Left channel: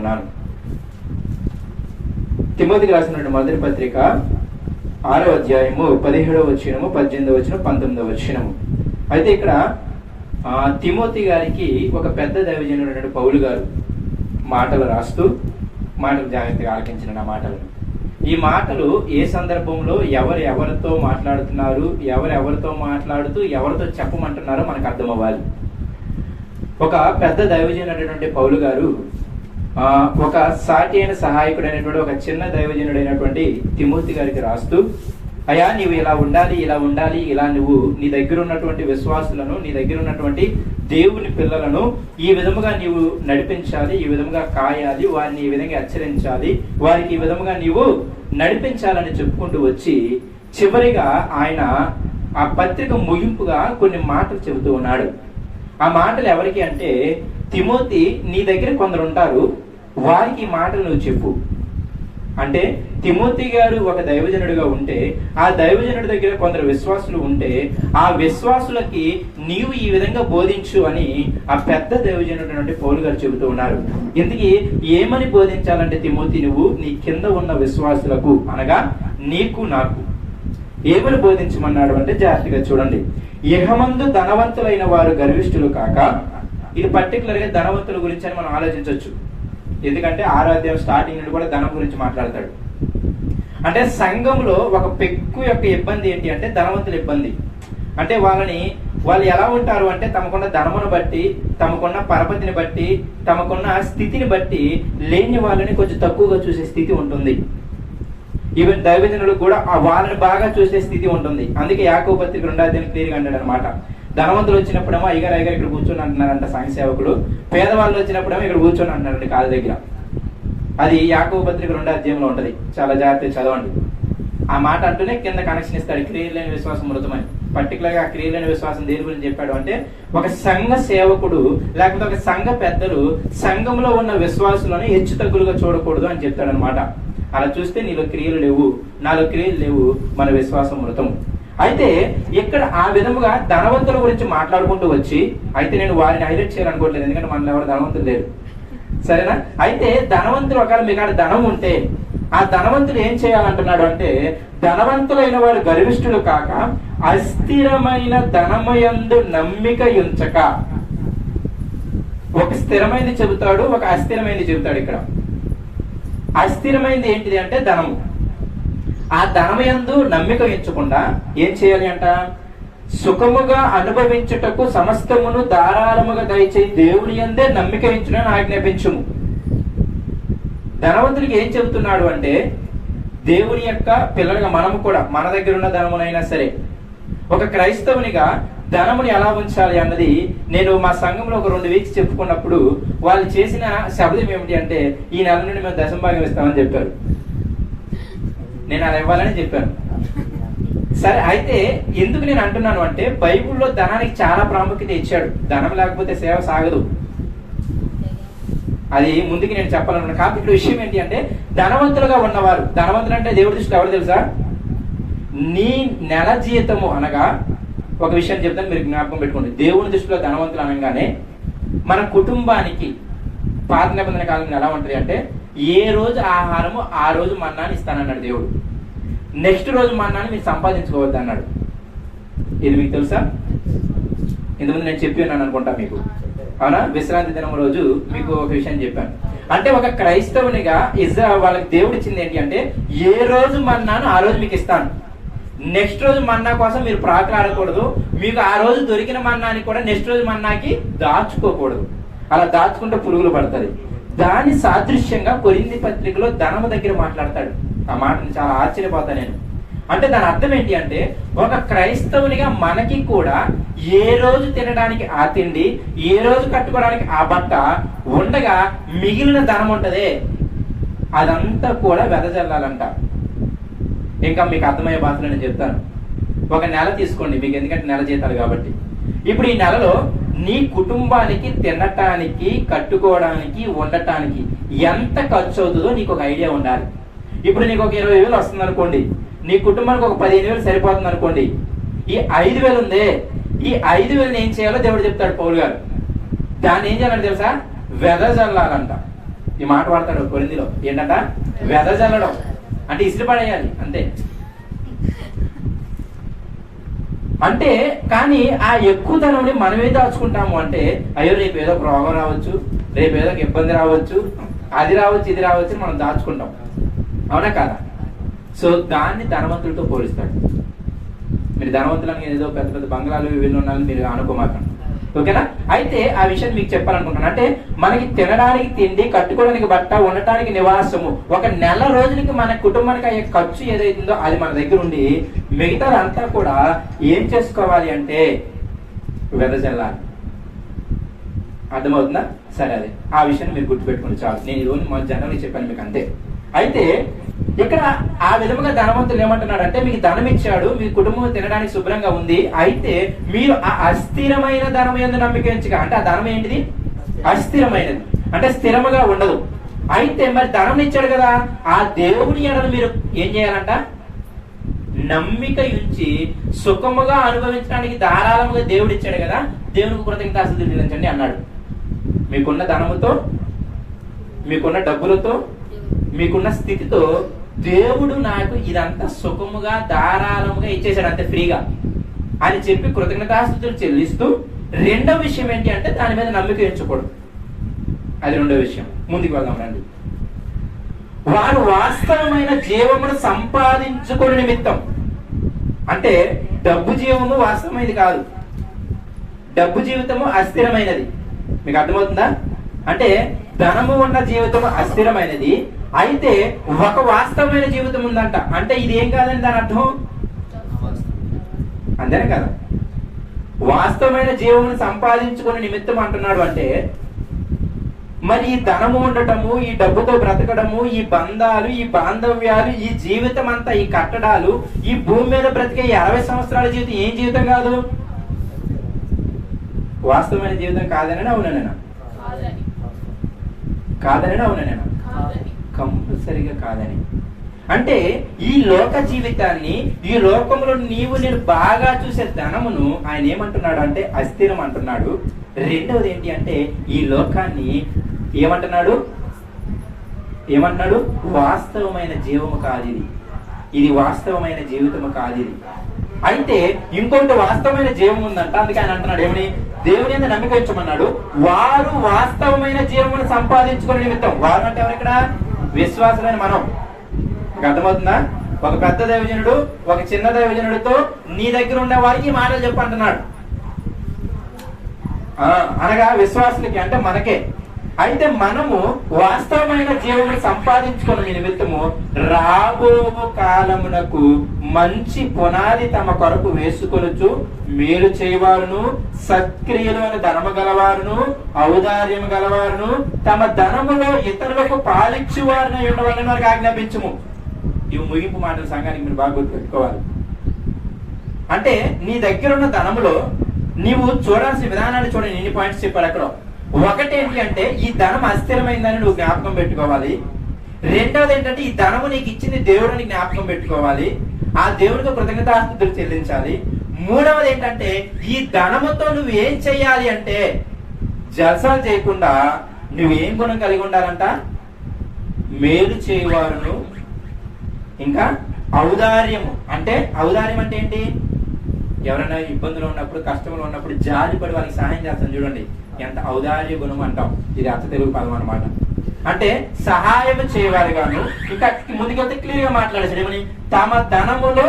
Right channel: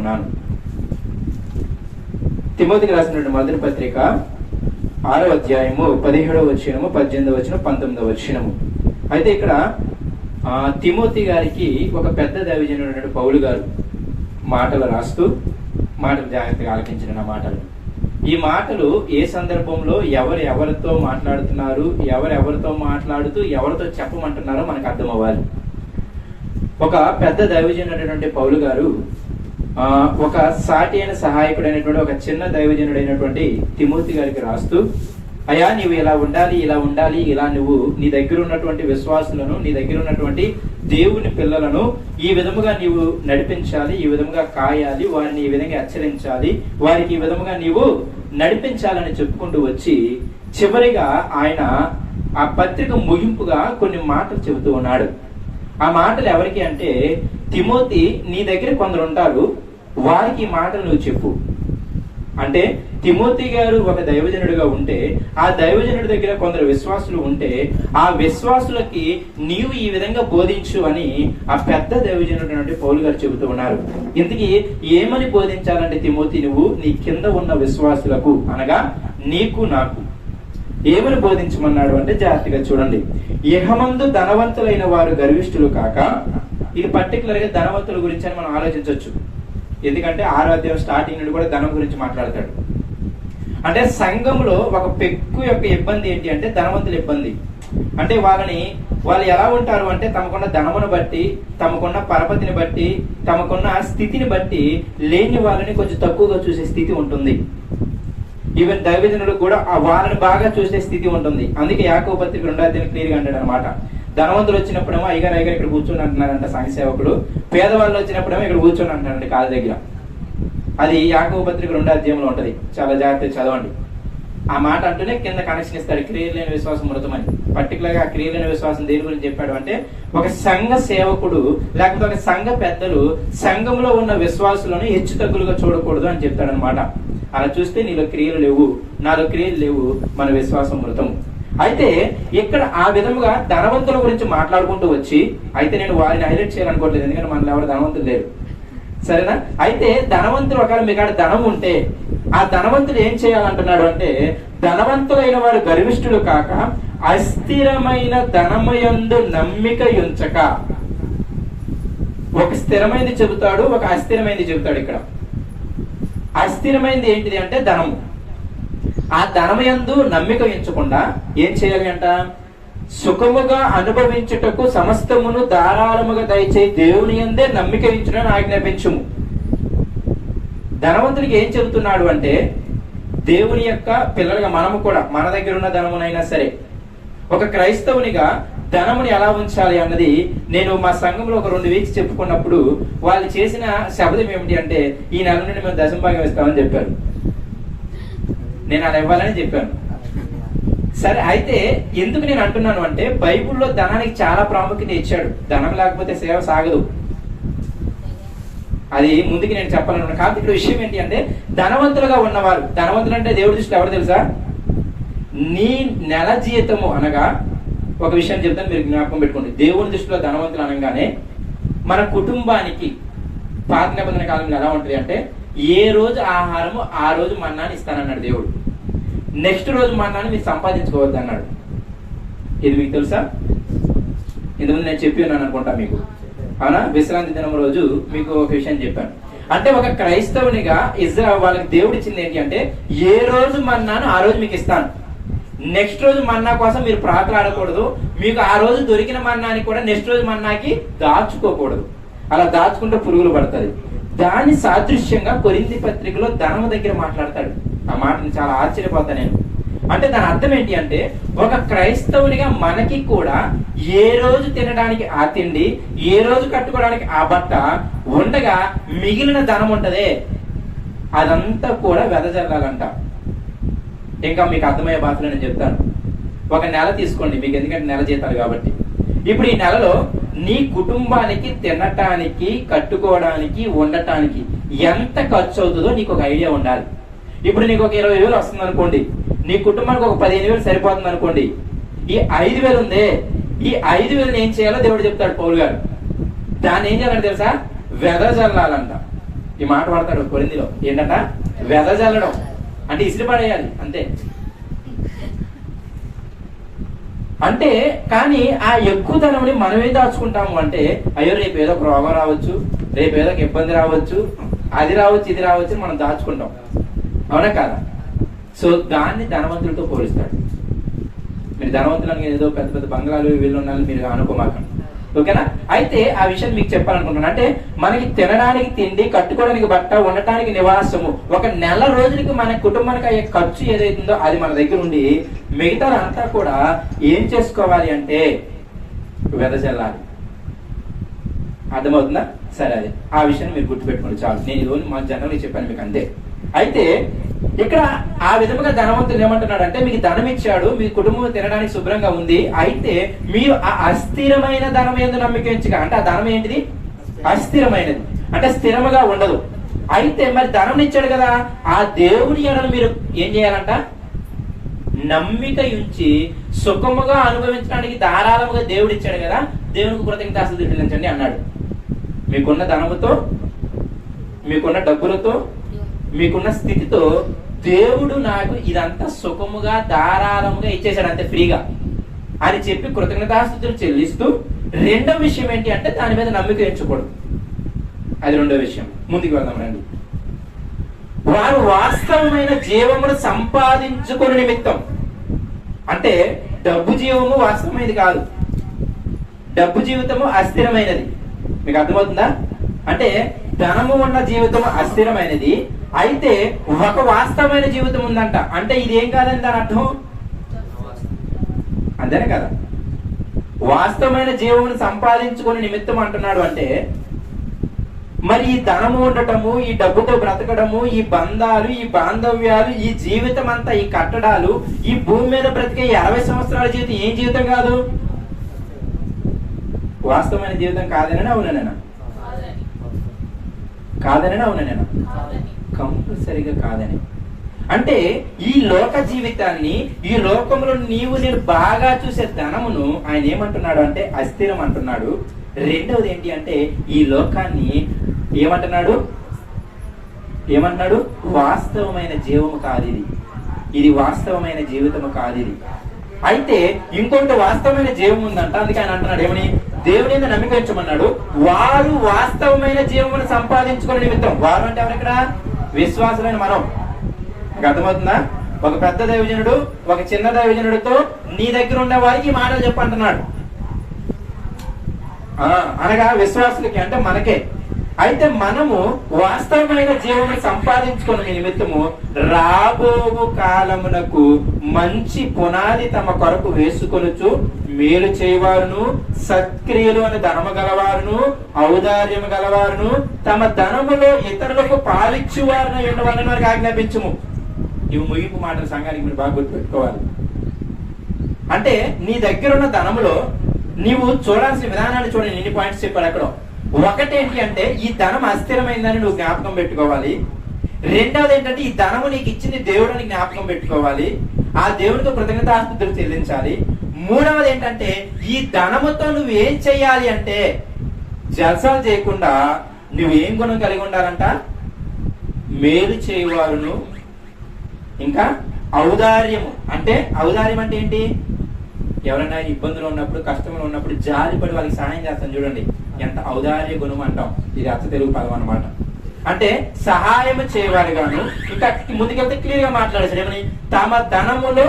ఉన్నాను. తిమోతికి రాసినటువంటి మొదటి పత్రిక 6వ అధ్యాయము 17వ వచనము, 18వ వచనం, 19వ వచనము. అయితే ఇక్కడ తిమోతి గారికి ఒక పెద్ద దైవజనుడు పౌలు గారు మాటలు రాస్తూ, మాటలు జాగ్రత్తగా ఆలకించిన నా మాటలు. ఈ మాటలు ఏ సందర్భంలో ఎవరితో మాట్లాడుతున్నారు, ఎవరితో మాట్లాడుతూ ఎవరితో చెప్పమంటున్నారో మనకు అర్థం అవ్వాలి. ఒక పెద్ద దైవజనుడైనటువంటి పౌలు గారు ఒక సాటి అయిన సహాయకుడైనటువంటి ఒక చిన్న దైవజనుడైనటువంటి తిమోతి గారికి రాస్తూ, అయ్యా నీవు ఇలా ఉండాలి, ఇలా నువ్వు నీ దగ్గర ఉన్నటువంటి విశ్వాసులను, నీ దగ్గర ఉన్నటువంటి దేవుని పిల్లలను ఈ విధముగా నీవు నడిపించాలి, ఈ విధముగా కాయాలి, వారిని ఈ విధంగా హెచ్చరించాలి, వారికి ఈ విధముగా నీవు నడిపించాలని చెప్పుకుంటూ వచ్చి చివరిగా ఆయన ఆ పత్రిక ముగింపుగా కొన్ని మాటలు చెబుతూ ఉన్నాడు. ఆ మాటలు ఎవరికి అంటే, తిమోతి నీ దగ్గర కొందరు ఉంటారు, వారికి ఈ మాటలు నువ్వు చెప్పు. అంటే తిమోతి గారు ఒక దైవజనుడిగా ఉంటే, ఆ దైవజనుడి దగ్గర కొందరు విశ్వాసులు ఉంటే, ఆ విశ్వాసులకి నీవు ఈ విధంగా బోధించు అని ఆ పెద్ద దైవజనుడు పౌలు గారు చెబుతూ ఉన్నారు. ఇందుకు ఏమని బోధించాలంటే తిమోతి నువ్వు నీ కింద ఉన్న విశ్వాసులకు, అనగా నీకు నాకు ఏమని బోధించమన్నాడు అంటే జాగ్రత్తగా చూడండి. ఇహమందు ధనవంతులైన వారు గర్విష్ఠులు కాక, ఇది పర్టికులర్ గా ధనవంతుల గురించి అని మనం ఆలోచించవచ్చు. ఎందుకంటే 6వ అధ్యాయం స్టార్టింగ్ నుండి కూడా ధనం గురించి మాట్లాడతాడు. అంటే సంఘంలో ఒక పెక్కు యొక్క ఇబ్బంది ఏంటి అంటే ధనవంతుల ఇబ్బంది. అంటే వాళ్ళు ఎలా ఉంటారు అంటే తమకున్న ధనమును బట్టి, తమకున్న పరపతిని బట్టి, తమకున్న స్థితిని బట్టి లేని వాళ్ళని కొంచెం తక్కువగా చూసే స్థితి ఉంటుంది. ఈవెన్ దైవజనులకు కూడా వాళ్ళని బాగా చూసే స్థితి ఉంటుంది. అందుకే యాకోబు పత్రిక 2వ అధ్యాయం క్లియర్ గా అన్నాడు అనమాట. ధనవంతులు వచ్చినప్పుడేమో అయ్యగారు ఇక్కడ కూర్చొని అంటున్నారంట సంఘ సేవకులు, పేదవాళ్ళు వచ్చినప్పుడేమో ఇక్కడ కూర్చొని అంటున్నారండి కాళ్ళ దగ్గర. అది యాకోబు పత్రిక 2వ అధ్యాయంలో ఉంటది, చాలా జాగ్రత్తగా చదవండి. ఆ మాట అంటూనే కింద కనెక్షన్ ఇస్తాడు, క్రియలు లేని విశ్వాసం మృతమని. పర్టికులర్ గా క్రియలు లేని విశ్వాసం దేని గురించి చెప్పాడు అంటే, ఒక సంఘ సేవకుడు లేకపోతే ఒక సంఘ పెద్దలు సంఘంలో ఉన్న విశ్వాసులను హెచ్చు తగ్గులుగా చూడకూడదు అని చెప్తాడు అనమాట. అలా చూస్తే నీలో క్రియలు లేవు, నాలో క్రియలు లేవు, మన విశ్వాసం మృతం. అయితే ఇక్కడ ఆ విధముగా ధనవంతుల గురించి మాట్లాడుకుంటూ వచ్చి, అయితే నేను వారిని హైలైట్ చేయాలనుకోవట్లేదు, ఎందుకంటే మనలో ఎవరు ధనవంతులు లేరు, సరేనా? అయితే ధనవంతులు ఒకవేళ మీకు ధనం ఉంటే ఆ ధనవంతుడు ఏం చేయాలంటున్నాడు అంటే, ధనవంతులైన వారు గర్విష్ఠులు కాక అస్థిరమైన ధనముయందు నమ్మిక ఉంచక. ఒక స్థిరమైనది చెబుతాడు, ఒక అస్థిరమైనది చెబుతాడు. ఇక్కడ అస్థిరమైనది ఏంటిది అంటే ధనము. ఆ ధనముయందు నమ్మిక ఉంచకుండా ఏం చేయాలి అంట, సుఖముగా అనుభవించుటకు సమస్తమును ధారాళముగా దయచే దేవుని యందే నమ్మిక ఉంచుటను ఆజ్ఞాపించుము. ధనవంతుడికి ఏం చెబుతున్నాడు అంటే, దేవుని యొక్క పిల్లలుగా మనము కూడా మన దగ్గర ఉన్న ధనమునైనా సరే, ఒక క్రైస్తవునిగా ధనముని ఎలా ఉంచాలి అన్నది నేను మా సంఘంలో ఒక 2 వీక్స్ చెప్పుకున్నప్పుడు వాళ్ళు చేసిన శబ్దం ఏమిటి అంటే, ఈ నెల నుండి మేము దశంభాగం ఇస్తామని చెప్పారు. నేను అలా ఇవ్వాలని చెప్పాను. సరే, అయితే ఎందుకు నేను అంటున్నాను అంటే, బైబిల్లో ధనానికి చాలా ప్రాముఖ్యత ఇచ్చాడు. ధనం లేకపోతే సేవ సాగదు, అది ముందుకి నేను చెప్పాలనుకున్నాను. కాబట్టి ఇక్కడ విషయం ఏంటి అంటే, ధనవంతులుగా ఉన్నవారు, ధనవంతులు అంటే దేవుడి దృష్టిలో ఎవరు తెలుసా, నీ నెల జీతము అనగా, ఒక విషయం చెప్తాను మీరు జ్ఞాపకం పెట్టుకోండి. దేవుని దృష్టిలో ధనవంతులు అనగానే మన కుటుంబానికి పాత నిబంధన కాలంలో ఎలా ఉంటుంది అంటే, ఏ రోజు ఆహారము ఆ రోజు మన్నాని ఇస్తానన్నాడు దేవుడు. నెక్స్ట్ రోజు మన్నాని మీరు సంపాదించుకోవద్దు అన్నాడు. ఇది మీకు తెలుసా? ఇంతకుముందు నేను చెప్పి ఉన్నాను అనుకుంటా మీకు, అవునా? విశ్రాంతి దినం రోజు మీకు ఒక విషయం చెప్పాను. అంటే ఒక క్రైస్తవునిగా ఇజ్రాయెల్ వాళ్ళకి దేవుడు ఇచ్చింది ఏంటి అంటే, ఏ రోజు మన్నాను ఆ రోజు మీకు ఇస్తాను, నెక్స్ట్ రోజు మన్నా కోసం మీరు ప్రాకులాడకూడదు, మీకు ఆ రోజు దొరికిన మన్నాని కూడా నెక్స్ట్ రోజు మన్నాకి దాచుకోకూడదు. అలా దాచుకుంటే పురుగులు పడుతుంది. దాని సాదృశ్యంగా కొరింథీ పత్రికలో ధనము దగ్గర మాట్లాడతాడు. ఆ మాటను చాలా ఆశ్చర్యపోతా నేను. అంటే దాని అర్థం ఏంటి అంటే, ఒక క్రైస్తవునిగా మనకి కూడా ఏ రోజు తినడానికి ఆ తిండి, ఏ రోజు కట్టుకోవడానికి ఆ బట్ట ఉండగా మిగిలిన ధనం ఉంటదే, అదంతా కూడా వెదజల్లాలంట. ఇంకా మీకు అర్థమయ్యే భాషలో నేను చెప్తాను. ఒక నెల తీసుకోండి మీకు, ఎందుకంటే నెల జీతాలు కాబట్టి. ఇప్పుడు ఈ నెలలో నీ కుటుంబానికి తినటానికి, కట్టుకోవడానికి, ఉండటానికి ఎంత ఖర్చు అవుతుందో నీకు ఒక ఐడియా ఉండాలి. ఇప్పుడు నీకు ఒక 20,000 వస్తుంది అనుకోండి, నీ కుటుంబానికి ఒక 15,000 సరిపోతుంది అనుకోండి. ఈ 5,000 ఉందే, ఈ 5,000 ఏం చేయాలో దేవుడు చెప్తాడు పౌలు గారు. దాన్ని ఏం చేయాలంటే తెలుసా, వెదజల్లాలంట. ఈ మాట వాడతాడు కొరింథీలో, ఏంటంట వెదజల్లడం అంటే ఇసిరి పడేయాలి అంతే. అంటే కానీ ఆ ఎక్కువ ధనంని మనమే దాచుకుంటాము అంటే, అయ్యో రేపు ఏదో రోగం రావచ్చు, రేపు ఏదో ఇబ్బంది రావచ్చు, అది రావచ్చు ఇది రావచ్చు మనం దాచుకుంటాం, అవునా కాదా? సో దాన్ని ధనవంతులతో పోలిస్తాడు. మీరు ధనవంతులని ఏదో పెద్ద పెద్ద బంగ్లాలు వీళ్ళు ఉన్నారని మీరు అనుకోమాకండి, ఓకేనా? అయితే ఆ విషయం మీకు చెప్పాలనుకుంటున్నాను. అంటే మనకి తినడానికి తిండి, కట్టుకోవడానికి బట్ట, ఉండటానికి నివాసము, ఒక నెల రోజులకి మన కుటుంబానికి అయ్యే ఖర్చు ఏదైతుందో అది మన దగ్గర ఉండి మిగతా అంతా కూడా ఏం చేసుకోవాలి అంటే వెదజల్లాలి. అర్థమవుతుందా? సరే, అది ఆ విషయాన్ని మీరు గుర్తుపెట్టుకోండి చాలు. నేను ఇది మా జనరల్గా చెప్పాను మీకు అంతే. అయితే ఇక్కడ ఆ విధముగా ధనవంతులు ఏమంటున్నాడంటే, మీకు ధనం ఇచ్చాడు, మీ కుటుంబం తినడానికి శుభ్రంగా ఉంది, అయితే మీరు ఆ అస్థిరమైన ధనం యందు నమ్మిక ఉంచగా, అంటే ఆ ధనం ఏంటిది? అస్థిరమైనది, అంటే స్థిరముగా ఉండదు. అయితే మరి ధనం ఇచ్చాడు కదా, ఆ దేవుని ఎడల మీరు ఏం చేయాలంట? నమ్మిక ఉంచి సుఖముగా అనుభవించడానికి ధారాళముగా దేవుడు ఇచ్చాడు కదా, దేవునికి కృతజ్ఞతాస్తుతులు చెల్లించండి అన్నాడు. మీకున్న ధనముతో, మీకున్న డబ్బులతో, మీకున్న స్థితితో దేవుడు నాకు ఇదంతా సుఖముగా ధారాళముగా ఇచ్చేసాడు అంతే ఫ్రీగా అని చెప్పి కృతజ్ఞతాస్తుతులు చెల్లిస్తూ, రెండో విషయం ఏంటి అంటే దాని మీద నమ్మిక ఉంచకూడదు. అది రెండో విషయం. ముందుకు వెళ్దాం రండి. వారు వాస్తవమైన జీవమును సంపాదించుకునే నిమిత్తం, అంటే డబ్బు జీవము వాస్తవమైనది కాదు, డబ్బు జీవితము అస్థిరమైనది. మీకు అర్థమవుతుందా? అంటే ధనము ఉన్న జీవితం అస్థిరమైనది, అయితే ఒక వాస్తవమైన జీవితం ఉందంట. అంటే ఇది ఏం కాదని దాని అర్థం, అంతేనే కదా? వాస్తవమైన జీవమును సంపాదించుకునే నిమిత్తం అంటున్నాడు అంటే, మరి ఈ ధనము ఉండటము, ఈ డబ్బుతో బ్రతకడము, ఈ బంధాలు, ఈ బాంధవ్యాలు, ఈ జీవితం అంతా, ఈ కట్టడాలు, ఈ భూమి మీద బ్రతికే 50 సంవత్సరాల జీవితం ఏం జీవితం కాదు? వాస్తవమైన జీవితం కాదనని అవుననేనా? కాదనని అవుననేనా? కంపల్సరిగా కాదని. అంటే ఈ లోక జీవితాన్ని, ఈ లోకంలో నేను బాగా చూసే ధనమును ఆయన ఏమంటున్నాడు అంటే అస్థిరం అంటున్నాడు. రెండవది ఏంటి అంటే ఈ లోకాన్ని ఏమంటున్నాడు? వాస్తవమైన జీవము కాదు ఇది, ఇది వాస్తవమైన జీవితము కాదు ఇది. అయితే ఇంకొకటి వాస్తవమైన జీవం ఉందంట. అందుకే ఆయన అంటున్నాడు ఏమని? దేవుని మీద నమ్మిక ఉంచమన్నాడు. వారు వాస్తవమైన జీవమును సంపాదించుకునే నిమిత్తం. వారు అంటే ఎవరు ఇక్కడ? విశ్వాసమైన మనం. అర్థమవుతుందా? ఒక పెద్ద దైవజనుడు ఒక చిన్న దైవజనుడితో నీ దగ్గర ఉండే వారికి ఈ మాటలు చెప్పంటున్నాడు, అనగా విశ్వాసులకి, అంటే మనకే. అయితే మనము వాస్తవమైన జీవము సంపాదించుకున్న నిమిత్తము రాబో కాలమునకు మంచి పునాది తమ కొరకు వేసుకొనుచు మేలు చేయవారును, సత్క్రియలు అని ధనము గలవారును, ఔదార్యము గలవారును, తమ ధనములో ఇతరులకు పాలిచ్చువారును ఉండవాలని మనకు ఆజ్ఞాపించుము. ఇవి ముగింపు మాటలు సంఘానికి మీరు బాగా గుర్తుపెట్టుకోవాలి. అంటే నీ దగ్గర ఉన్న ధనములో నీవు చూడాల్సిన విధానాన్ని చూడండి. ఎన్ని పాయింట్స్ చెప్పాడు అక్కడ. ఒకటి ఏంటి అంటే ఈ ధనం అస్థిరమైందని నువ్వు జ్ఞాపకం పెట్టుకోవాలి. రెండోది ఏంటంటే ఈ ధనము నీకు ఇచ్చింది దేవుడు అని జ్ఞాపకం పెట్టుకోవాలి. ఆ దేవుడితో కృతజ్ఞతాస్తుతులు చెల్లించాలి. మూడవది ఏంటంటే ఈ ధనముతో నువ్వు ఏం చెయ్యాలి అంటే జల్సాలు చేయకుండా నువ్వు ఏం గుణం కలిగి ఉండాలంట? మేలు చేయవారును, ఇంకా ఔదార్యము. అంటే ఔదార్యం అంటే ఏంటి? ఎవరైనా ఇబ్బందులు ఉన్నప్పుడు, కష్టంలో ఉన్నప్పుడు జాలిపడి వాళ్ళకి సహాయం చేస్తాం చూడండి, ఎంత ఔదార్య గుణం అంటాం. ఇది అచ్చ తెలుగు పదం అనమాట. అంటే సహాయం చేయవాలి గాను. ఇంకా ముందుకెళ్తే క్లియర్ గా మాట్లాడేసాడు ఏమని? తమ ధనములో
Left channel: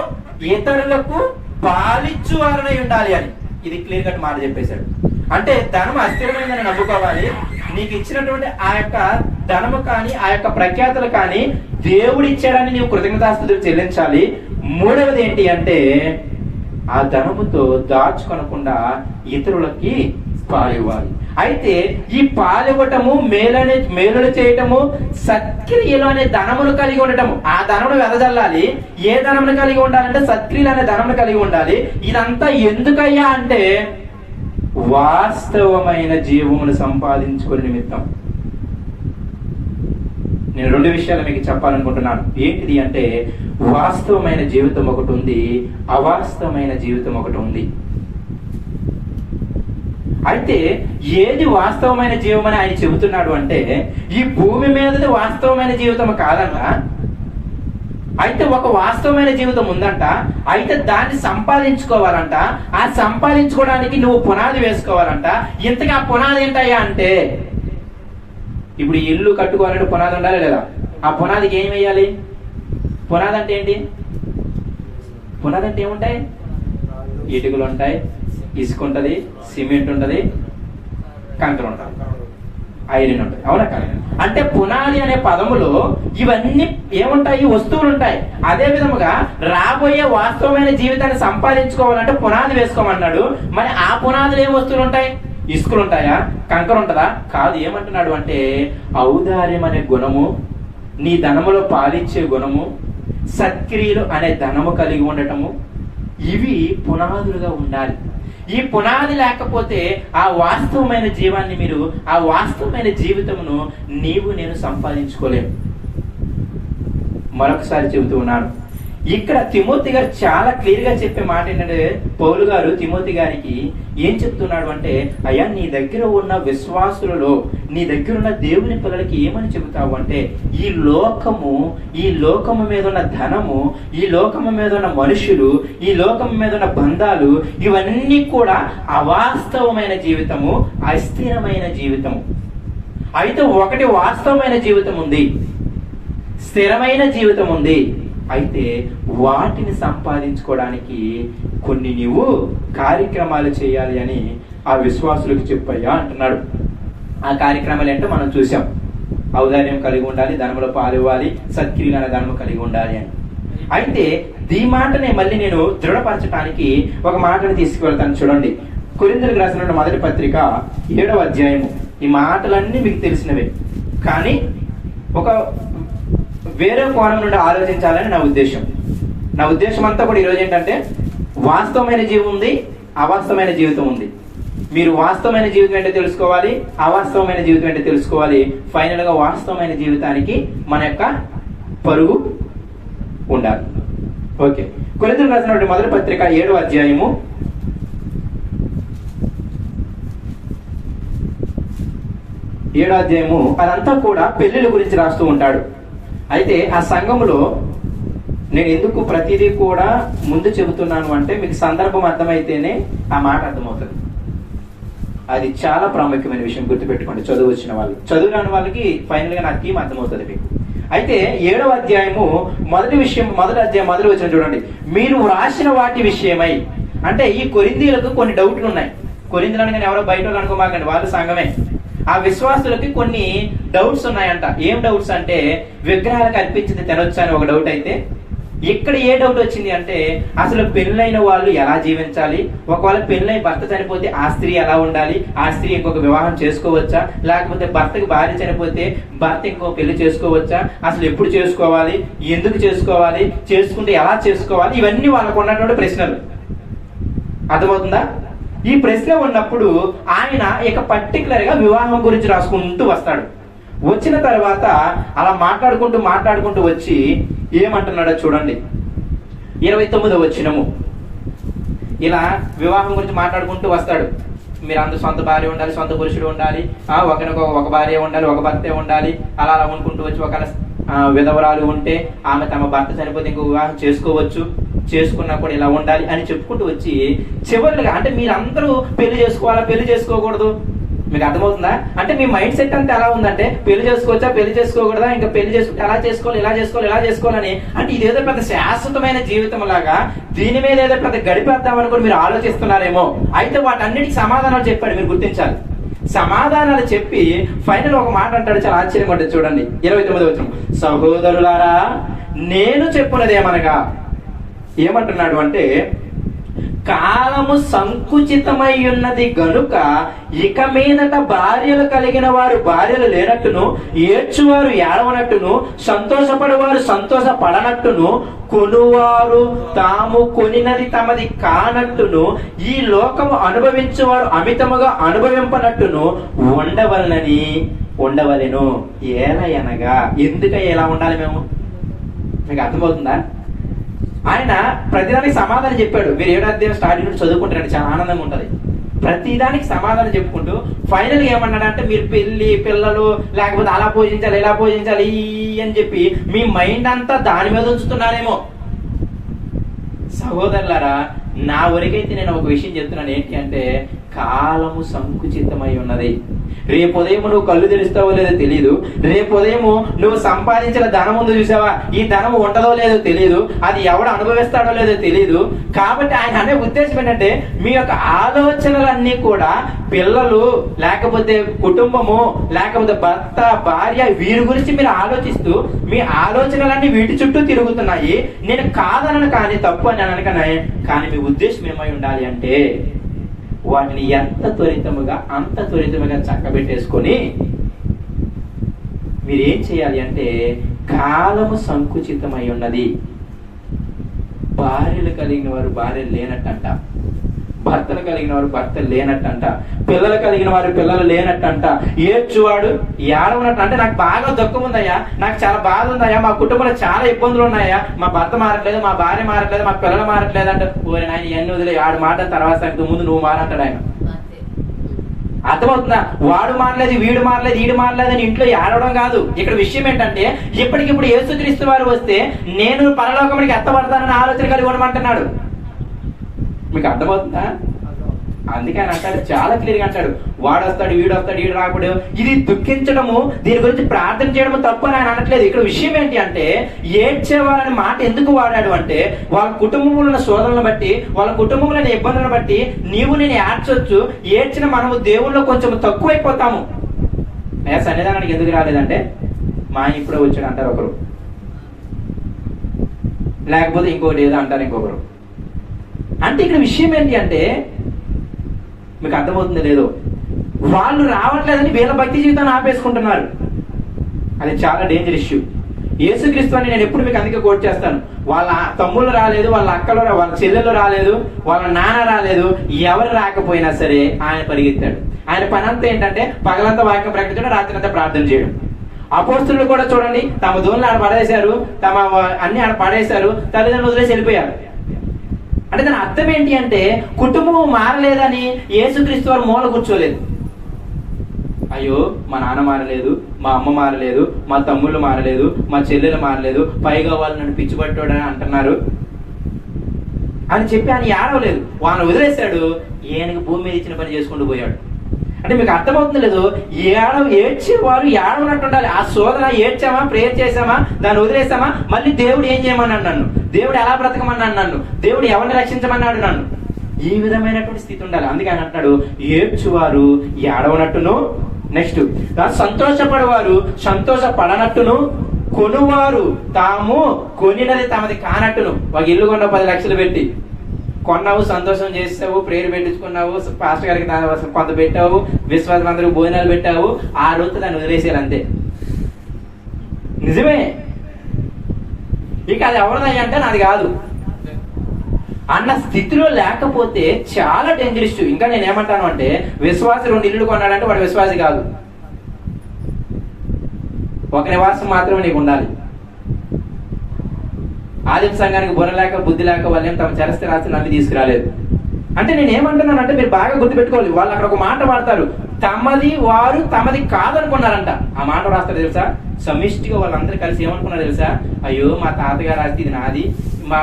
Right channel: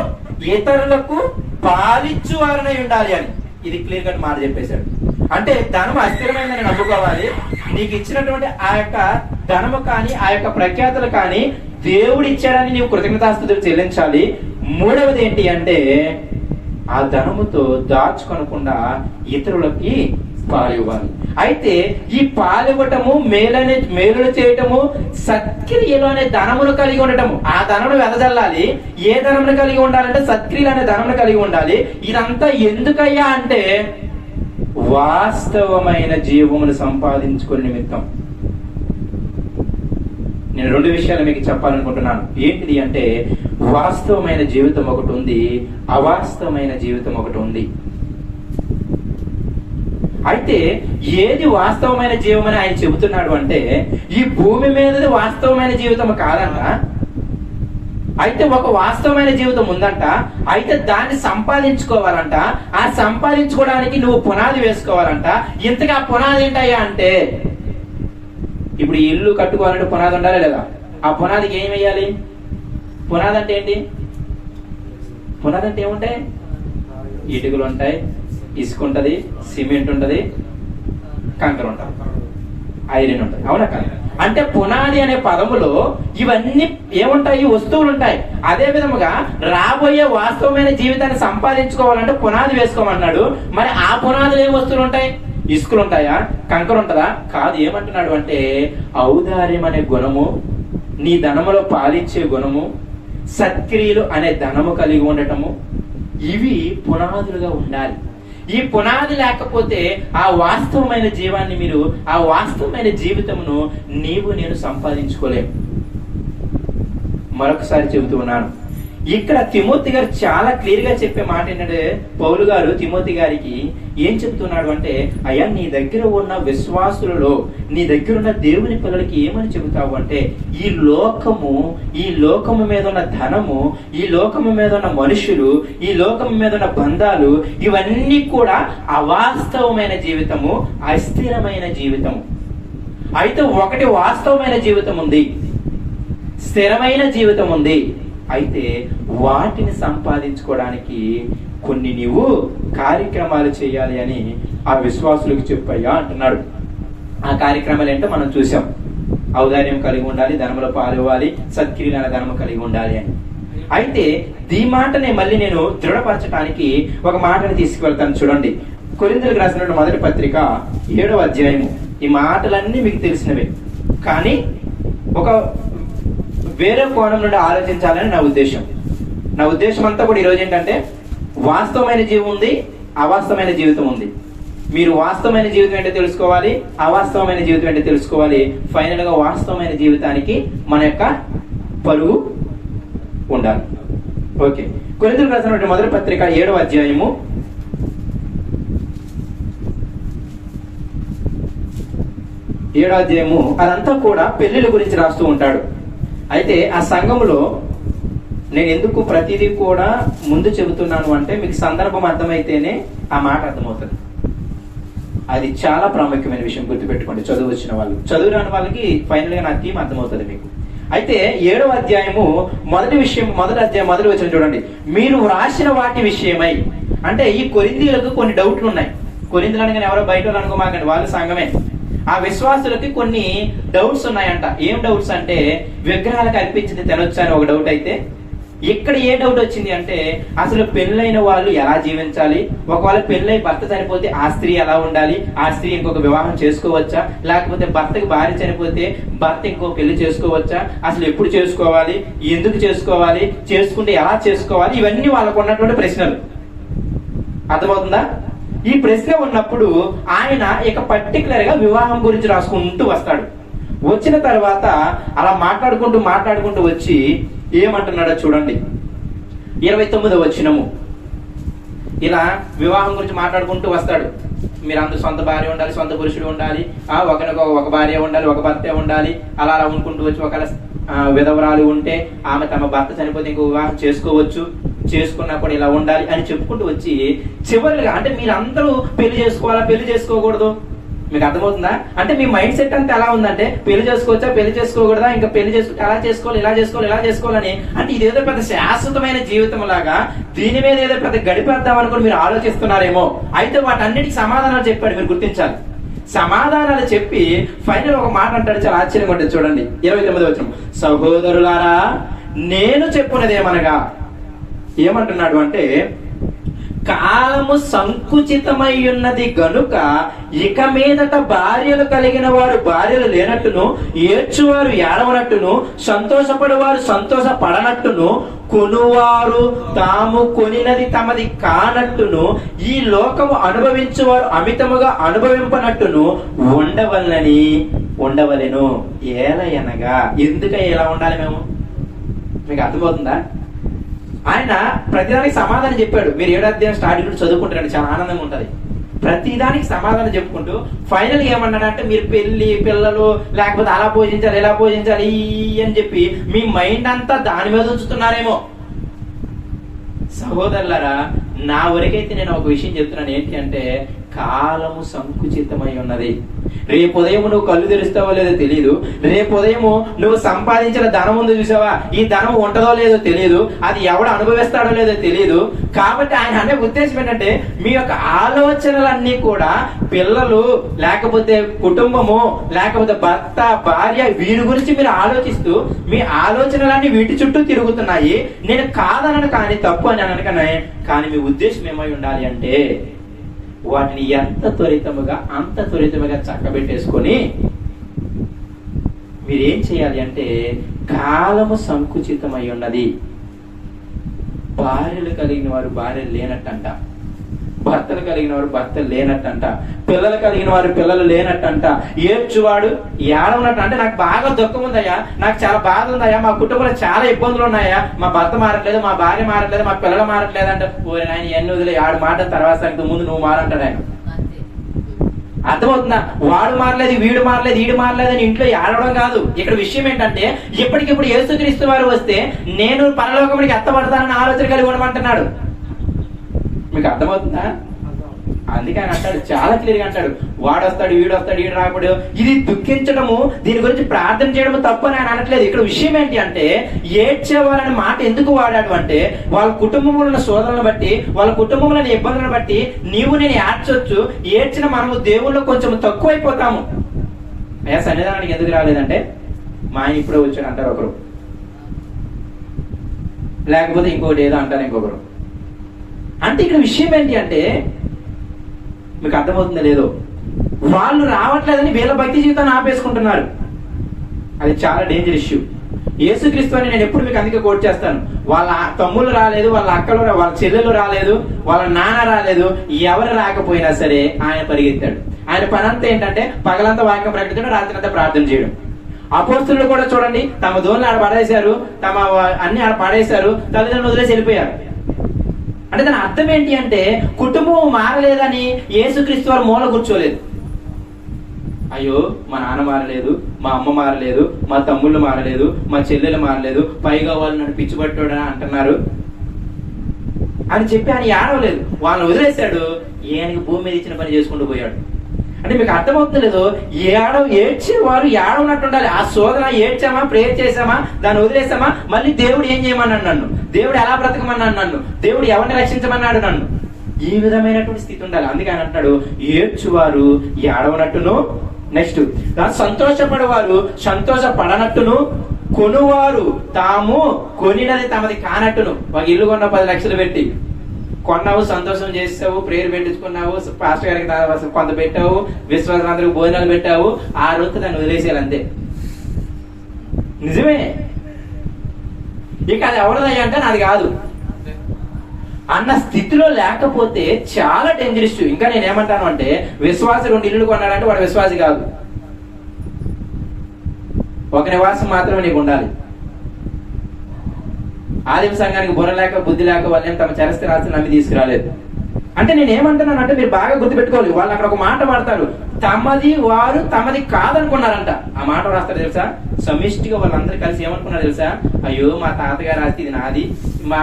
ఇతరులకు పాలిచ్చువారనై ఉండాలి అని. ఇది క్లియర్ కట్ మాట చెప్పేశాడు. అంటే ధనం అస్థిరమైందని నమ్ముకోవాలి. నీకు ఇచ్చినటువంటి ఆ యొక్క ధనము కానీ, ఆ యొక్క ప్రఖ్యాతులు కానీ దేవుడు ఇచ్చాడని నీవు కృతజ్ఞతాస్తుతులు చెల్లించాలి. మూడవది ఏంటి అంటే ఆ ధనముతో దాచుకొనకుండా ఇతరులకి పాలివ్వాలి. అయితే ఈ పాలివ్వటము, మేలులు చేయటము, సత్క్రియలు అనే ధనమును కలిగి ఉండటము. ఆ ధనమును వెదజల్లాలి. ఏ ధనమును కలిగి ఉండాలంటే సత్క్రియలు అనే ధనమును కలిగి ఉండాలి. ఇదంతా ఎందుకయ్యా అంటే వాస్తవమైన జీవమును సంపాదించుకునే నిమిత్తం. నేను రెండు విషయాలు మీకు చెప్పాలనుకుంటున్నాను. ఏంటిది అంటే వాస్తవమైన జీవితం ఒకటి ఉంది, అవాస్తవమైన జీవితం ఒకటి ఉంది. అయితే ఏది వాస్తవమైన జీవం అని ఆయన చెబుతున్నాడు అంటే ఈ భూమి మీదది వాస్తవమైన జీవితం కాదంట. అయితే ఒక వాస్తవమైన జీవితం ఉందంట. అయితే దాన్ని సంపాదించుకోవాలంట. ఆ సంపాదించుకోవడానికి నువ్వు పునాది వేసుకోవాలంట. ఇంతగా ఆ పునాది ఏంటయ్యా అంటే, ఇప్పుడు ఇల్లు కట్టుకోవాలంటే పునాది ఉండాలి లేదా? ఆ పునాదికి ఏం వేయాలి? పునాది అంటే ఏంటి? పునాది అంటే ఏముంటాయి? ఇటుకలు ఉంటాయి, ఇసుక ఉంటది, సిమెంట్ ఉంటది, కంకర ఉంటది, ఐరన్ ఉంటది. అవునా కాదు? అంటే పునాది అనే పదములో ఇవన్నీ ఏముంటాయి? వస్తువులు ఉంటాయి. అదే విధముగా రాబోయే వాస్తవమైన జీవితాన్ని సంపాదించుకోవాలంటే పునాది వేసుకోమన్నాడు. మరి ఆ పునాదులు ఏం వస్తువులు ఉంటాయి? ఇసుకలు ఉంటాయా? కంకర ఉంటదా? కాదు. ఏమంటున్నాడు అంటే ఔదార్యం అనే గుణము, నీ ధనములో పాలిచ్చే గుణము, సత్క్రియలు అనే ధనము కలిగి ఉండటము, ఇవి పునాదులుగా ఉండాలి. ఈ పునాది లేకపోతే ఆ వాస్తవమైన జీవాన్ని మీరు, ఆ వాస్తవమైన జీవితమును నేను సంపాదించుకోలేము. మరొకసారి చెబుతూ ఉన్నాను. ఇక్కడ తిమోతి గారు చాలా క్లియర్ గా చెప్పే మాట ఏంటంటే, పౌలు గారు తిమోతి గారికి ఏం చెప్తున్నాడు అంటే, అయ్యా నీ దగ్గర ఉన్న విశ్వాసులలో, నీ దగ్గర ఉన్న దేవుని పిల్లలకి ఏమని చెబుతావు అంటే, ఈ లోకము మీద ఉన్న ధనము, ఈ లోకము మీద ఉన్న మనుషులు, ఈ లోకము మీద ఉన్న బంధాలు, ఇవన్నీ కూడా అవాస్తవమైన జీవితము, అస్థిరమైన జీవితము. అయితే ఒకటి వాస్తవమైన జీవితం ఉంది, స్థిరమైన జీవితం ఉంది. అయితే వాటిని సంపాదించుకోవడానికి కొన్ని నీవు కార్యక్రమాలు చేయాలి అని ఆ విశ్వాసులకు చెప్పయ్యా అంటున్నాడు. ఆ కార్యక్రమాలు ఏంటో మనం చూసాం. ఔదార్యం కలిగి ఉండాలి, ధనములో పాలు ఇవ్వాలి, సత్క్రియల ధనము కలిగి ఉండాలి అని. అయితే ఈ మాటనే మళ్ళీ నేను దృఢపరచడానికి ఒక మాటను తీసుకువెళ్తాను. చూడండి, కొరింథీయులకు రాసిన మొదటి పత్రిక 7వ అధ్యాయము. ఈ మాటలన్నీ మీకు తెలిసినవే, కానీ ఒక వేరే కోణం నుండి ఆలోచించాలని నా ఉద్దేశం. నా ఉద్దేశం అంతా కూడా ఈరోజు ఏంటంటే, వాస్తవమైన జీవం ఉంది, అవాస్తవమైన జీవితం ఉంది. మీరు వాస్తవమైన జీవితం ఏంటో తెలుసుకోవాలి, అవాస్తవమైన జీవితం ఏంటో తెలుసుకోవాలి. ఫైనల్ గా వాస్తవమైన జీవితానికి మన యొక్క పరుగు ఉండాలి. ఓకే, కొరింథీయులకు రాసినటువంటి మొదటి పత్రిక 7వ అధ్యాయము 7వ అధ్యాయము అదంతా కూడా పెళ్లిళ్ళ గురించి రాస్తూ ఉంటాడు. అయితే ఆ సంఘంలో నేను ఎందుకు ప్రతిదీ కూడా ముందు చెబుతున్నాను అంటే, మీకు సందర్భం అర్థమైతేనే ఆ మాట అర్థమవుతుంది. అది చాలా ప్రాముఖ్యమైన విషయం, గుర్తుపెట్టుకోండి. చదువు వచ్చిన వాళ్ళు, చదువు రాని వాళ్ళకి ఫైనల్ గా నా థీమ్ అర్థమవుతుంది మీకు. అయితే 7వ అధ్యాయము మొదటి వచనం చూడండి. మీరు వ్రాసిన వాటి విషయమై, అంటే ఈ కొరింథీయులకు కొన్ని డౌట్లు ఉన్నాయి. కొరింథీయులు అనగానే ఎవరో బయట వాళ్ళు అనుకోమాకండి, వాళ్ళు సంఘమే. ఆ విశ్వాసులకి కొన్ని డౌట్స్ ఉన్నాయంట. ఏం డౌట్స్ అంటే, విగ్రహాలకు అర్పించింది తినొచ్చా అని ఒక డౌట్. అయితే ఇక్కడ ఏ డౌట్ వచ్చింది అంటే, అసలు పెళ్ళైన వాళ్ళు ఎలా జీవించాలి, ఒకవేళ పెళ్ళై భర్త చనిపోతే ఆ స్త్రీ ఎలా ఉండాలి, ఆ స్త్రీ ఇంకొక వివాహం చేసుకోవచ్చా, లేకపోతే భర్తకి భార్య చనిపోతే భర్త ఇంకో పెళ్లి చేసుకోవచ్చా, అసలు ఎప్పుడు చేసుకోవాలి, ఎందుకు చేసుకోవాలి, చేసుకుంటే ఎలా చేసుకోవాలి, ఇవన్నీ వాళ్ళకు ఉన్నటువంటి ప్రశ్నలు. అర్థమవుతుందా? ఈ ప్రశ్న ఉన్నప్పుడు ఆయన ఇక పర్టికులర్ గా వివాహం గురించి రాసుకుంటూ వస్తాడు. వచ్చిన తర్వాత అలా మాట్లాడుకుంటూ వచ్చి ఏమంటున్నాడో చూడండి. 29వ వచనము. ఇలా వివాహం గురించి మాట్లాడుకుంటూ వస్తాడు. మీరు అందరూ సొంత భార్య ఉండాలి, సొంత పురుషుడు ఉండాలి, ఒకరికి ఒక భార్య ఉండాలి, ఒక భర్తే ఉండాలి, అలా అనుకుంటూ వచ్చి ఒకవేళ విధవరాలు ఉంటే ఆమె తమ భర్త చనిపోతే ఇంకో వివాహం చేసుకోవచ్చు, చేసుకున్నా కూడా ఇలా ఉండాలి అని చెప్పుకుంటూ వచ్చి చివరిగా, అంటే మీరందరూ పెళ్లి చేసుకోకూడదు, మీకు అర్థమవుతుందా? అంటే మీ మైండ్ సెట్ అంతా ఎలా ఉందంటే, పెళ్లి చేసుకోవచ్చా, పెళ్లి చేసుకోకూడదా, ఇంకా పెళ్లి చేసుకుంటే ఎలా చేసుకోవాలి, ఇలా చేసుకోవాలని, అంటే ఇదేదో పెద్ద శాశ్వతమైన జీవితం లాగా దీని మీద ఏదో పెద్ద గడిపేద్దామని కూడా మీరు ఆలోచిస్తున్నారేమో. అయితే వాటన్నిటికి సమాధానాలు చెప్పాడు, మీరు గుర్తించాలి. సమాధానాలు చెప్పి ఫైనల్ ఒక మాట అంటాడు, చాలా ఆశ్చర్యంగా ఉంటుంది. చూడండి 29వ వచనం. సహోదరులారా, నేను చెప్పున్నదేమనగా, ఏమంటున్నాడు అంటే, కాలము సంకుచితమై ఉన్నది గనుక ఇక మీదట భార్యలు కలిగిన వారు భార్యలు లేనట్టును, ఏడ్చువారు ఏడవనట్టును, సంతోషపడేవారు సంతోషపడనట్టును, కొనువారు తాము కొనినది తమది కానట్టును, ఈ లోకము అనుభవించేవారు అమితముగా అనుభవింపనట్టును ఉండవలెను. ఏలయనగా, ఎందుకు ఎలా ఉండాలి మేము? మీకు అర్థమవుతుందా? ఆయన ప్రతిదానికి సమాధానం చెప్పాడు. మీరు 7వ అధ్యాయం స్టార్టింగ్ నుండి చదువుకుంటారండి, చాలా ఆనందంగా ఉంటది. ప్రతిదానికి సమాధానం చెప్పుకుంటూ ఫైనల్ ఏమన్నాడంటే మీరు పెళ్లి పిల్లలు లేకపోతే అలా పూజించాలి ఇలా పూజించాలి అని చెప్పి మీ మైండ్ అంతా దాని మీద ఉంచుతున్నారేమో. సహోదరులారా, నా వరకైతే నేను ఒక విషయం చెప్తున్నాను. ఏంటి అంటే, కాలము సంకుచితమై ఉన్నది. రేపు ఉదయం నువ్వు కళ్ళు తెరుస్తావో లేదో తెలియదు. రేపు ఉదయం నువ్వు సంపాదించిన ధనం ఉందో చూసావా, ఈ ధనం ఉంటదో లేదో తెలియదు. అది ఎవడు అనుభవిస్తాడో లేదో తెలియదు. కాబట్టి ఆయన అనే ఉద్దేశం ఏంటంటే, మీ యొక్క ఆలోచనలన్నీ కూడా పిల్లలు లేకపోతే కుటుంబము లేకపోతే భర్త భార్య వీరి గురించి మీరు ఆలోచిస్తూ మీ ఆలోచనలన్నీ వీటి చుట్టూ తిరుగుతున్నాయి. నేను కాదనను కానీ తప్పు అని అనకనే, కానీ మీ ఉద్దేశం ఏమై ఉండాలి అంటే వాటిని ఎంత త్వరితముగా అంత త్వరితముగా చక్కబెట్టేసుకొని మీరేం చేయాలి అంటే, కాలము సంకుచితమై ఉన్నది. భార్యలు కలిగిన వారు భార్యలు లేనట్టంట, భర్తలు కలిగిన వారు భర్తలు లేనట్టంట, పిల్లలు కలిగిన వారు పిల్లలు లేనట్టంట, ఏడ్చువాడు ఏడవనట్టు. అంటే నాకు బాగా దుఃఖం ఉందయ్యా, నాకు చాలా బాధ ఉందయ్యా, మా కుటుంబంలో చాలా ఇబ్బందులు ఉన్నాయా, మా భర్త మారట్లేదు, మా భార్య మారట్లేదు, మా పిల్లలు మారట్లేదు అంటే, ఓరి నాయన ఎన్ని వదిలే ఆడు మాట తర్వాత సంగతి ముందు నువ్వు మారంటాడు ఆయన. అర్థమవుతుందా? వాడు మారలేదు, వీడు మారలేదు, వీడు మారలేదు అని ఇంట్లో ఏడవడం కాదు. ఇక్కడ విషయం ఏంటంటే, ఇప్పటికిప్పుడు యేసుక్రీస్తు వారు వస్తే నేను పరలోకమునికి ఎత్తబడతానని ఆలోచన కలిగి ఉండమంటున్నాడు. మీకు అర్థమవుతుందా? అందుకే ఆయన అంటాడు, చాలా క్లియర్ గా అంటాడు, వాడు వస్తాడు, వీడు వస్తాడు, వీడు రాకూడదు. ఇది దుఃఖించడము, దీని గురించి ప్రార్థన చేయడము తప్పు అని ఆయన అనట్లేదు. ఇక్కడ విషయం ఏంటి అంటే, ఏడ్చేవారని మాట ఎందుకు వాడాడు అంటే, వాళ్ళ కుటుంబంలో ఉన్న శోధనలను బట్టి, వాళ్ళ కుటుంబంలో ఇబ్బందులను బట్టి నీవు నేను ఏడ్చొచ్చు. ఏడ్చిన మనము దేవుళ్ళో కొంచెం తక్కువైపోతాము. సన్నిధానానికి ఎందుకు రాలేదంటే, మా ఆయన ఇప్పుడే వచ్చాడు అంటారు ఒకరు, లేకపోతే ఇంకోటి ఏదో అంటారు ఇంకొకరు. అంటే ఇక్కడ విషయం ఏంటి అంటే, మీకు అర్థమవుతుందో లేదో, వాళ్ళు రావట్లేదని వీళ్ళ భక్తి జీవితాన్ని ఆపేసుకుంటున్నారు. అది చాలా డేంజర్ ఇష్యూ. యేసుక్రీస్తు అని నేను ఎప్పుడు మీకు అందుకే కోట్ చేస్తాను. వాళ్ళ తమ్ముళ్ళు రాలేదు, వాళ్ళ అక్కలు, వాళ్ళ చెల్లెలు రాలేదు, వాళ్ళ నాన్న రాలేదు, ఎవరు రాకపోయినా సరే ఆయన పరిగెత్తాడు. ఆయన పని అంతా ఏంటంటే, పగలంతా వాక్యం ప్రకటించడం, రాత్రి అంతా ప్రార్థన చేయడం. అపోస్తలులు కూడా చూడండి, తమ దోళ్ళు ఆడ పడేశారు, తమ అన్ని ఆడ పడేశారు, తల్లిదండ్రులు వదిలేసి వెళ్ళిపోయారు. అంటే దాని అర్థం ఏంటి అంటే, కుటుంబం మారలేదని యేసుక్రీస్తు వారు మూల కూర్చోలేదు. అయ్యో మా నాన్న మారలేదు, మా అమ్మ మారలేదు, మా తమ్ముళ్ళు మారలేదు, మా చెల్లెలు మారలేదు, పైగా వాళ్ళు నన్ను పిచ్చిపట్టాడని అంటున్నారు అని చెప్పి ఆయన ఏడవలేదు. వాళ్ళని వదిలేశాడు, ఈయనకి భూమి మీద ఇచ్చిన పని చేసుకుంటూ పోయాడు. అంటే మీకు అర్థమవుతుంది లేదు, ఏడ్చేవారు ఏడవనట్టు ఉండాలి. ఆ శోధన ఏడ్చామా, ప్రేయర్ చేసామా, దాన్ని వదిలేసామా, మళ్ళీ దేవుడు ఏం చేయమన్నాడు నన్ను, దేవుడు ఎలా బ్రతకమన్నాడు నన్ను, దేవుడు ఎవరిని రక్షించమన్నాడు నన్ను, ఈ విధమైనటువంటి స్థితి ఉండాలి. అందుకే ఆయన అంటాడు, ఏడ్చువారు ఏడవనట్టును, నెక్స్ట్ సంతోషపడేవారు సంతోషపడనట్టును, కొనువారు తాము కొనినది తమది కానట్టును. ఒక ఇల్లు కొన్న 10 లక్షలు పెట్టి కొన్నావు, సంతోషం చేసావు, ప్రేయర్ పెట్టించుకున్నావు, పాస్టర్ గారికి కొంత పెట్టావు, విశ్వాసులందరికీ భోజనాలు పెట్టావు, ఆ రోజు దాన్ని వదిలేసేయాలి అంతే. నిజమే. ఇక అది ఎవరిదయ్యా అంటే నాది కాదు అన్న స్థితిలో లేకపోతే చాలా డేంజరస్. ఇంకా నేను ఏమంటాను అంటే, విశ్వాసి 2 ఇల్లు కొన్నాడంటే వాడు విశ్వాసి కాదు. ఒక నివాసం మాత్రమే నీకు ఉండాలి. ఆదిమ సంఘానికి బుర్ర లేక బుద్ధి లేక వాళ్ళని తమ చరస్థిరాస్తిని నమ్మి తీసుకురాలేదు. అంటే నేను ఏమంటున్నాను అంటే, మీరు బాగా గుర్తుపెట్టుకోవాలి. వాళ్ళు అక్కడ ఒక మాట వాడతారు, తమది వారు తమది కాదనుకున్నారంట. ఆ మాట రాస్తారు తెలుసా, సమిష్టిగా వాళ్ళందరూ కలిసి ఏమనుకున్నారు తెలుసా, అయ్యో మా తాతగారు ఆస్తి ఇది నాది, మా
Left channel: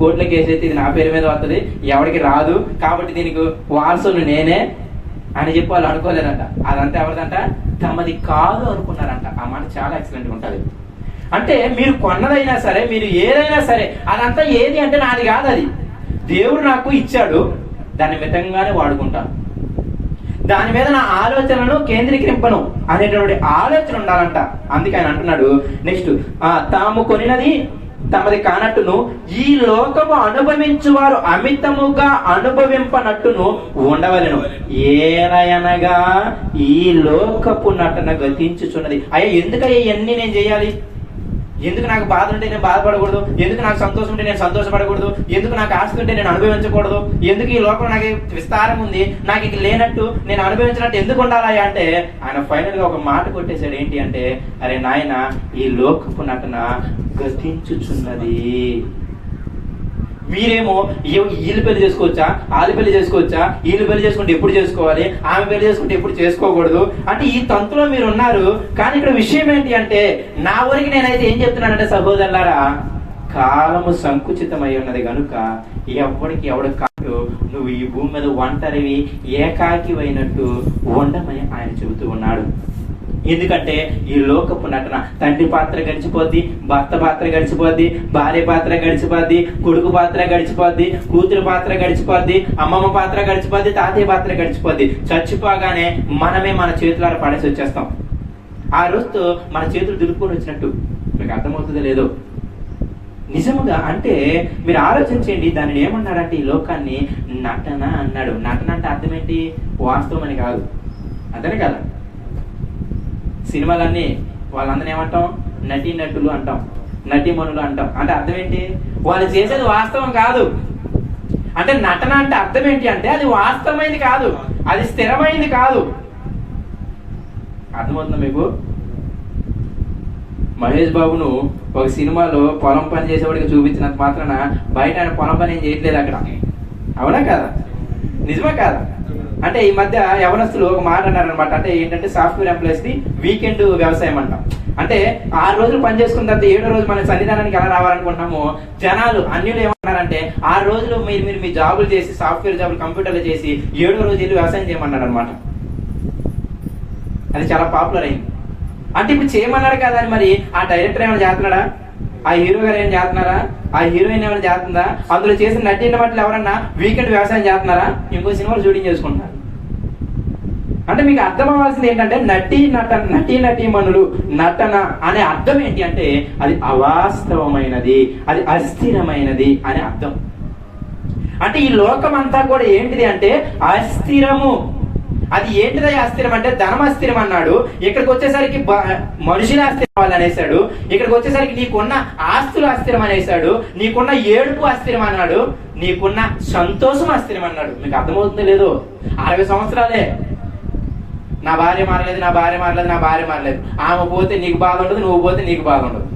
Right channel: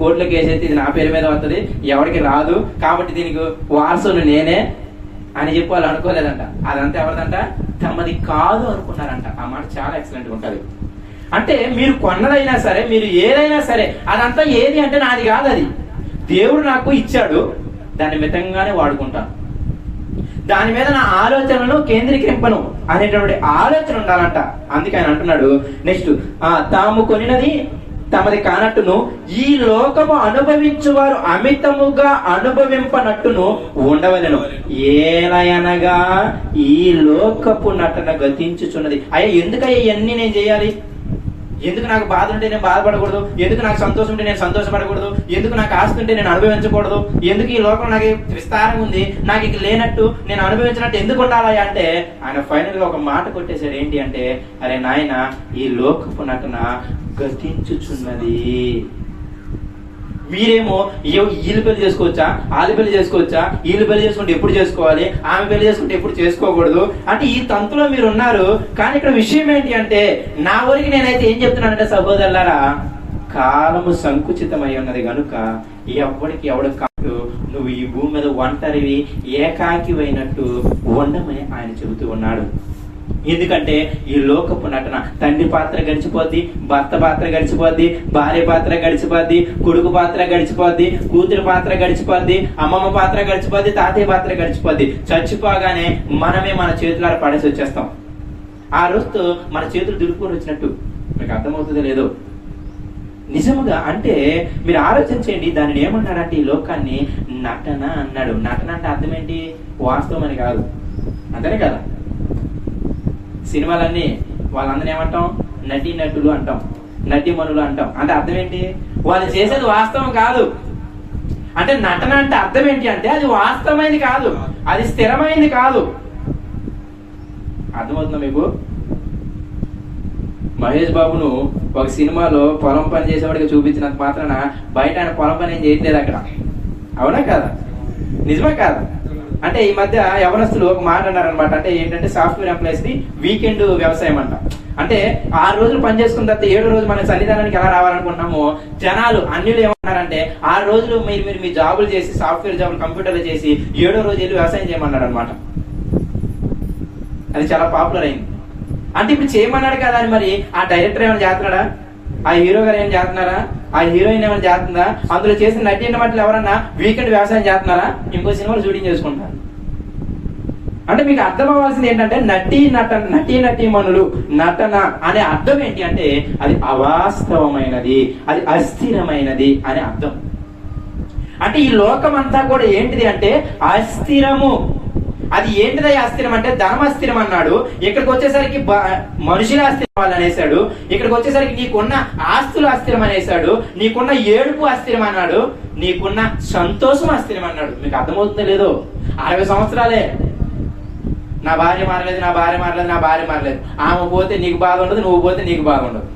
కోర్టులో కేసు అయితే ఇది నా పేరు మీద వస్తుంది, ఎవరికి రాదు, కాబట్టి దీనికి వారసుని నేనే అని చెప్పి వాళ్ళు అనుకోలేదంట. అదంతా ఎవరిదంట, తమది కాదు అనుకున్నారంట. ఆ మాట చాలా ఎక్సలెంట్ గా ఉంటుంది. అంటే మీరు కొన్నదైనా సరే, మీరు ఏదైనా సరే, అదంతా ఏది అంటే నాది కాదు, అది దేవుడు నాకు ఇచ్చాడు, దాన్ని మితంగానే వాడుకుంటాను, దాని మీద నా ఆలోచనను కేంద్రీకరింపను అనేటువంటి ఆలోచన ఉండాలంట. అందుకే ఆయన అంటున్నాడు నెక్స్ట్, తాము కొనినది తమది కానట్టును, ఈ లోకము అనుభవించువారు అమితముగా అనుభవింపనట్టును ఉండవలెను. ఏలయనగా ఈ లోకపు నటన గతించుచున్నది. అయ్యా ఎందుకయ్యా ఇవన్నీ నేను చేయాలి? ఎందుకు నాకు బాధ ఉంటే నేను బాధపడకూడదు? ఎందుకు నాకు సంతోషం ఉంటే నేను సంతోషపడకూడదు? ఎందుకు నాకు ఆస్తి ఉంటే నేను అనుభవించకూడదు? ఎందుకు ఈ లోకం నాకు విస్తారం ఉంది, నాకు ఇక లేనట్టు నేను అనుభవించినట్టు ఎందుకు ఉండాలా అంటే, ఆయన ఫైనల్ గా ఒక మాట కొట్టేశాడు. ఏంటి అంటే, అరే నాయన, ఈ లోకపు నటన గతించుచున్నది. మీరేమో వీళ్ళు పెళ్లి చేసుకోవచ్చా, వాళ్ళు పెళ్లి చేసుకోవచ్చా, వీళ్ళు పెళ్లి చేసుకుంటే ఎప్పుడు చేసుకోవాలి, ఆమె పెళ్లి చేసుకుంటే ఎప్పుడు చేసుకోకూడదు అంటే ఈ తంతులో మీరు ఉన్నారు. కానీ ఇక్కడ విషయం ఏంటి అంటే, నా ఊరికి నేనైతే ఏం చెప్తున్నానంటే సహోదరులారా, కాలము సంకుచితమై ఉన్నది కనుక ఎవడికి కాదు, నువ్వు ఈ భూమి మీద ఒంటరివి ఏకాకివైనట్టు ఉండమని ఆయన చెబుతూ ఉన్నాడు. ఎందుకంటే ఈ లోకపు నటన, తండ్రి పాత్ర గడిచిపోద్ది, భర్త పాత్ర గడిచిపోద్ది, భార్య పాత్ర గడిచిపోద్ది, కొడుకు పాత్ర గడిచిపోద్ది, కూతురు పాత్ర గడిచిపోద్ది, అమ్మమ్మ పాత్ర గడిచిపోద్ది, తాతయ్య పాత్ర గడిచిపోద్ది. చచ్చిపోగానే మనమే మన చేతులారా పడేసి వచ్చేస్తాం. ఆ రోజుతో మన చేతులు దులుపుకొని వచ్చినట్టు. మీకు అర్థమవుతుందో లేదో? నిజముగా అంటే మీరు ఆలోచించండి, దానిని ఏమన్నాడంటే ఈ లోకాన్ని నటన అన్నాడు. నటన అంటే అర్థం ఏంటి? వాస్తవం అని కాదు, అదే కదా. సినిమాలన్నీ వాళ్ళందరూ ఏమంటాం? నటీనటులు అంటాం, నటీమణులు అంటాం. అంటే అర్థం ఏంటి? వాళ్ళు చేసేది వాస్తవం కాదు. అంటే నటన అంటే అర్థం ఏంటి అంటే అది వాస్తవమైంది కాదు, అది స్థిరమైంది కాదు. అర్థమవుతుందా మీకు? మహేష్ బాబును ఒక సినిమాలో పొలం పని చేసేవాడికి చూపించినంత మాత్రాన బయట ఆయన పొలం పని ఏం చేయట్లేదు అక్కడ. అవునా కాదా? నిజమే కాదా? అంటే ఈ మధ్య యవనస్తులు ఒక మాట అన్నారనమాట. అంటే ఏంటంటే సాఫ్ట్వేర్ ఎంప్లాయీస్ ది వీకెండ్ వ్యవసాయం అంట. అంటే 6 రోజులు పని చేసుకున్న తర్వాత 7వ రోజు మన సన్నిధానానికి ఎలా రావాలనుకుంటున్నాము జనాలు అన్నిలు ఏమన్నారంటే 6 రోజులు మీరు మీ జాబులు చేసి, సాఫ్ట్వేర్ జాబులు కంప్యూటర్లు చేసి 7వ రోజు వెళ్ళి వ్యవసాయం చేయమన్నాడు అనమాట. అది చాలా పాపులర్ అయింది. అంటే ఇప్పుడు చేయమన్నాడు కదా అని మరి ఆ డైరెక్టర్ ఏమైనా చేస్తున్నాడా? ఆ హీరో గారు ఏమైనా చేస్తున్నారా? ఆ హీరోయిన్ ఏమైనా చేస్తుందా? అందులో చేసిన నటీల మట్లు ఎవరన్నా వీకెండ్ వ్యవసాయం చేస్తున్నారా? ఇంకో సినిమాలు షూటింగ్ చేసుకుంటారు. అంటే మీకు అర్థం అవ్వాల్సింది ఏంటంటే నటీమణులు నటన అనే అర్థం ఏంటి అంటే అది అవాస్తవమైనది, అది అస్థిరమైనది అనే అర్థం. అంటే ఈ లోకం అంతా కూడా ఏంటిది అంటే అస్థిరము. అది ఏంటిదా అస్థిరం అంటే ధనం అస్థిరం అన్నాడు. ఇక్కడికి వచ్చేసరికి మనుషుల అస్థిరం వాళ్ళు అనేసాడు. ఇక్కడికి వచ్చేసరికి నీకున్న ఆస్తులు అస్థిరం అనేసాడు, నీకున్న ఏడుపు అస్థిరం అన్నాడు, నీకున్న సంతోషం అస్థిరం అన్నాడు. మీకు అర్థమవుతుందో లేదో? 60 సంవత్సరాలే నా భార్య మారలేదు. ఆమె పోతే నీకు బాధ ఉండదు, నువ్వు పోతే నీకు బాధ ఉండదు.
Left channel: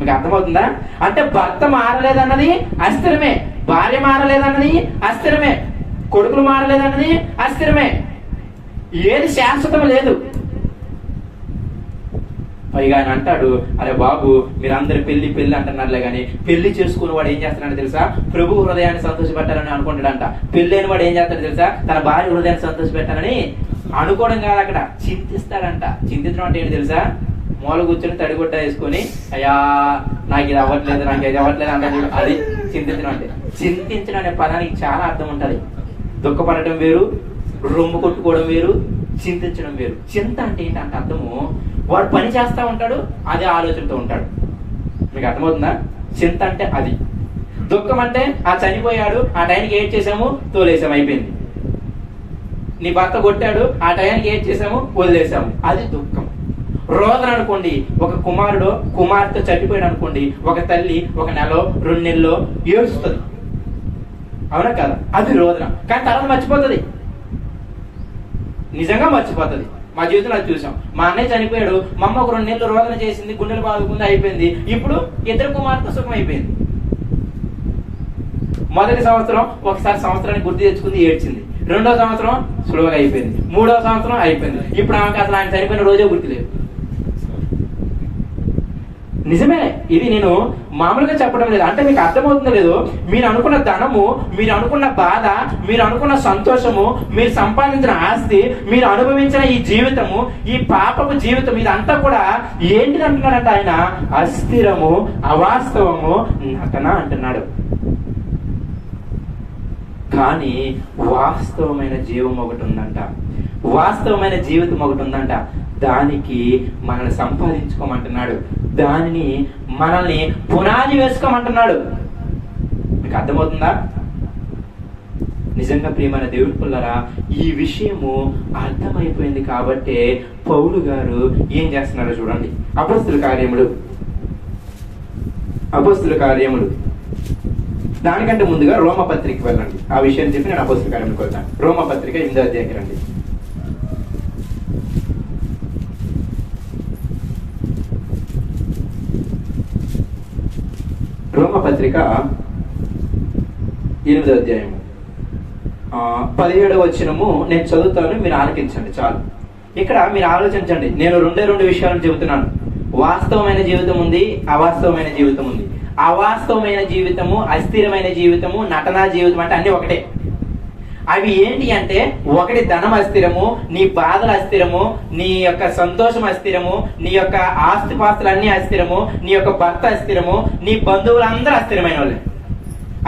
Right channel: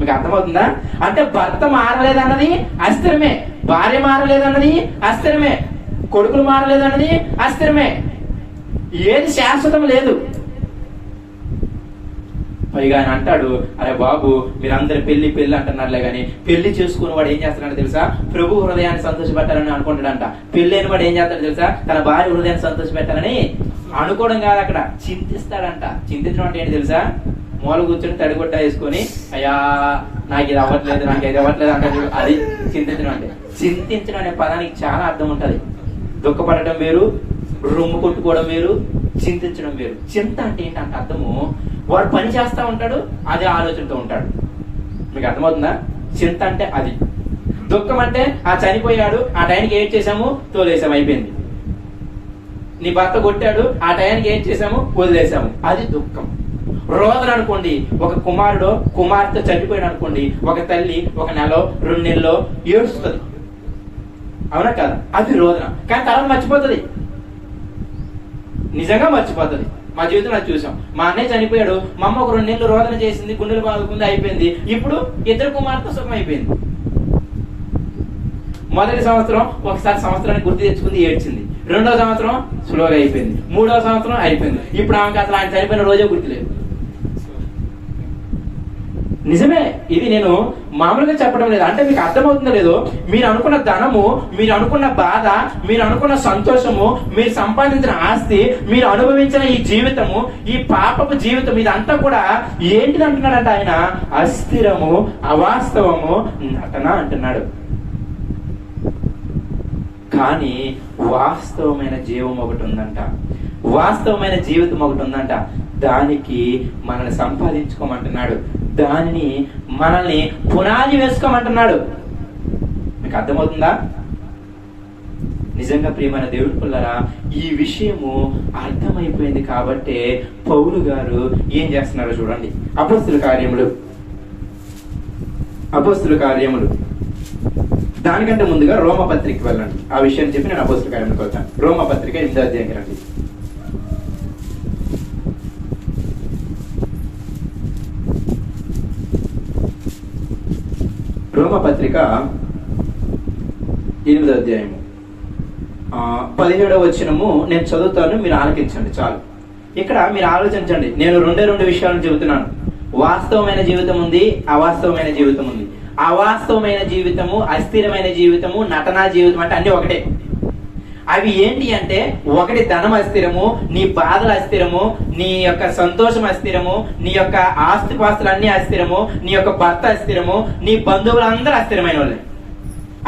మీకు అర్థమవుతుందా? అంటే భర్త మారలేదన్నది అస్థిరమే, భార్య మారలేదన్నది అస్థిరమే, కొడుకులు మారలేదన్నది అస్థిరమే. ఏది శాశ్వతం లేదు. పైగా ఆయన అంటాడు, అరే బాబు మీరందరు పెళ్లి అంటున్నారులే కానీ పెళ్లి చేసుకుని వాడు ఏం చేస్తాడని తెలుసా? ప్రభు హృదయాన్ని సంతోషపెట్టాలని అనుకుంటాడంట. పెళ్ళైన వాడు ఏం చేస్తాడు తెలుసా? తన భార్య హృదయాన్ని సంతోషపెట్టాలని అనుకోవడం కాదు, అక్కడ చింతిస్తాడంట. చింతించడం అంటే ఏంటి తెలుసా? మూల కూర్చొని తడిగుడ్డ వేసుకొని అయ్యా నాకు ఇది అవ్వట్లేదు అంటే అది చింతించడం అంటే. చింతించడం అనే పదానికి చాలా అర్థం ఉంటది. దుఃఖపడటం వేరు, రొమ్ము కొట్టుకోవడం వేరు, చింతించడం వేరు. చింత అంటే ఏంటంటే అర్థము, వాడు పని చేస్తా ఉంటాడు, అదే ఆలోచనతో ఉంటాడు. మీకు అర్థమవుతుందా? చింత అంటే అది. దుఃఖం అంటే ఆ చనిపోయాడు, ఆ టైంకి ఏడ్ చేసాము, తోలేసాము, అయిపోయింది. నీ భర్త కొట్టాడు, ఆ టైంకి ఏడ్ చేసాము, వదిలేసాము, అది దుఃఖం. రోదన అనుకోండి, ఒక కుమారుడు కుమార్తె చనిపోయాడు అనుకోండి, ఒక తల్లి 1 నెలలో 2 నెలలో ఏడుస్తుంది. అవునా కదా? అది రోదన. కానీ తర్వాత మర్చిపోతుంది, నిజంగా మర్చిపోతుంది. మా జీవితంలో అది చూసాం. మా అన్నయ్య చనిపోయాడు, మా అమ్మ ఒక 2 నెలలు రోదన చేసింది, గుండెలు బాగుంది, అయిపోయింది. ఇప్పుడు 2 కుమార్తె సుఖం అయిపోయింది. మొదటి సంవత్సరం ఒకసారి సంవత్సరానికి గుర్తు తెచ్చుకుంది, ఏడ్చింది. 2వ సంవత్సరం స్లోగా అయిపోయింది. 3వ సంవత్సరం అయిపోయింది. ఇప్పుడు ఆమెకు అసలు ఆయన చనిపోయిన రోజే గుర్తులేదు. నిజమే, ఇది నేను మామూలుగా చెప్పడం లేదు. అంటే మీకు అర్థమవుతుందో లేదో? మీరు అనుకున్న ధనము, మీరు అనుకున్న బాధ, మీరు అనుకున్న సంతోషము, మీరు సంపాదించిన ఆస్తి, మీరు అనుభవించిన ఈ జీవితము, ఈ పాపపు జీవితం, ఇదంతా కూడా ఏంటిది అంటున్నాడంటే ఆయన? అస్థిరము, అవాస్తవము, నటన అంటున్నాడు. కానీ వాస్తవమైన జీవం ఒకటి ఉందంట, వాస్తవమైన జీవితం ఒకటి ఉందంట. దానికి మనల్ని సంపాదించుకోమంటున్నాడు, దానిని మనల్ని పునాది వేసుకోమంటున్నాడు. మీకు అర్థమవుతుందా? నిజంగా ప్రియమైన దేవుడి పిల్లరా, ఈ విషయము అర్థమైపోయింది కాబట్టే పౌలు గారు ఏం చేస్తున్నారో చూడండి. అపోస్తుల కార్యములు దానికంటే ముందుగా రోమపత్రిక వెళ్ళండి. ఆ విషయం చెప్పి నేను అపోస్తుల కార్యములకు వచ్చాను. రోమపత్రిక 8వ అధ్యాయం రండి. రోమపత్రిక 8వ అధ్యాయము 17వ వచనము నేను చదువుతాను, మీరు ఆలకించండి చాలు. ఇక్కడ మీరు ఆలోచించండి, నేను రెండు విషయాలను చెబుతున్నాను. వాస్తవమైన జీవితం ఉంది, అవాస్తవమైన జీవితం ఉంది. అవాస్తవమైన జీవితము, అస్థిరమైన జీవితము, నటనా జీవితం అంటే అన్ని ఒకటే. అవి ఏంటి అంటే, ఒకటి ధనం అస్థిరము, నీ బాధలు అస్థిరము, నీ యొక్క సంతోషం అస్థిరము, నీ యొక్క ఆస్తిపాస్తులు అన్ని అస్థిరము, నీ యొక్క భర్త అస్థిరము, నీ బంధువులందరూ అస్థిరమైన వాళ్ళే.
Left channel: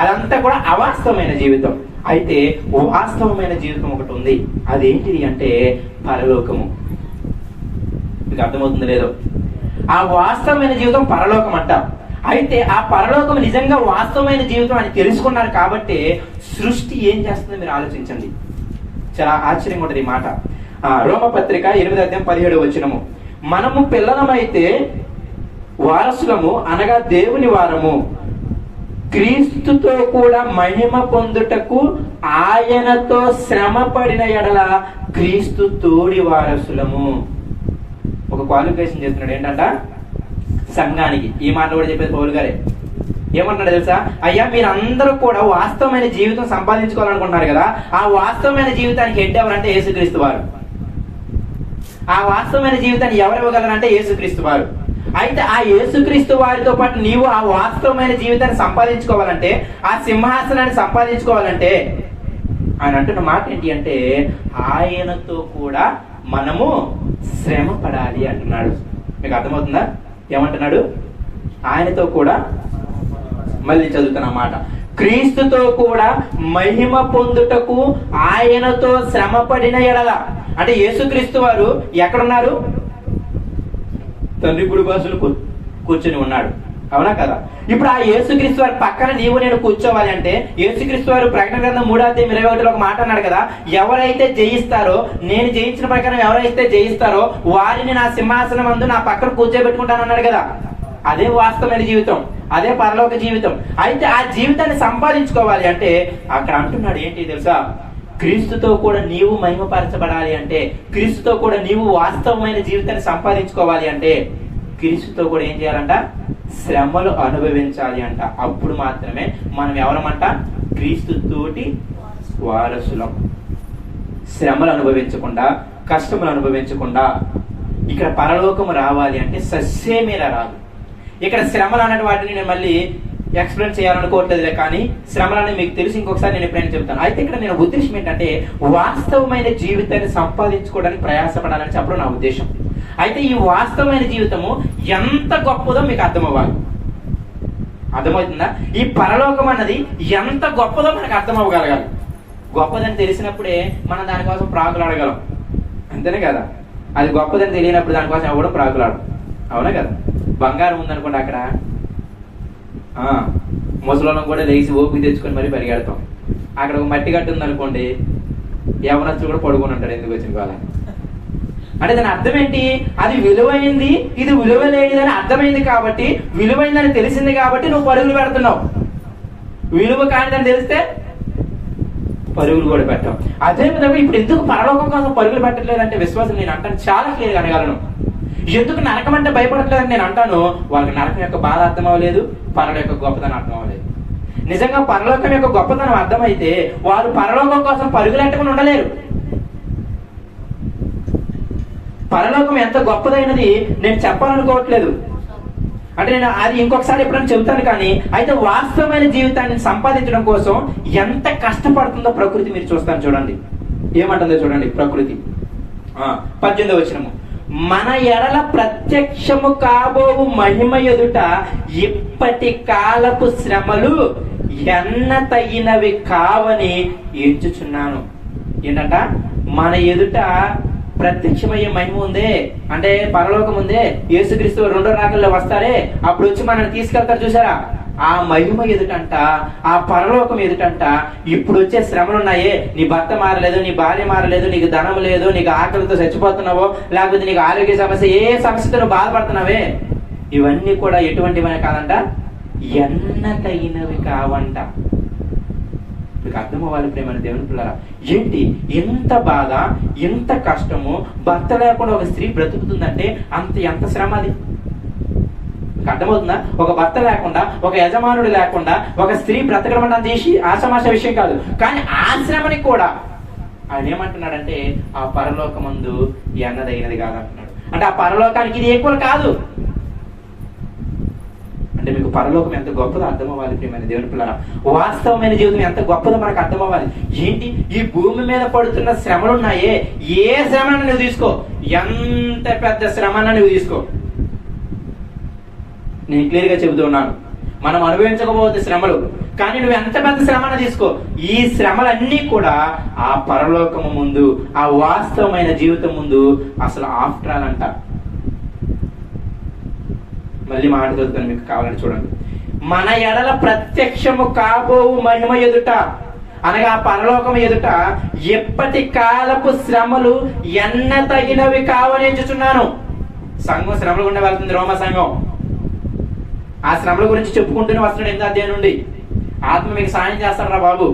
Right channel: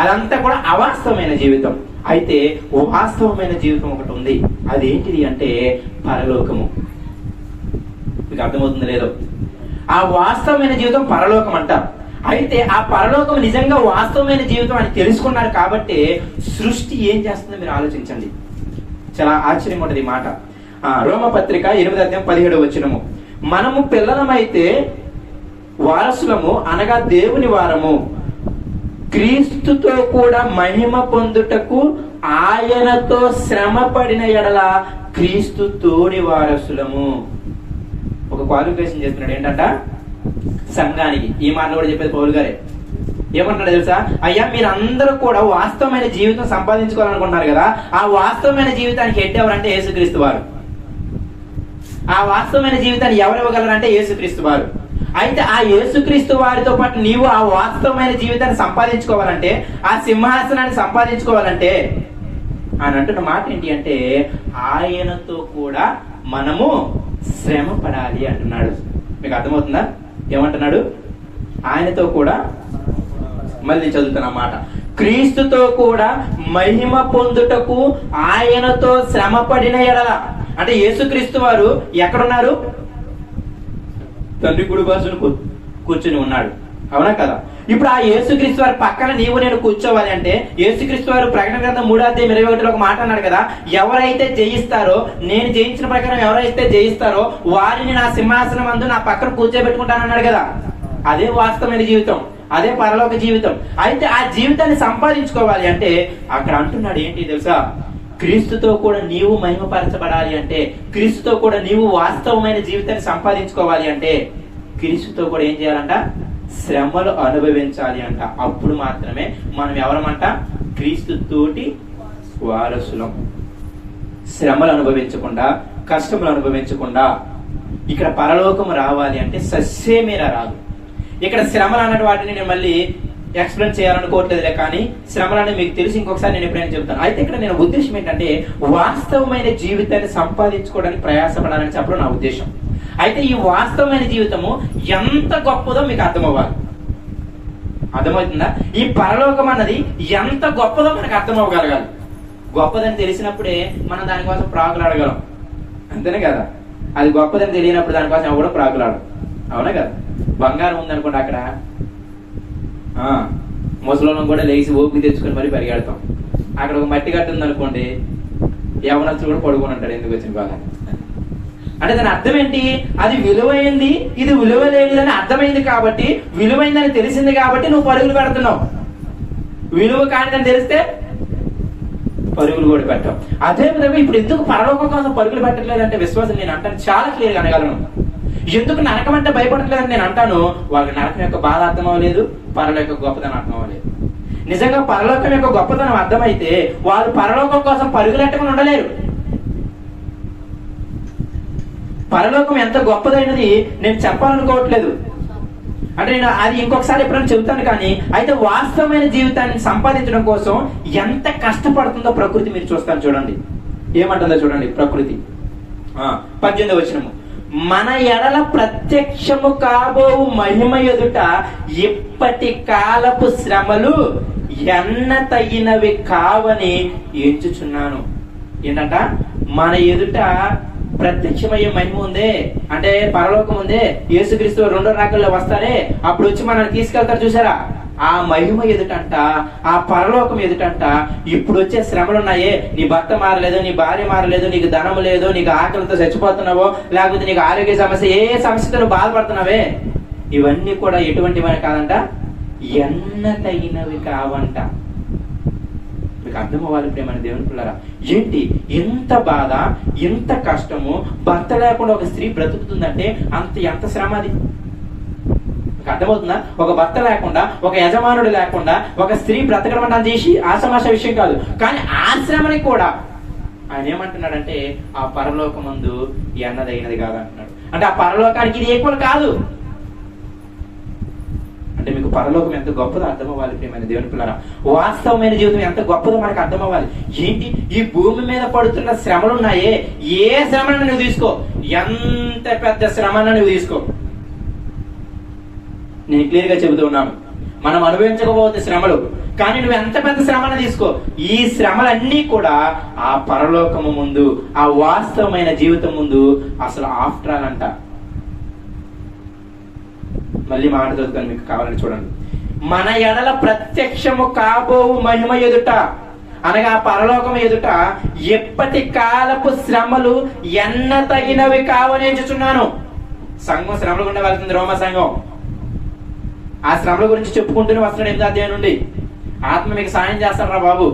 అదంతా కూడా అవాస్తవమైన జీవితం. అయితే వాస్తవమైన జీవితం ఒకటి ఉంది. అదేంటిది అంటే పరలోకము. మీకు అర్థమవుతుందో లేదో? ఆ వాస్తవమైన జీవితం పరలోకం అంట. అయితే ఆ పరలోకం నిజంగా వాస్తవమైన జీవితం అని తెలుసుకున్నారు కాబట్టి సృష్టి ఏం చేస్తుందో మీరు ఆలోచించండి. చాలా ఆశ్చర్యంగా ఉంటుంది ఈ మాట. రోమపత్రిక 8వ అధ్యాయం 17వ వచనము, మనము పిల్లలమైతే వారసులము అనగా దేవుని వారము, క్రీస్తుతో కూడా మహిమ పొందుటకు ఆయనతో శ్రమ పడిన ఎడల క్రీస్తు తోడి వారసులము. ఒక క్వాలిఫికేషన్ చేస్తున్నాడు ఏంటంట సంఘానికి. ఈ మాట కూడా చెప్పేది పౌలు గారే. ఏమంటున్నాడు తెలుసా? అయ్యా, మీరందరూ కూడా వాస్తవమైన జీవితం సంపాదించుకోవాలనుకుంటున్నారు కదా, ఆ వాస్తవమైన జీవితానికి హెడ్ ఎవరంటే యేసుక్రీస్తు వారు. ఆ వాస్తవమైన జీవితాన్ని ఎవరు ఇవ్వగలరంటే యేసుక్రీస్తు వారు. అయితే ఆ యేసుక్రీస్తు వారితో పాటు నీవు ఆ వాస్తవమైన జీవితాన్ని సంపాదించుకోవాలంటే, ఆ సింహాసనాన్ని సంపాదించుకోవాలంటే ఆయన అంటున్న మాట ఏంటి అంటే, ఆయనతో కూడా మనము శ్రమ పడాలి అంటున్నాడు. మీకు అర్థమవుతుందా? ఏమంటున్నాడు? ఆయనతో కూడా, మళ్ళీ చదువుతున్న మాట, క్రీస్తుతో కూడా మహిమ పొందుటకు ఆయనతో శ్రమ పడిన ఎడల. అంటే యేసుక్రీస్తు వారు ఎక్కడున్నారు? తండ్రి కుడి పార్శ్వన కూర్చుని ఉన్నాడు. అవునా కదా? ఇప్పుడు ఆ యేసుక్రీస్తు వారి పక్కన నీవు నేను కూర్చోవాలి అంటే, యేసుక్రీస్తు వారు ప్రకటన గ్రంథం 3వ అధ్యాయం 21లో ఒక మాట అన్నాడు కదా, ఎవరైతే జయిస్తారో, నేను జయించిన ప్రకారం ఎవరైతే జయిస్తారో వారిని నా సింహాసనం అందు నా పక్కన కూర్చోబెట్టుకుంటానన్నాడు కదా. అదే వాస్తవమైన జీవితం, అదే పరలోక జీవితం. అయితే ఆ జీవితాన్ని సంపాదించుకోవాలి అంటే అక్కడ అంటున్నాడు ఏంటి తెలుసా? క్రీస్తుతో కూడా నీవు మహిమపరచబడాలి అంటే, క్రీస్తుతో కూడా నీవు వాస్తవమైన జీవితాన్ని సంపాదించుకోవాలి అంటే క్రీస్తుతో కూడా ఏం చేయాలంట? శ్రమలు అనుభవించాలి అంట. అప్పుడు మాత్రమే మనం ఎవరమంట? క్రీస్తు తోటి వారసులం. శ్రమలు అనుభవించకుండా, కష్టములు అనుభవించకుండా ఇక్కడ పరలోకము రావాలి అంటే సస్యమేలా రాదు. ఇక్కడ శ్రమలు అన్నటి వాటిని నేను మళ్ళీ ఎక్స్ప్లెయిన్ చేయాలనుకోవట్లేదులే, కానీ శ్రమలని మీకు తెలిసి ఇంకొకసారి నేను ఎప్పుడైనా చెప్తాను. అయితే ఇక్కడ నేను ఉద్దేశం ఏంటంటే, వాస్తవమైన జీవితాన్ని సంపాదించుకోవడానికి ప్రయాసపడాలని చెప్పడం నా ఉద్దేశం. అయితే ఈ వాస్తవమైన జీవితము ఎంత గొప్పదో మీకు అర్థమవ్వాలి. అర్థమవుతుందా? ఈ పరలోకం అన్నది ఎంత గొప్పదో మనకు అర్థమవ్వగలగాలి. గొప్పదని తెలిసినప్పుడే మనం దానికోసం ప్రాకులాడగలం. అంతేనే కదా? అది గొప్పదని తెలియనప్పుడు దానికోసం ఎవడో ప్రాకులాడు. అవునా కదా? బంగారం ఉందనుకోండి, అక్కడ ముసలం కూడా లేచి ఓపిక తెచ్చుకొని మరి పరిగెడతాం. అక్కడ ఒక మట్టి గట్టు ఉందనుకోండి, ఎవరొచ్చు కూడా పడుకొని ఉంటాడు ఎందుకు వచ్చిన బాగా. అంటే దాని అర్థం ఏంటి? అది విలువైంది, ఇది విలువ లేనిదని అర్థమైంది కాబట్టి, విలువైందని తెలిసింది కాబట్టి నువ్వు పరుగులు పెడుతున్నావు. విలువ కానిదని తెలిస్తే పరుగులు కూడా పెట్టావు. అదే విధంగా ఇప్పుడు ఎందుకు పరలోకం కోసం పరుగులు పెట్టట్లేదంటే విశ్వాసం నేను అంటాను చాలా క్లియర్గా అనగలను. ఎందుకు నరకం అంటే భయపడట్లేదని నేను అంటాను, వాళ్ళకి నరకం యొక్క బాధ అర్థం అవ్వలేదు, పరలోకం యొక్క గొప్పతనం అర్థం అవ్వలేదు. నిజంగా పరలోకం యొక్క గొప్పతనం అర్థమైతే వారు పరలోకం కోసం పరుగులెట్టకుండా ఉండలేరు. పరలోకం ఎంత గొప్పదైనది నేను చెప్పాలనుకోవట్లేదు, అంటే నేను అది ఇంకొకసారి ఎప్పుడైనా చెబుతాను. కానీ అయితే వాస్తవమైన జీవితాన్ని సంపాదించడం కోసం ఎంత కష్టపడుతుందో ప్రకృతి మీరు చూస్తాను. చూడండి ఏమంటుందో చూడండి ప్రకృతి. 18వ వచనము, మన ఎడల ప్రత్యక్షము కాబోవు మహిమ ఎదుట ఇప్పటి కాలపు శ్రమలు ఎన్న తగినవి కావని ఎంచుచున్నాను. ఏంటంట? మన ఎదుట ప్రత్యక్షమయ్యే మహిమ ఉందే, అంటే పరలోకం ఉందే, యేసుక్రీస్తు రెండో రాకల్లో వస్తారే, అప్పుడు వచ్చి మనల్ని తీసుకెళ్తారు చూసారా, ఆ మహిమ ఎదుటంట, ఆ పరలోకం ఎదుటంట ఇప్పుడు వచ్చే శ్రమలు ఉన్నాయే, నీ భర్త మారలేదు, నీ భార్య మారలేదు, నీకు ధనం లేదు, నీకు ఆకలితో చచ్చిపోతున్నావో, లేకపోతే నీకు ఆరోగ్య సమస్య, ఏ సమస్యతో బాధపడుతున్నావే, ఇవన్నీ కూడా ఎటువంటివి కాదంట, ఎన్న తగినవి కావంట. మీకు అర్థం అవ్వాలి ప్రేమని దేవుని పిల్లరా. ఏంటి ఎంత బాధ, ఎంత కష్టము, భర్త లేకుండా ఒక స్త్రీ బ్రతుకుతుందంటే ఎంత శ్రమ అది. అర్థమవుతుందా? ఒక భర్త లేకుండా, ఒక యజమానుడు లేకుండా ఒక స్త్రీ బ్రతకడం చేసి ఆసమాస విషయం కాదు. కానీ ఆ శ్రమని కూడా ఆయన ఏమంటున్నాడంటే ఆ పరలోకమందు ఎన్నదగినది కాదంటున్నాడు. అంటే ఆ పరలోకానికి ఇది ఈక్వల్ కాదు. అంటే మీకు పరలోకం ఎంత గొప్పదో అర్థం అవ్వాలి ప్రియమైన దేవుని పిల్లరా. వాస్తవమైన జీవితం ఎంత గొప్పదో మనకు అర్థం అవ్వాలి. ఏంటి ఈ భూమి మీద పడుతున్న శ్రమలు ఉన్నాయే, ఏ శ్రమను నువ్వు తీసుకో, ఎంత పెద్ద శ్రమను నువ్వు తీసుకో, నేను క్లియర్ గా చెబుతూ ఉన్నాను, మనం అనుభవించకపోతే శ్రమలు, కానీ నువ్వు ఎంత పెద్ద శ్రమను తీసుకో, ఈ శ్రమలన్నీ కూడా ఆ పరలోకము ముందు, ఆ వాస్తవమైన జీవితం ముందు అసలు ఆఫ్టర్ ఆల్ అంట. మళ్ళీ మాట చదువుతాను, మీకు కావాలని చూడండి. మన ఎడల ప్రత్యక్షము కాబోవు మహిమ ఎదుట, అనగా పరలోకం ఎదుట ఎప్పటి కాలపు శ్రమలు ఎన్న తగినవి కావనేచుచున్నాను. సంఘం శ్రమలు గుండా వెళ్తుంది, రోమ సంఘం. ఆ శ్రమల గురించి చెప్పుకుంటూనే వస్తున్నాడు 8వ అధ్యాయం నుండి. ఆత్మ మీకు సాయం చేస్తారా బాబు,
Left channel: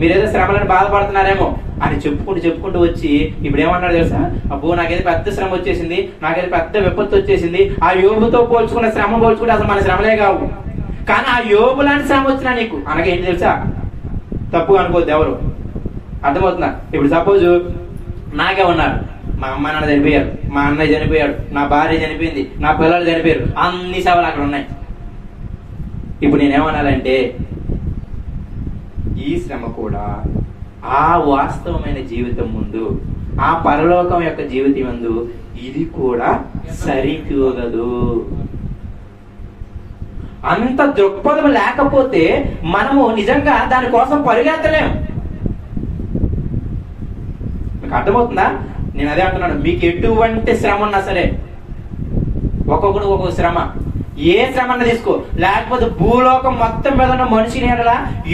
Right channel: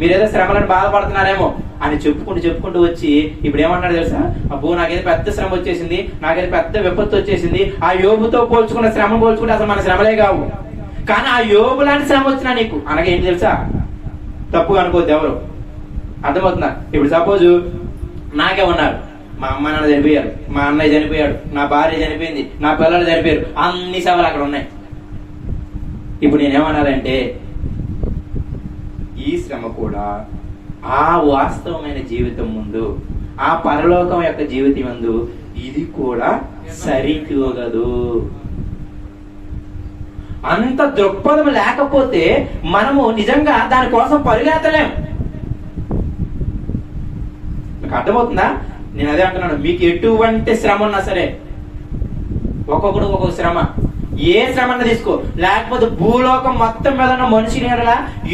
మీరేదో శ్రమలను బాధపడుతున్నారేమో అని చెప్పుకుంటూ వచ్చి ఇప్పుడు ఏమన్నాడు తెలుసా? అబ్బో నాకైతే పెద్ద శ్రమ వచ్చేసింది, నాకైతే పెద్ద విపత్తు వచ్చేసింది. ఆ యోబుతో పోల్చుకున్న శ్రమ పోల్చుకుంటే అసలు మన శ్రమలే కావు. కానీ ఆ యోబు లాంటి శ్రమ వచ్చినా నీకు అనగా ఏంటి తెలుసా? తప్పు అనుకోద్దు ఎవరు, అర్థమవుతుందా? ఇప్పుడు సపోజ్ నాకే ఉన్నారు, మా అమ్మ నాన్న చనిపోయారు, మా అన్నయ్య చనిపోయాడు, నా భార్య చనిపోయింది, నా పిల్లలు చనిపోయారు, అన్ని సవాలు అక్కడ ఉన్నాయి. ఇప్పుడు నేనేమనాలంటే ఈ శ్రమ కూడా ఆ వాస్తవమైన జీవితం ముందు, ఆ పరలోకం యొక్క జీవితం ముందు ఇది కూడా సరితూగదు. అంత దృక్పథం లేకపోతే మనము నిజంగా దానికోసం పరిగెత్తలేం. మీకు అర్థమవుతుందా? నేను అదే అంటున్నాను, మీకు ఎటువంటి శ్రమ ఉన్నా సరే, ఒక్కొక్కడు ఒక్కొక్క శ్రమ, ఏ శ్రమను తీసుకో, లేకపోతే భూలోకం మొత్తం మీద ఉన్న మనిషిని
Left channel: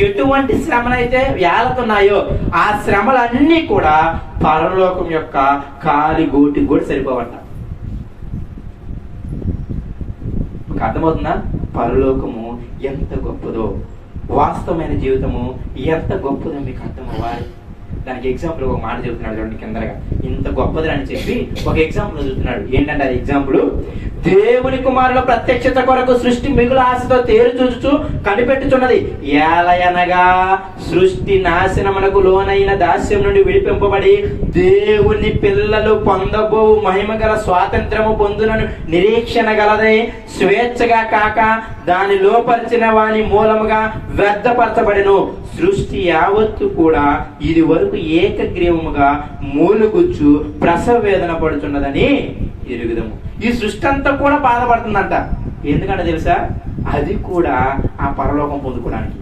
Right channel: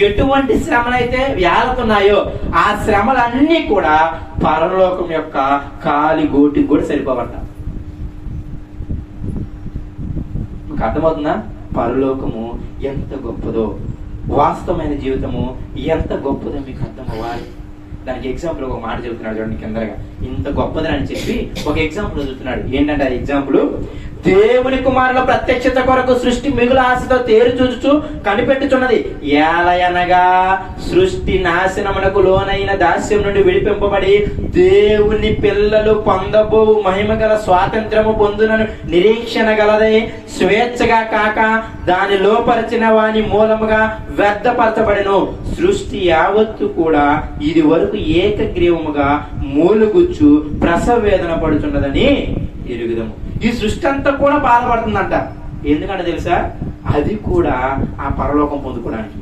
ఎటువంటి శ్రమలైతే వేలతున్నాయో ఆ శ్రమలన్నీ కూడా పరలోకం యొక్క కాలి గోటికి కూడా సరిపోవట. మీకు అర్థమవుతుందా? పరలోకము ఎంత గొప్పదో, వాస్తవమైన జీవితము ఎంత గొప్పదో మీకు అర్థం అవ్వాలి. దానికి ఎగ్జాంపుల్ ఒక మాట చెబుతున్నాడు చూడండి కిందగా. ఇంత గొప్పదని అని చెప్పి ఒక ఎగ్జాంపుల్ చదువుతున్నాడు. ఏంటంటే ఆ ఎగ్జాంపుల్, దేవుని కుమారుల ప్రత్యక్షత కొరకు సృష్టి మిగుల ఆశతో తేరు చూచుచు కనిపెట్టుచున్నది. ఏలయనగా సృష్టి నాశనమునకు లోనైన దాస్యం నుండి విడిపింపబడి దేవుని పిల్లలు పొందబో మహిమ గల స్వాతంత్రము పొందునను నిరీక్షణ గలదై స్వేచ్ఛగా కాక దాని లోపరిచిన వాని మూలముగా వ్యర్థపరచబడిను. సృష్టి యావత్తు కూడా ఇది వరకు ఏకగ్రీవముగా మూలుగుచ్చు ప్రసవ వేదన పడుచున్నదని ఎరుగుదము. ఈ సృష్టి అంతా కూడా బాధపడుతుందంట. ఎందుకంటే తెలుసా? అది కూడా ఆ పరలోకం పొందుకోవడానికి.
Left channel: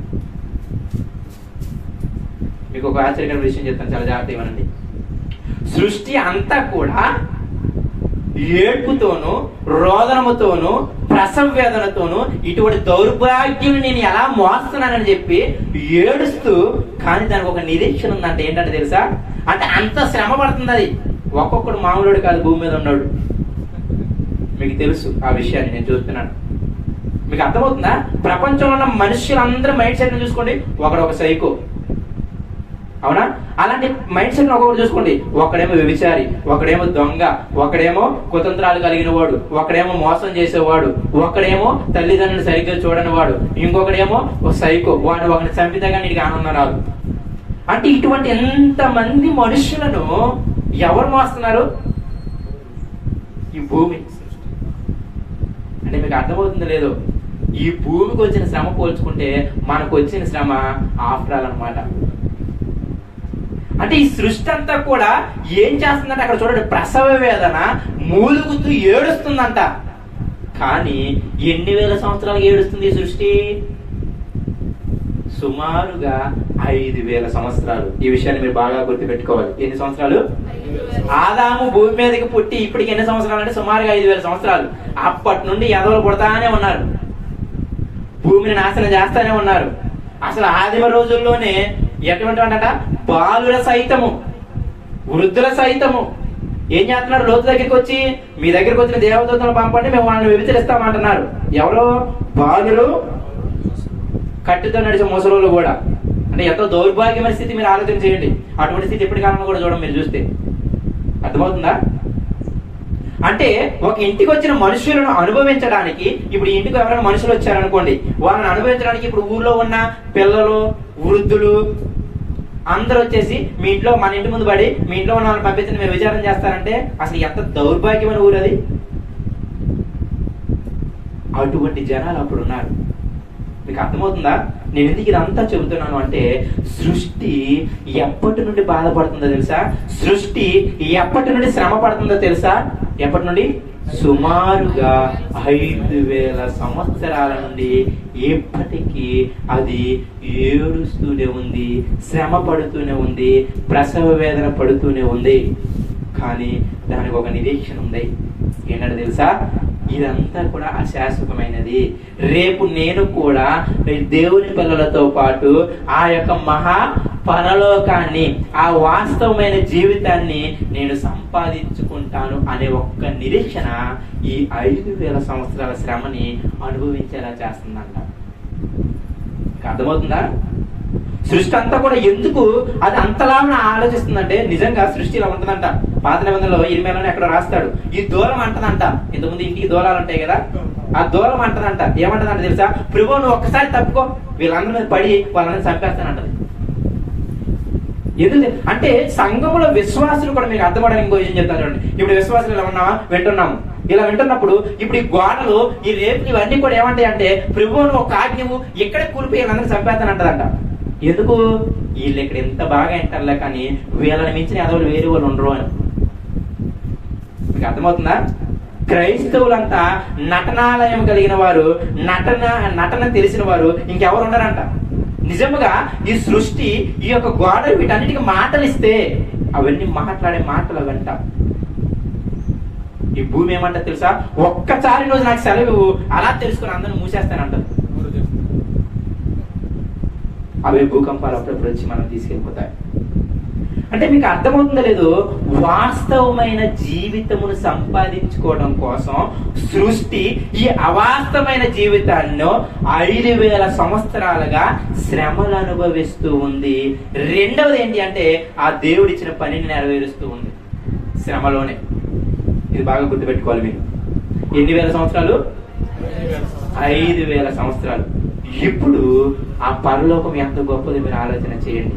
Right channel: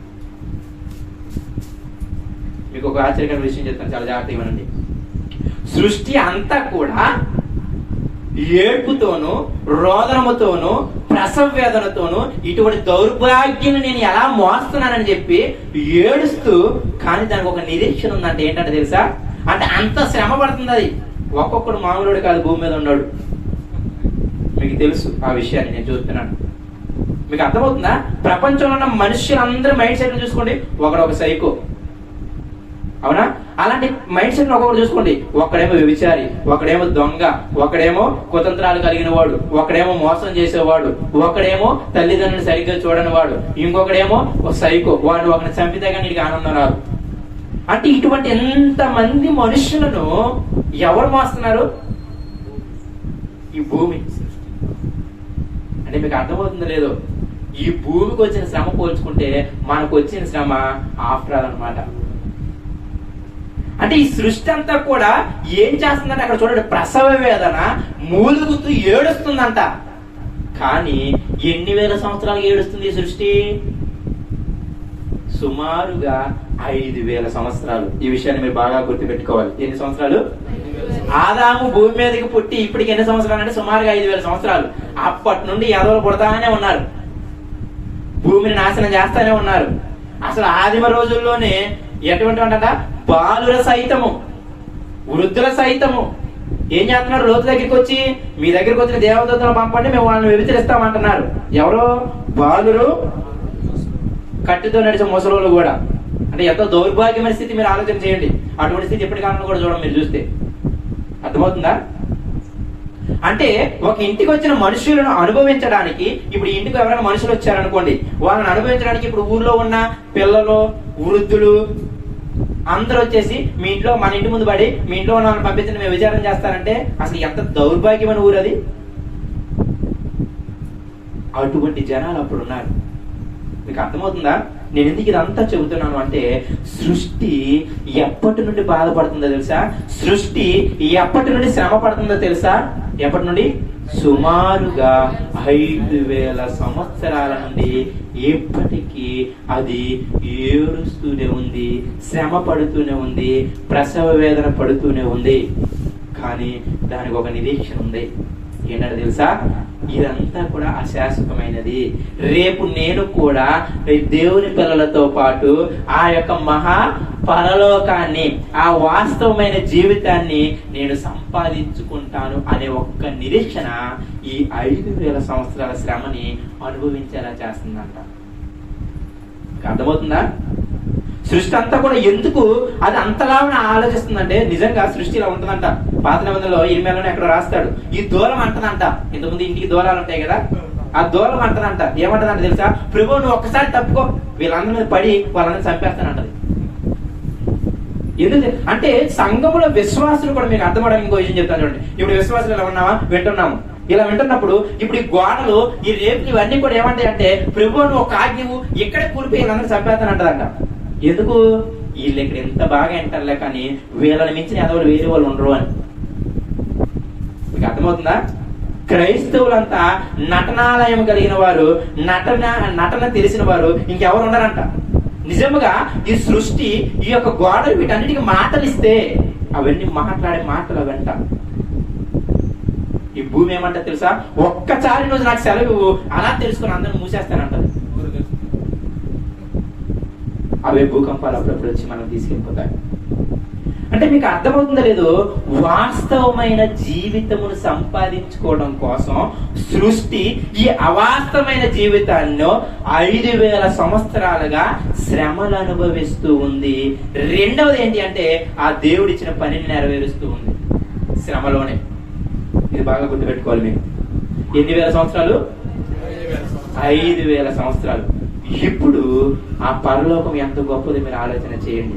మీకు ఒక ఆశ్చర్యకరమైన విషయం చెప్తాను, చాలా జాగ్రత్తగా వినండి. సృష్టి అంతా కూడా ఏడ్పుతోనూ రోదనముతోనూ ప్రసవ వేదనతోనూ ఇటువంటి దౌర్భాగ్యం నేను ఎలా మోస్తున్నానని చెప్పి ఏడుస్తూ, కానీ దానికి ఒక నిరీక్షణ ఉందంటే ఏంటంటే తెలుసా? అంటే అంత శ్రమ పడుతుంది అది. ఒక్కొక్కడు మామూలుడు కాదు, భూమి మీద ఉన్నాడు. మీకు తెలుసు ఆ విషయాన్ని, నేను చూస్తున్నాను. మీకు అర్థమవుతుందా? ప్రపంచంలో ఉన్న మనుషులందరూ మైండ్ సెట్ చూసుకోండి, ఒకడొక సైకో, అవునా? అలాంటి మైండ్ సెట్ ఒక్కొక్కటి చూసుకోండి. ఒకడేమో వ్యభిచారి, ఒకడేమో దొంగ, ఒకడేమో కుతంత్రాలు కలిగిన వాడు, ఒకడేమో మోసం చేసేవాడు, ఒకడేమో తల్లిదండ్రులు సరిగ్గా చూడని వాడు, ఇంకొకడేమో ఒక సైకో, వాడు ఒకటి చంపితే కానీ నీకు ఆనందం రాదు. అంటే ఇటువంటి ఎంతమంది మనుషులను ఎవరు మోస్తున్నారు? ఈ భూమి. అంటే మీకు అర్థమవుతుందో లేదో, ఈ భూమికి వచ్చిన శ్రమ పోల్చుకుంటే మనకు వచ్చిన శ్రమ ఆఫ్టర్ ఆల్ అన్నమాట. అంటే ఈ సృష్టి అంతా కూడా ఏం చేస్తుందంటే అక్కడ చూడండి, ప్రసవ వేదన మూలుగుతూ ఏడుస్తుందంట. కానీ ఎన్ని వేల సంవత్సరాలు ఏడుస్తుంది ఈ సృష్టి? సుమారుగా 5,000 సంవత్సరాలు. ఈ విషయాన్ని మీరు బాగా గుర్తుపెట్టుకోవాలి. ఎన్ని సంవత్సరాలు? ఆదాము భూమి మీదకి పుట్టి ఇప్పటికి ఎన్ని సంవత్సరాలు అంటే సుమారుగా 5,000 సంవత్సరాలు. అప్పటి నుండి ఎదవలు పుడతానే ఉన్నారు, భూమిని నాశనం చేస్తానే ఉన్నారు. అసలు ఆదిమ రోజుల్లోనే ఎటువంటి అంట, బాలుల సైతము వృద్ధుల సైతము ఏం చేస్తున్నారు? లోతు దగ్గరికి వచ్చి, మీ దగ్గరికి వచ్చిన దేవదూతలను పంపండి, మేము వాళ్ళని వ్యభిచరిస్తామంటున్నారు. ఎవరో? బాలురు, కట్టితో నడిచే ముసలోళ్ళు కూడా. అంటే ఎంతో దౌర్భాగ్యమైన స్థితి. మీరు ఆలోచన చేయండి. అటువంటి స్థితి ఎప్పటికన్నా కూడా చూడండి మీరు చూస్తే. అర్థమవుతుందా? అంటే ఒక ఇంటికి వచ్చిన మనుషులను అనుభవించడానికి, ఇప్పుడు ఇంటికి ఎవరైనా మనుషులు వచ్చారనుకోండి, వాళ్ళని అనుభవించడానికి ఇప్పుడు ఊర్లో ఉన్న పిల్లలు, వృద్ధులు అందరూ వచ్చేసి మీ ఇంట్లో, మన ఇంటి ముందు పడి మీ ఇంట్లో ఉన్న వాళ్ళని పంపించండి మేము విచారణ చేస్తారంటే అసలు ఎంత దౌర్భాగ్యమైన ఊరు అది. అటువంటి జనాలు అప్పుడు ఉన్నారు. మీకు అర్థమవుతుందా నేను ఎందుకు ఇదంతా చెబుతున్నాను అంటే, సృష్టి ఎప్పటి నుండి బాధపడుతుందో తెలుసా? సృష్టి ఎప్పటి నుండి శ్రమ పడుతుందో తెలుసా? ఎప్పటి నుండి? సుమారుగా 5000 సంవత్సరాల నుండి ఎప్పటికీ అది ఏడుస్తూనే ఉంది, శ్రమ పడుతూనే ఉంది, ప్రసవ వేదన పడుతూనే ఉంది. కానీ దానికి ఒక నిరీక్షణ ఉంది. ఏంటంటే తెలుసా? ఇదంతా కూడా అశాశ్వతమైనది. రేపు నేను కూడా దేవుని పిల్లలతో పాటు ఆ యొక్క మహా పరలోకాన్ని, ఆ వాస్తవమైన జీవితాన్ని నేను సంపాదించుకుంటాను అనే ఒక్క నిరీక్షణ ఈ 5000 సంవత్సరాల శ్రమని అనుభవించేలా చేస్తుందంట. అర్థమవుతుందా? సృష్టి అంతా కూడా ఎందుకు అది అంతలా ఆలోచిస్తుందంటే, నిజంగా సృష్టి ఇలా ఉంటుందంట. పాత నిబంధనలో 8 ఎక్కడ రాస్తాడు, ఈ దూలం అంటదంట. ఇంతకుముందు ఇంటికి దూలాలు ఉంటాయి కదా, ఆ దూలం అంటదంట. ఏమంటదంట తెలుసా? ప్రభు నువ్వు ఒక్కసారి తప్పుకో, వీళ్ళందరి మీద పడి వాళ్ళని చంపేస్తానంటది. ఎందుకు అంటే సంఘములో విశ్వాసులు కూడా, మీకు అర్థమవడానికి ఇంకో విషయం చెప్తాను చూడండి. ఇప్పుడు విశ్వాసులు ఇలా ఉన్నావా, వింటున్నాము. ఇలా వింటున్నప్పుడు ఇప్పుడు ఈ గోడలు, ఈ రేపులు ఇవన్నీ కూడా ఏమంటాయి అంటే, ప్రభు నువ్వు ఒక ఆజ్ఞవు ఇక్కడే కూలిపోయి వీళ్ళందరూ చంపేస్తానంటదంట. ఎందుకు? వీళ్ళు ఇక్కడ ఎంత బాగా వింటారులే, కానీ వీళ్ళని మించిన ఎదవలు వేరే వాళ్ళు ఉండరు అని. మీకు అర్థమవుతుందా? క్రైస్తవులంతా నటనాలయం కలిగిన వారు, నటన తెలిసిన వారు ఇంకెవరు ఉండరంట. నిజముగా ఈ సృష్టి, ఈ యొక్క గోడలు వీటన్నిటికీ మాటలిస్తే అవన్నీ మాట్లాడే మాటలు అవంట. ఈ భూమి ఏమంట తెలుసా? ఒక్కసారి రోజు నాకు సెలవు అలా తెలుసుకుని అందరిని మూసేస్తానంటారు. అవే భూకంపాలు అప్పుడప్పుడు వచ్చి మనం తీసుకెళ్ళిపోతాయి. అంటే మీకు అర్థమవుతుందో లేదో, వాస్తవమైన జీవితమును సంపాదించుకోవడం కోసం సృష్టి ఈ అవాస్తవమైన జీవితాన్ని 5000 సంవత్సరాలుగా శ్రమలు అనుభవిస్తూ ఉంది. రెండవది ఏంటి అంటే, ఆ దేవుడిచ్చిన పనిని నెరవేరుస్తూ ఉంది శ్రమలోనే. ఇది బాగా గుర్తుపెట్టుకోవాలి. మీరు ఎన్ని వేల సంవత్సరాలు? 5000 సంవత్సరాలు. ఇప్పుడు ఆ పరలోకం ఎంత గొప్పది మీరు ఆలోచన చేయండి.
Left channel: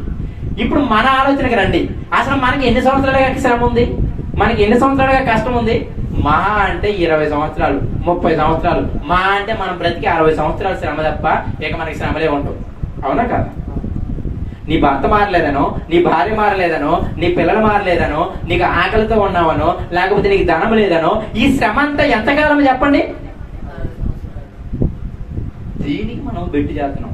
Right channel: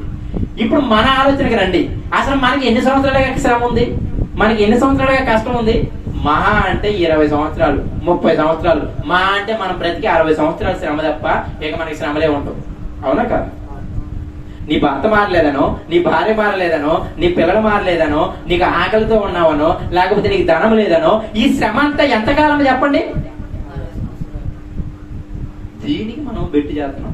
ఇప్పుడు మన ఆలోచనకి రండి. అసలు మనకి ఎన్ని సంవత్సరాలుగా శ్రమ ఉంది, మనకి ఎన్ని సంవత్సరాలుగా కష్టం ఉంది? మహా అంటే 20 సంవత్సరాలు, 30 సంవత్సరాలు, మహా అంటే మనం బ్రతికి 60 సంవత్సరాలు శ్రమ తప్ప ఇక మనకి శ్రమలే ఉంటాం. అవునా కాదు? నీ భర్త మారలేదనో, నీ భార్య మారలేదనో, నీ పిల్లలు మారలేదనో, నీకు ఆకలితో ఉన్నావనో, లేకపోతే నీకు ధనం లేదనో, ఈ శ్రమ అంతా ఎంతకాలం చెప్పండి? దీనికి మనం బెట్టు చేస్తున్నాం.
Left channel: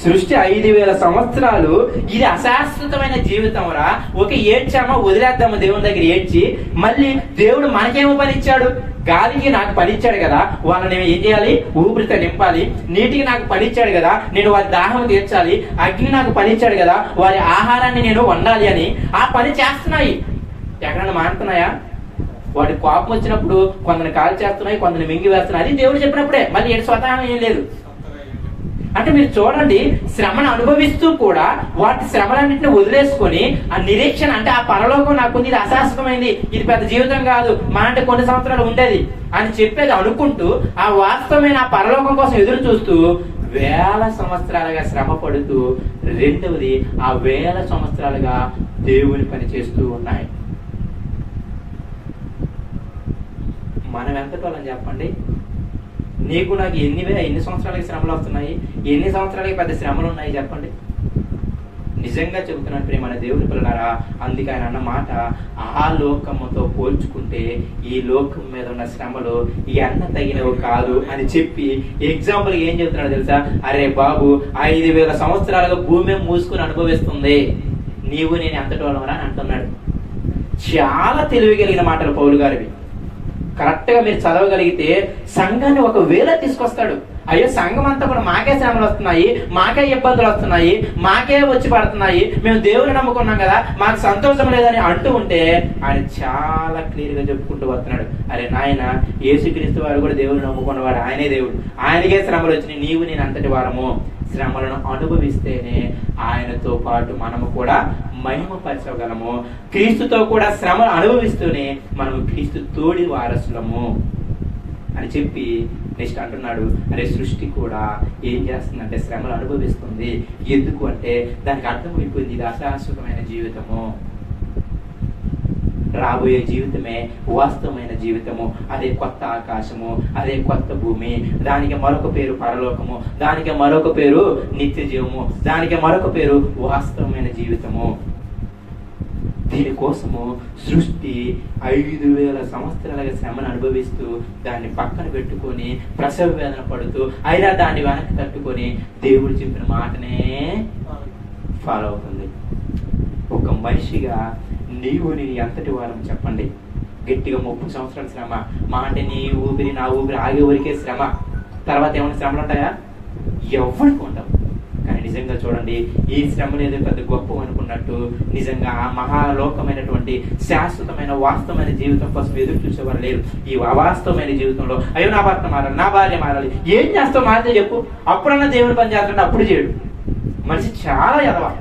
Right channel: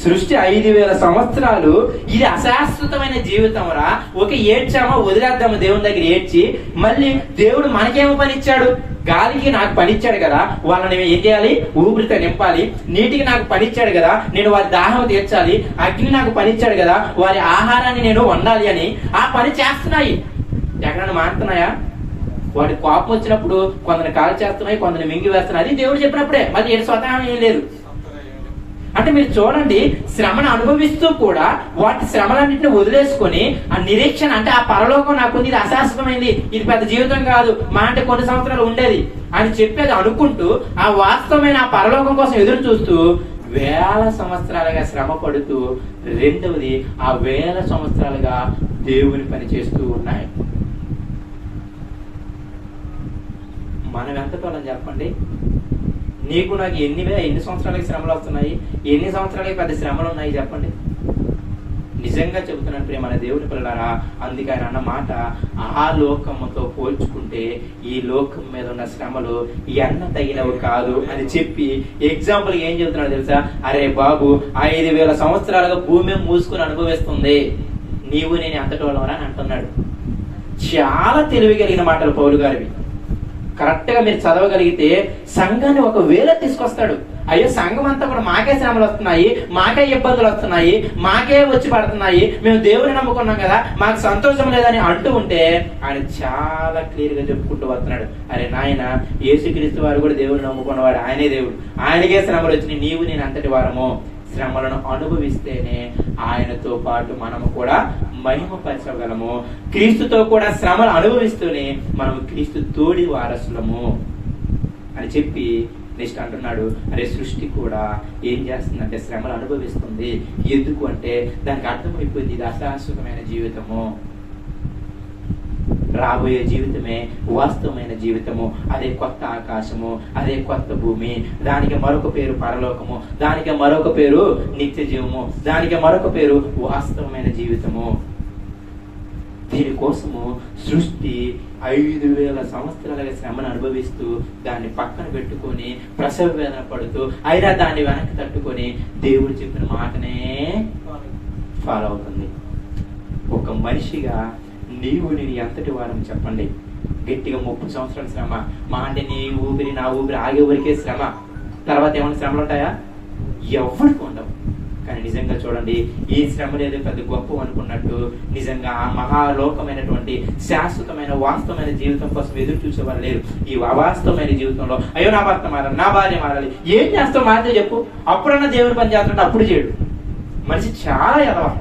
సృష్టి 5000 సంవత్సరాలు, ఇది అశాశ్వతమైన జీవితం రా. ఒక ఏడ్చామో వదిలేద్దాము దేవుని దగ్గర ఏడ్చి, మళ్ళీ దేవుడు మనకేమో పని ఇచ్చాడు? గాలికి నాకు పని ఇచ్చాడు కదా, వాళ్ళని ఏం చేయాలి? ఊపిరితో నింపాలి. నీటికి నాకు పని ఇచ్చాడు కదా, నేను వారి దాహం తీర్చాలి. అగ్ని నాకు పని ఇచ్చాడు కదా, వారి ఆహారాన్ని నేను వండాలి అని ఆ పని చేస్తున్నాయి. ఎక్కడన్నా మారుతున్నాయా? వాటి కోపం వచ్చినప్పుడు కొందరు కాలు చేస్తున్నాయి, కొందరు మింగి వేస్తున్నాయి. అది దేవుడు చెప్పినప్పుడే, మరి ఏడు స్వతహా ఏం లేదు. అంటే మీరు చూడండి, శ్రమను అనుభవిస్తూ కూడా వాటి శ్రమలన్నింటినీ వదిలేసుకొని ఆ నిరీక్షణ, అంటే ఆ పరలోకం నాకుంది, ఇది అశాశ్వతమైంది, ఇది పెద్ద జీవితం కాదు, మా అంటే కొన్ని సంవత్సరాలు ఉండేది అని చెప్పేది అనుకుంటూ ఆ వాస్తవమైన ఆ పరలోకం కోసం ఎదురు చూస్తూ 1000 సంవత్సరాలుగా శ్రమ పడుతూ, రెండవది ఆ 1000 సంవత్సరాలుగా దేవుని పని చేస్తూ ఉన్నాయి. మనం ఎంతకాలం చెప్పండి? నీకు నాకు ఎన్ని సంవత్సరాలకి శ్రమలు వస్తున్నాయి, ఎన్ని సంవత్సరాలకి పెద్ద శ్రమలు ఉన్నాయి చెప్పండి. నిజంగా చెబుతున్నాను ప్రియమైన దేవుని పిల్లలారా, అందుకే ఆయన అన్న మాట, ఆ లోకముతో పోల్చుకుంటే ఈ లోకం మీద ఉన్న శ్రమలు ఎన్న తగినవి కాదు అని చెప్పి ఎగ్జాంపుల్ ఏం చెబుతున్నాడు తెలుసా? అరే బాబు, 5000 సంవత్సరాలుగా భూమి మూసుకుని అనుభవిస్తుంది, నీవు నేను ఎంతటోళ్ళమని అని అంటున్నాడు. చాలా తెలివి కలిగిన మాటలు పౌలు గారివి. కరెక్ట్ గా మీరు చదవగలిగితే సంఘాన్ని ఒక వేళ తీసుకొస్తాడు. అయ్యో సంఘం అంతా కూడా మాకే శ్రమలు వస్తున్నాయి, మాకే ఇబ్బందులు వస్తున్నాయి, మాకే వచ్చి పడుతున్నాయి, మేము దేవుని నమ్ముకున్నాం కదా, మాకు సంతోషం లేదని అంటూ ఉంటే ఆయన చాలా క్లియర్ గా చెప్పుకుంటూ వస్తున్నాడు. అరే నాయన, యేసుక్రీస్తు వారు కూడా దేవుని నమ్ముకున్నవాడు, ఆయనే దేవుడు, ఆయనకే శ్రమలు వచ్చినాయి, నీవు నేను అంతటి వారము. శ్రమలను అనుభవిస్తేనే ఆయనతో పాటు మనము కూడా మహిమపరచగలము. క్రీస్తుతో కూడా శ్రమలు అనుభవిస్తూనే మనము క్రీస్తు తోడి వారసులము అని చెప్పి నెక్స్ట్ అంటున్నాడు, అరే సృష్టి కూడా ఏం చేస్తుందంటే శ్రమలు అనుభవిస్తుంది. ఎందుకు అంటే దానికి అర్థమైపోయింది, ఇది అశాశ్వతమైన జీవితము, రాబోయే జీవితమే వాస్తవమైన జీవితము. అదే కొత్త ఆకాశము, అదే కొత్త భూమి, దానికి మరొక పేరు పరలోకము, దానికి మరొక పేరు నిత్య జీవము, దానికి మరొక పేరు వాస్తవమైన జీవితము. దీనికోసము సృష్టి 5,000 సంవత్సరాలుగా శ్రమను అనుభవిస్తూ దాన్ని పక్కన పెట్టుకొని ప్రసవ వేదన పడుతూ అయినా దాన్ని వెనక్కి తట్టుకొని దేవుడు చెప్పిన మాటనే ఫాలో అవుతుంది. ఒక మనిషిగా నీవు నేను ఎంతటి వారం చెప్పండి? గట్టిగా 30 సంవత్సరాల శ్రమ, మా అంటే నీ ఊపిరి నా ఊపిరి ఆగే వరకే శ్రమ, తర్వాత ఏమైనా శ్రమలు ఉంటాయా? ఎవరికి ఉండవు. కానీ నిజంగా చూడండి, ఈ శ్రమలు ఏదో పెద్ద గొప్ప అనుకున్నట్టు నిజంగా ఆ మహాలోకమైనటువంటి శాశ్వతమైన వాస్తవమైన జీవితం కోసం ఎదురు చూసేవారు లేరు. ఈ అవాస్తవమైన జీవితంలో అయ్యో నా భర్త మారాలి, నా భార్య మారాలి, ఏం చేస్తావు మారితే చెప్పు, అప్పుడన్నా దేవుని పని చేస్తాడు, అప్పుడు చేయడు. మనిషి చాలా ఎదవా.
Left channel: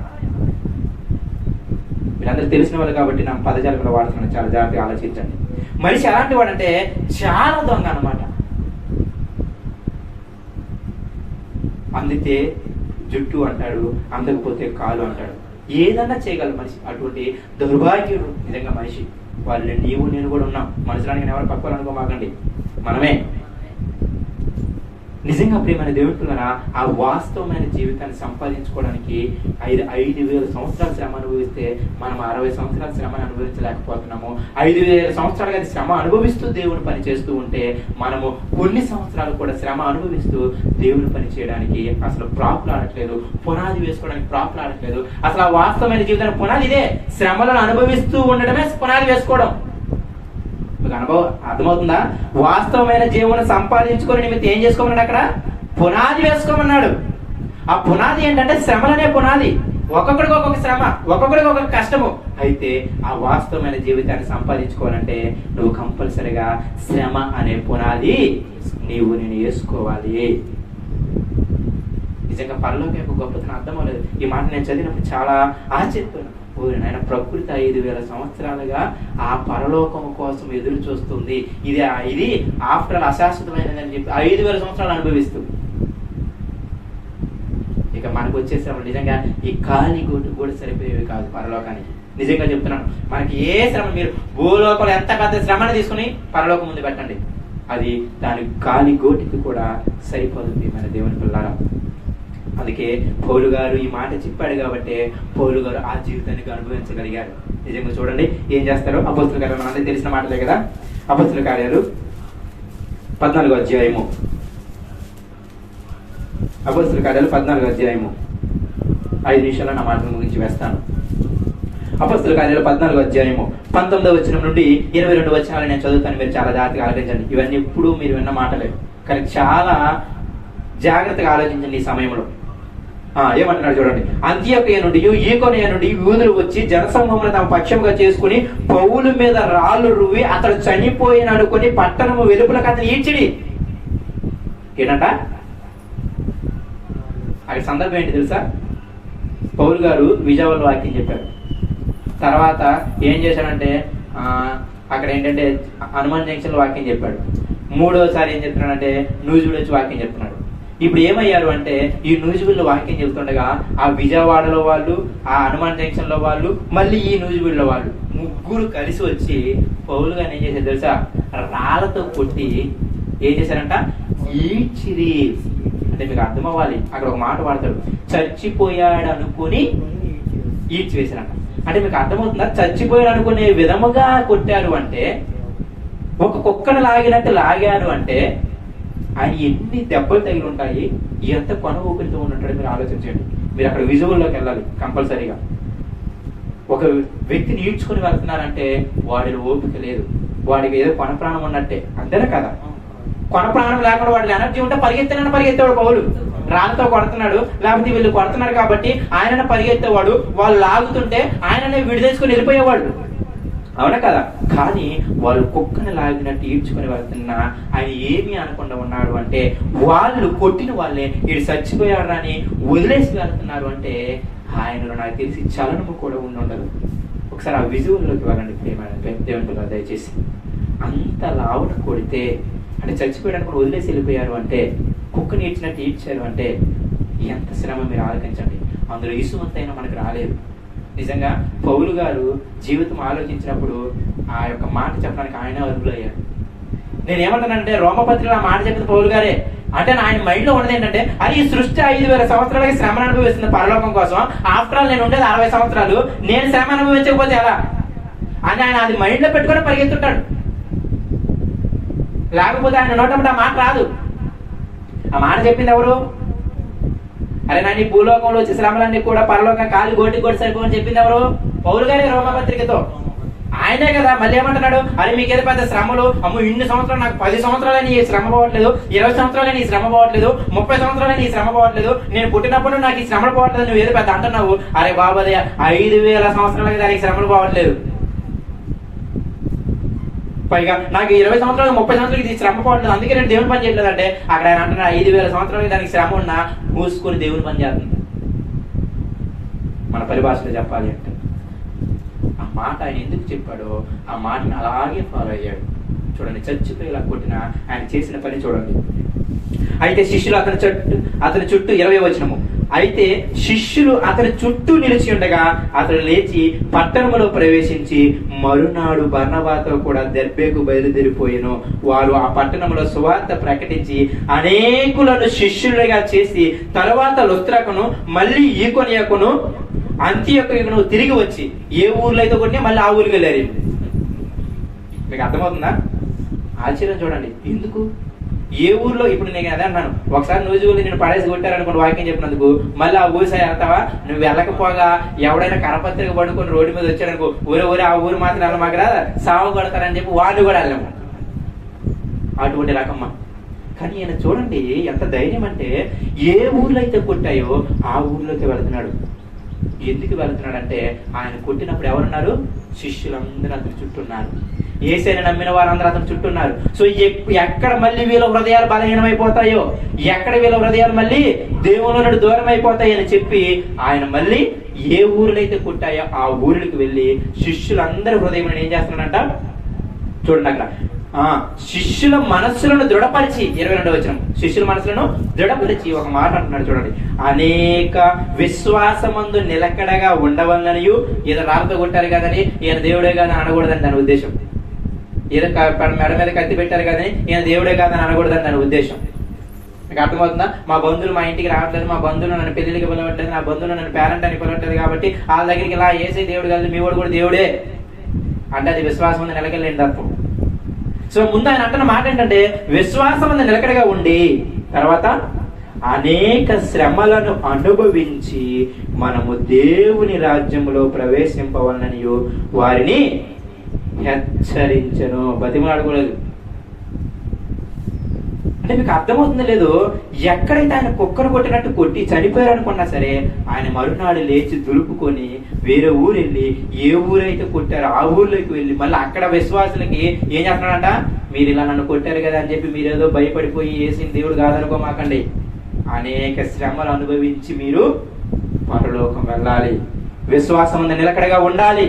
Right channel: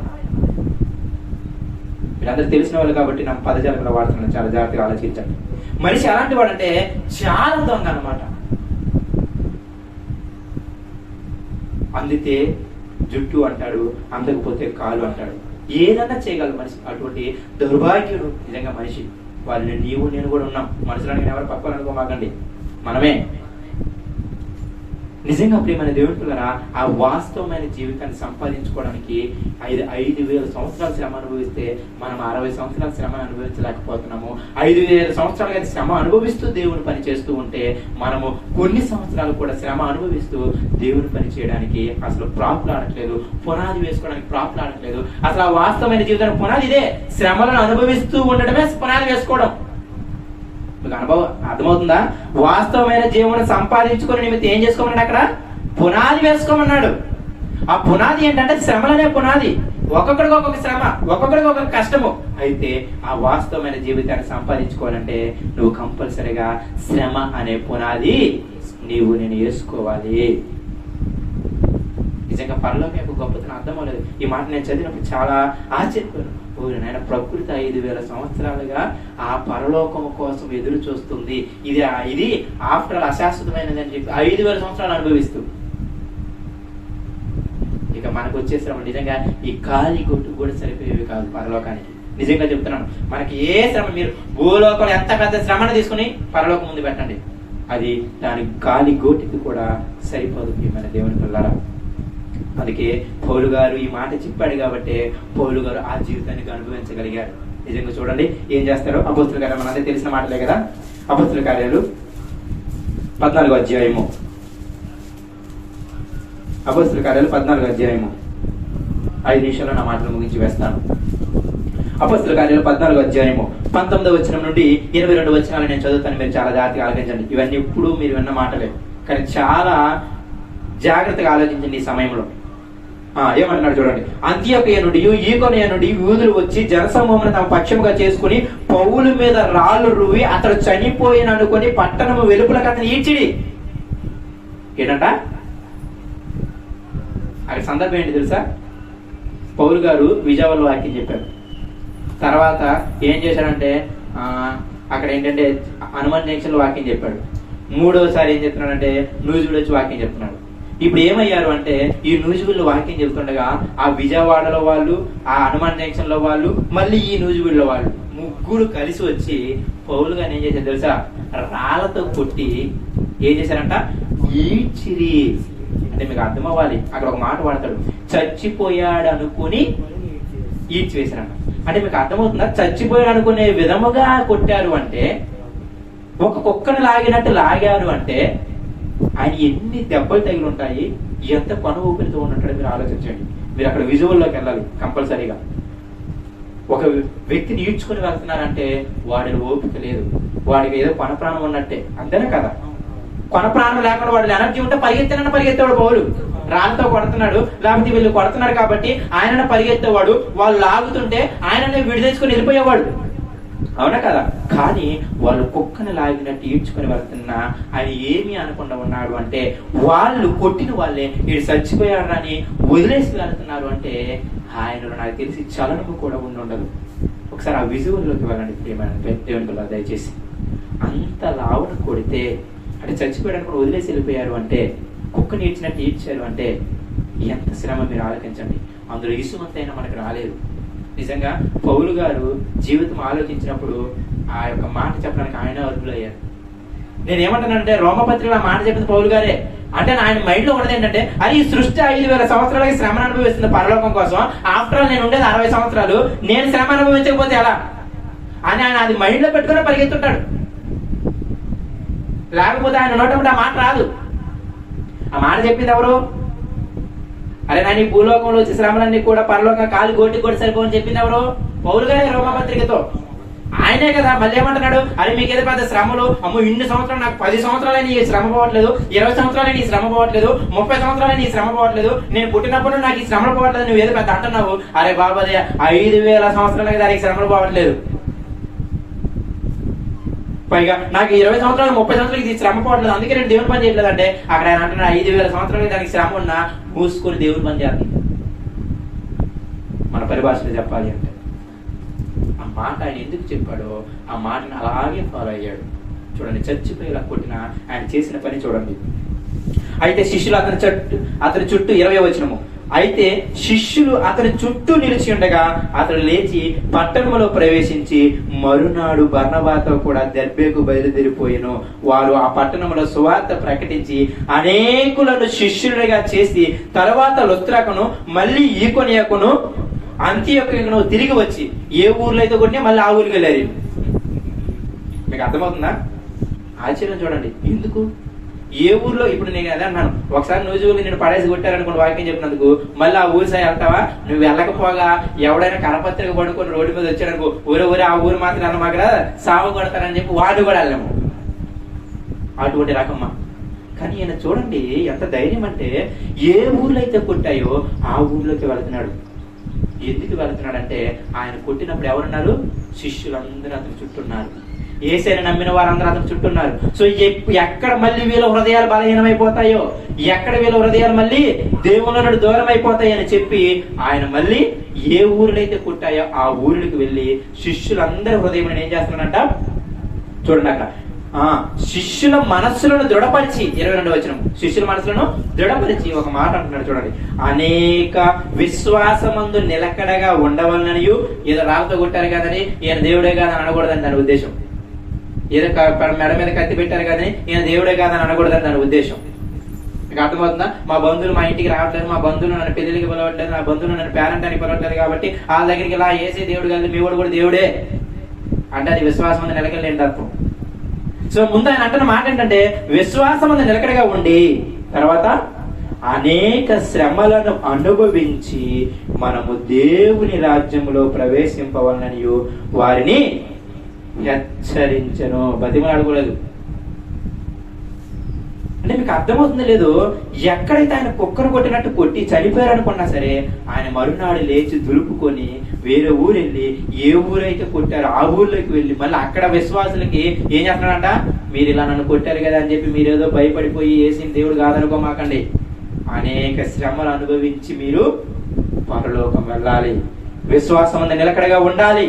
మీరందరూ తెలిసిన వాళ్ళు కాబట్టి నా పదజాలంలో వాడుతున్నాను, చాలా జాగ్రత్తగా ఆలోచించండి. మనిషి ఎలాంటి వాడంటే చాలా దొంగ అన్నమాట. అందితే జుట్టు అంటాడు, అందకపోతే కాలు అంటాడు, ఏదన్నా చేయగలరు మనిషి. అటువంటి దౌర్భాగ్యుడు నిజంగా మనిషి. వాళ్ళు నీవు నేను కూడా ఉన్నాం. మనుషులని ఎవరు పక్కోవాలనుకోమాకండి, మనమే. నిజంగా ప్రియమైన దేవుని పిల్లరా, ఆ వాస్తవమైన జీవితాన్ని సంపాదించుకోవడానికి 5,000 సంవత్సరాల శ్రమ అనుభవిస్తే మనం 60 సంవత్సరాల శ్రమ అనుభవించలేకపోతున్నాము. 5,000 సంవత్సరాలుగా శ్రమ అనుభవిస్తూ దేవుని పని చేస్తూ ఉంటే మనము కొన్ని సంవత్సరాలు కూడా శ్రమ అనుభవిస్తూ దేవుని పని చేయడానికి అసలు ప్రాపులాడట్లేదు, పునాది వేసుకోవడానికి ప్రాపులాడట్లేదు. అసలు ఆ వాస్తవమైన జీవితానికి పునాది ఇదే. శ్రమలను అనుభవిస్తూ ఉండడమే పునాది వేసుకోవడం. మీకు అనుభవం అర్థమవుతుందా? వాస్తవమైన జీవనం సంపాదించుకొని నిమిత్తం ఏం చేసుకోమన్నాడు? అక్కడ పునాది వేసుకోమన్నాడు. ఆ పునాది ఏంటంటే శ్రమలనే పునాది. ఒక్కొక్కడికి ఒక్కొక్క శ్రమ, ఒక్కొక్కడికి ఒక్కొక్క కష్టము. అయితే ఆ వాస్తవమైన జీవితాన్ని సంపాదించుకోవాలంటే నువ్వు కంపల్సరిగా శ్రమ అనే పునాది నీవు నేను వేసుకోవాలి. నిజంగా పరలోకం యొక్క గొప్పతనం అర్థం అవ్వలేదు. ఈ మాట నేను చదివినప్పుడు చాలా ఆశ్చర్యపోయాను. ఆయన ప్రకృతి 5,000 సంవత్సరాలుగా ఆ పరలోకం కోసం ఎదురు చూస్తుంది. ఇది ఆఫ్టర్ ఆల్ అశాశ్వతమైనది అని చెప్పి 5,000 సంవత్సరాలు అనుభవిస్తుంది. ఇక మనకు వచ్చే శ్రమ నిజంగా ఈ కాలి గోటు కూడా సరిపోయేవి కాదు పరలోకానికి. నిజంగా చెప్తున్నాను, మనకి ఏ శ్రమ, మీరు భూలోకంలో ఎంత పెద్ద శ్రమను తీసుకుని పరలోకం ముందు పెట్టండి, అది దాని కాలి గోటికి కూడా సరిపోదు ప్రియమైన దేవుని పిల్లరా. అందుకే పౌలు గారు ఈ మాట చెప్పాడు కాబట్టి పౌలు గారు ఆ జీవితానికి అనుభవించగలిగారు. నిజంగా చూడండి ఏం చేస్తారు. అపోస్తుల కార్యాలు మనందరికీ తెలిసిన మాటలే కదా. అపోస్తుల కార్యాలు 14వ అధ్యాయము. అపోస్తుల కార్యాలు 14వ అధ్యాయము 5 నిమిషాల్లో నా మాటను ముగించి వేస్తాను. అపోస్తుల కార్యాలు 14వ అధ్యాయము 19వ వచనం నుండి 22 వచనాలు నేను చదువుతాను. మీరు చాలా జాగ్రత్తగా ఆలోచించండి. ఇవన్నీ ఎప్పుడు మీరు విన్న మాటలే, కానీ చాలా జాగ్రత్తగా ఆలోచించండి ఈ సమయంలో. ఏమంటున్నాడు చూడండి. అంత్యోకయ నుండి ఈకొనియ నుండి యూదులు వచ్చి జనసమూహమును తమ పక్షముగా చేసుకుని పౌలు మీద రాళ్ళు రువి అతడు చనిపోయిన అనుకుని పట్టణము వెలుపలకు అతను ఈడ్చిడి. ఏంటంట అక్కడ సందర్భం ఏంటి తెలుసా? పౌలు గారు విజయవాడలో వాక్యం చెప్పారు. తర్వాత ఏం చేశాడంటే అక్కడ ఏంటంటే హనుమాన్ జంక్షన్ లో వాక్యం చెప్పాడు. 3వసారి ఏం చెప్తున్నాడంటే నూజివీడు వచ్చి వాక్యం చెప్తున్నాడు. ఇప్పుడు ఏమయ్యారు అంటే ఈ నూజివీడులో వాక్యం చెప్తుండగా ఆ విజయవాడలో వాళ్ళు, ఆ హనుమాన్ జంక్షన్ లో వాళ్ళు, మళ్ళీ ఈ నూజివీడులో వాళ్ళు ముగ్గురు కలిసి వచ్చి పౌలు గారిని ఏం చేశారు తెలుసా? రాళ్లతో కొట్టి ఏం చేశారంట? ఈడ్చిరి. అంటే మీకు అర్థం అవ్వాలి, అక్కడ ఒక మాట వాడతాడు, చచ్చిపోయాడు అనుకుని ఈడ్చివేశారంట. అంటే మీకు అర్థమవుతుందా? చచ్చిపోయాడు అనుకునే విధముగా కొట్టారు అంటే, ఒక కుక్కను లాగినట్టు లాగారు అంటే ఆయన ఎన్ని దెబ్బలు తగిలి ఉంటాయి, ఎంత పను ఊపిరితో ఉంటాడో మీరు ఆలోచించండి. మీరు అక్కడ విజువల్లోకి వెళ్ళాలి కంపల్సరీగా. ఒక వ్యక్తిని ఈడ్చుకుని వెళ్తున్నారంటే వాడిని ఓపిక లేదు, వాడికి ఏదో కొన ప్రాణం ఉన్నట్టే, అంతేనా కదా? కొన ప్రాణం లేకుండా వాడి ఎనర్జీ ఉంటే పరిగెత్తేవాడు పౌలు. రాళ్ళతో కొడుతున్నాడు, లేకపోతే వీళ్ళు కొడుతున్నారు కాబట్టి ఆయన పరిగెత్తేవాడు. వాళ్ళు లాగుతుంటే ఆయననే విడిదేసుకుని వెళ్ళిపోయేవాడు. అవునా కదా? కానీ వాళ్ళు కుక్కను లాగినట్టు ఈడ్చుకొని వెళ్తున్నా ఆయన ఏమి అనకుండా ఉన్నాడు అంటే, వాళ్ళు కొట్టిన వాళ్ళే వీడు చచ్చిపోయాడు అని వదిలేసి వెళ్తున్నారు అంటే ఆయనలో నాకు తెలిసి చలనము కూడా ఉండదు. ఒకసారి ఆ విజువల్లోకి వెళ్ళండి దేవుని దయచేసి. అంత లావున కొడితే అంటే చచ్చిపోయాడు కూడా వదిలేసి వెళ్ళిపోయారు అంటే, కుక్కని ఈడ్చినట్టు ఈడ్చారు అంటే ఎంత శ్రమ మీరు ఆలోచించండి. అందులో ఇసుమంతైనా మనకు రాలేదు. నిజంగా పౌలు గారు జీవితం ఆలోచించినప్పుడు ఆ యొక్క మాట చెప్పడానికి ఆయన అర్హులయ్యారు. నేనేమంటానంటే, రోమపత్రికలో ఆ మాట చెప్పింది పౌలు గారే. అంటే ఆయన మైండ్ లో ఉన్నది ఏంటంటే, అరే ఈ సృష్టి 5,000 సంవత్సరాలకి శ్రమ అనుభవిస్తుంది పరలోకం కోసం, ఆఫ్టర్ ఆల్ నేను ఉండేది 60 సంవత్సరాలు, నేను శ్రమ అనుభవించకపోతే ఎలా అని ఆయన అది మైండ్ లో పెట్టుకుని పరిగెత్తుంటాడు. లేకపోతే ఆయన నోటంటే ఆ మాట రాదు. ఆ మాట చెప్పింది ఎవరు? అరే నా నీ భూలోకంలో వచ్చే శ్రమలన్నీ కూడా పరలోకం కాలు గోటి కొట్టి సరిపోని చెప్పింది ఎవరు? పౌలు గారే రోమపత్రికతో. ఆయనే కదా మళ్ళీ ఏమంటున్నాడు, అరే మీకేదో పెద్ద శ్రమలు, అమ్మో ఇన్ని సంవత్సరాలు, నాకు 10 సంవత్సరాలని ఈ శ్రమ పోవట్లేదు, 20 సంవత్సరాలని ఈ శ్రమ పోవట్లేదు, 30 సంవత్సరాలని ఈ శ్రమ పోవట్లేదు, నేను పుట్టినప్పుడు నాకు ఈ శ్రమలు పోవట్లేదు, నువ్వు ఏదో పెద్ద అంటున్నావు. అరే బాబు అదే 5,000 సంవత్సరాలకి దానికి శ్రమలు పోవట్లేదు, పైగా నాకు 20 సంవత్సరాలు 30 సంవత్సరాలకి ఇది శ్రమ పోవట్లేదు, అందుకే నేను దేవుని పని చేయట్లేదు అంటే, అక్కడ ఆయన అంటున్నాడు 5,000 సంవత్సరాలకి దానికి శ్రమ ఉన్నా మూసుకొని దేవుని పని చేస్తుంది. మన పరిభాషలో చెప్పాలి అంటే ఆ మాట ఆయన ఎందుకు చెప్పాడో ఆ మాటను అలాగే ఫాలో అయ్యాడు. చూడండి, చచ్చిపోయి ఇలా కొట్టిన ఆయన చేసిన పని చూడండి. అయితే శిష్యులు అతని చుట్టూ 20వ వచనము, అయితే శిష్యులు అతని చుట్టూ నిలిచి ఉండగా అతడు లేచి పట్టణములో ప్రవేశించి మరునాడు బర్నబాతో కూడా దెర్బేకు బయలుదేరిపోయెను. వారు ఆ పట్టణంలో సువార్త ప్రకటించి అనేకులను శిష్యులుగా చేసి తర్వాత లుస్త్రకును మళ్ళీ ఈకొనియకును అంతియొక్కను తిరిగి వచ్చి ఏ ఊర్లో అయితే కొట్టినా మళ్ళీ ఆ ఊరికి వెళ్ళారు. మీకు అర్థమవుతుందా? ఆశ్చర్యం చూడండి. ఎందుకు? ఏ ఊర్లో ఇప్పుడు నేను అదే అన్నాను, ఒకసారి నువ్వు నేను పడేసి కొట్టారనుకోండి వాక్యం చెప్పినందుకు, మళ్ళీ ఆ ఊరి సై వెళ్తావా? నువ్వు వెళ్ళకపోగా ఎవడైనా కరపత్రిక పడుకొని రోడ్డు మీద వచ్చాడనుకో, ఊరే ఆ ఊరు మాత్రం వెళ్ళమాకరా సాగు కొడతారని చెప్పి వాళ్ళు కూడా వెళ్ళము. అటువంటి రకమ్మా. కానీ ఈయన చూడండి ఎంత ధైర్యం అంటే, ఏ ఊర్లో అయితే కొట్టాయో ఆ ఊర్లోకి వెళ్తున్నాడు. ఎందుకు వెళ్తున్నాడంటే, ఆయన కొట్టినప్పుడు ఎవరున్నారు? శిష్యులందరూ అతని చుట్టూన్నారు. యేసయ్యను నమ్మిన వారందరూ అతని చుట్టూన్నారు. సో ఎక్కడ మళ్ళీ వీళ్ళ హృదయాలు బలహీనమైపోతాయో, ఎక్కడ వీళ్ళ హృదయాలు మళ్ళీ దేవుని నుండి దూరం అయిపోతాయి అని చెప్పి ఆయన మళ్ళీ ఏ ఊరినైతే కొట్టాయో ఆ ఊరికి వెళ్ళి శిష్యులందరి హృదయం ఏం చేస్తున్నాడంట చూడండి. అక్కడ శిష్యుల మనస్సులను దృఢపరిచి, 22వ వచనం, శిష్యుల మనస్సులను దృఢపరిచి ఒక మాట అంటున్నాడు చూడండి, అనేక విశ్వాసమందు నిలకడగా ఉండవలననియు, ఏదో రాళ్ళతో కొట్టారు కదని ఈయన దేవుడే కాదని అనకూడదని దాని ఉద్దేశం. ఏదో మెడ మీద కత్తి పెట్టారు కానీ ఈయన దేవుడే కాదని అనకూడదని దాని ఉద్దేశం. మీకు అర్థమవుతుందా? మా బంధువులు మా ఇంటికి రావట్లేదు, మా బంధువులు నన్ను పెళ్లికి పిలవట్లేదు, నా బంధువులు నన్ను పేరెంట్ అని పిలవట్లేదు, కాబట్టి వాళ్ళ దగ్గరికి ఇలా ఏసే దేవుడు కాదు, మీ వాడు కూడా దేవుడే అంటే అది విశ్వాసం మీద నిలకడలేని తత్వం. సో ముందు ఆయన అంటున్న మాట ఏంటంటే, విశ్వాసం మీద నిలకడగా ఉండి తర్వాత అనేక శ్రమలను అనుభవించి మనము దేవుని రాజ్యములో ప్రవేశింపవలనని వారిని హెచ్చరించను. బతిమాడకూడదు. అంటే మీకు అర్థమవుతుందో లేదు, ఎక్కడైతే ఆయన కుక్కను కొట్టినట్టు కొట్టి చనిపోయారు అనుకున్నా సరే, ఆయన మరునాడు లేచి దులుపుకొని వేరే ఊరు వెళ్ళి ఏ ఊరైతే కొట్టారో ఆ ఊర్లోకి వెళ్ళి మళ్ళీ అక్కడ విశ్వాసులకి ఏం చేస్తున్నాడంట, మీరు ఇలా నన్ను కొట్టారు కదా అని చెప్పి మీరేదో భయపడిపోయి ఏసిన దేవుడు కాదనుకోమాకండి, అనేక శ్రమలు అనుభవించి మీరు పరలోకం వెళ్ళాలి, విశ్వాసం నిలకడగా ఉండాలి.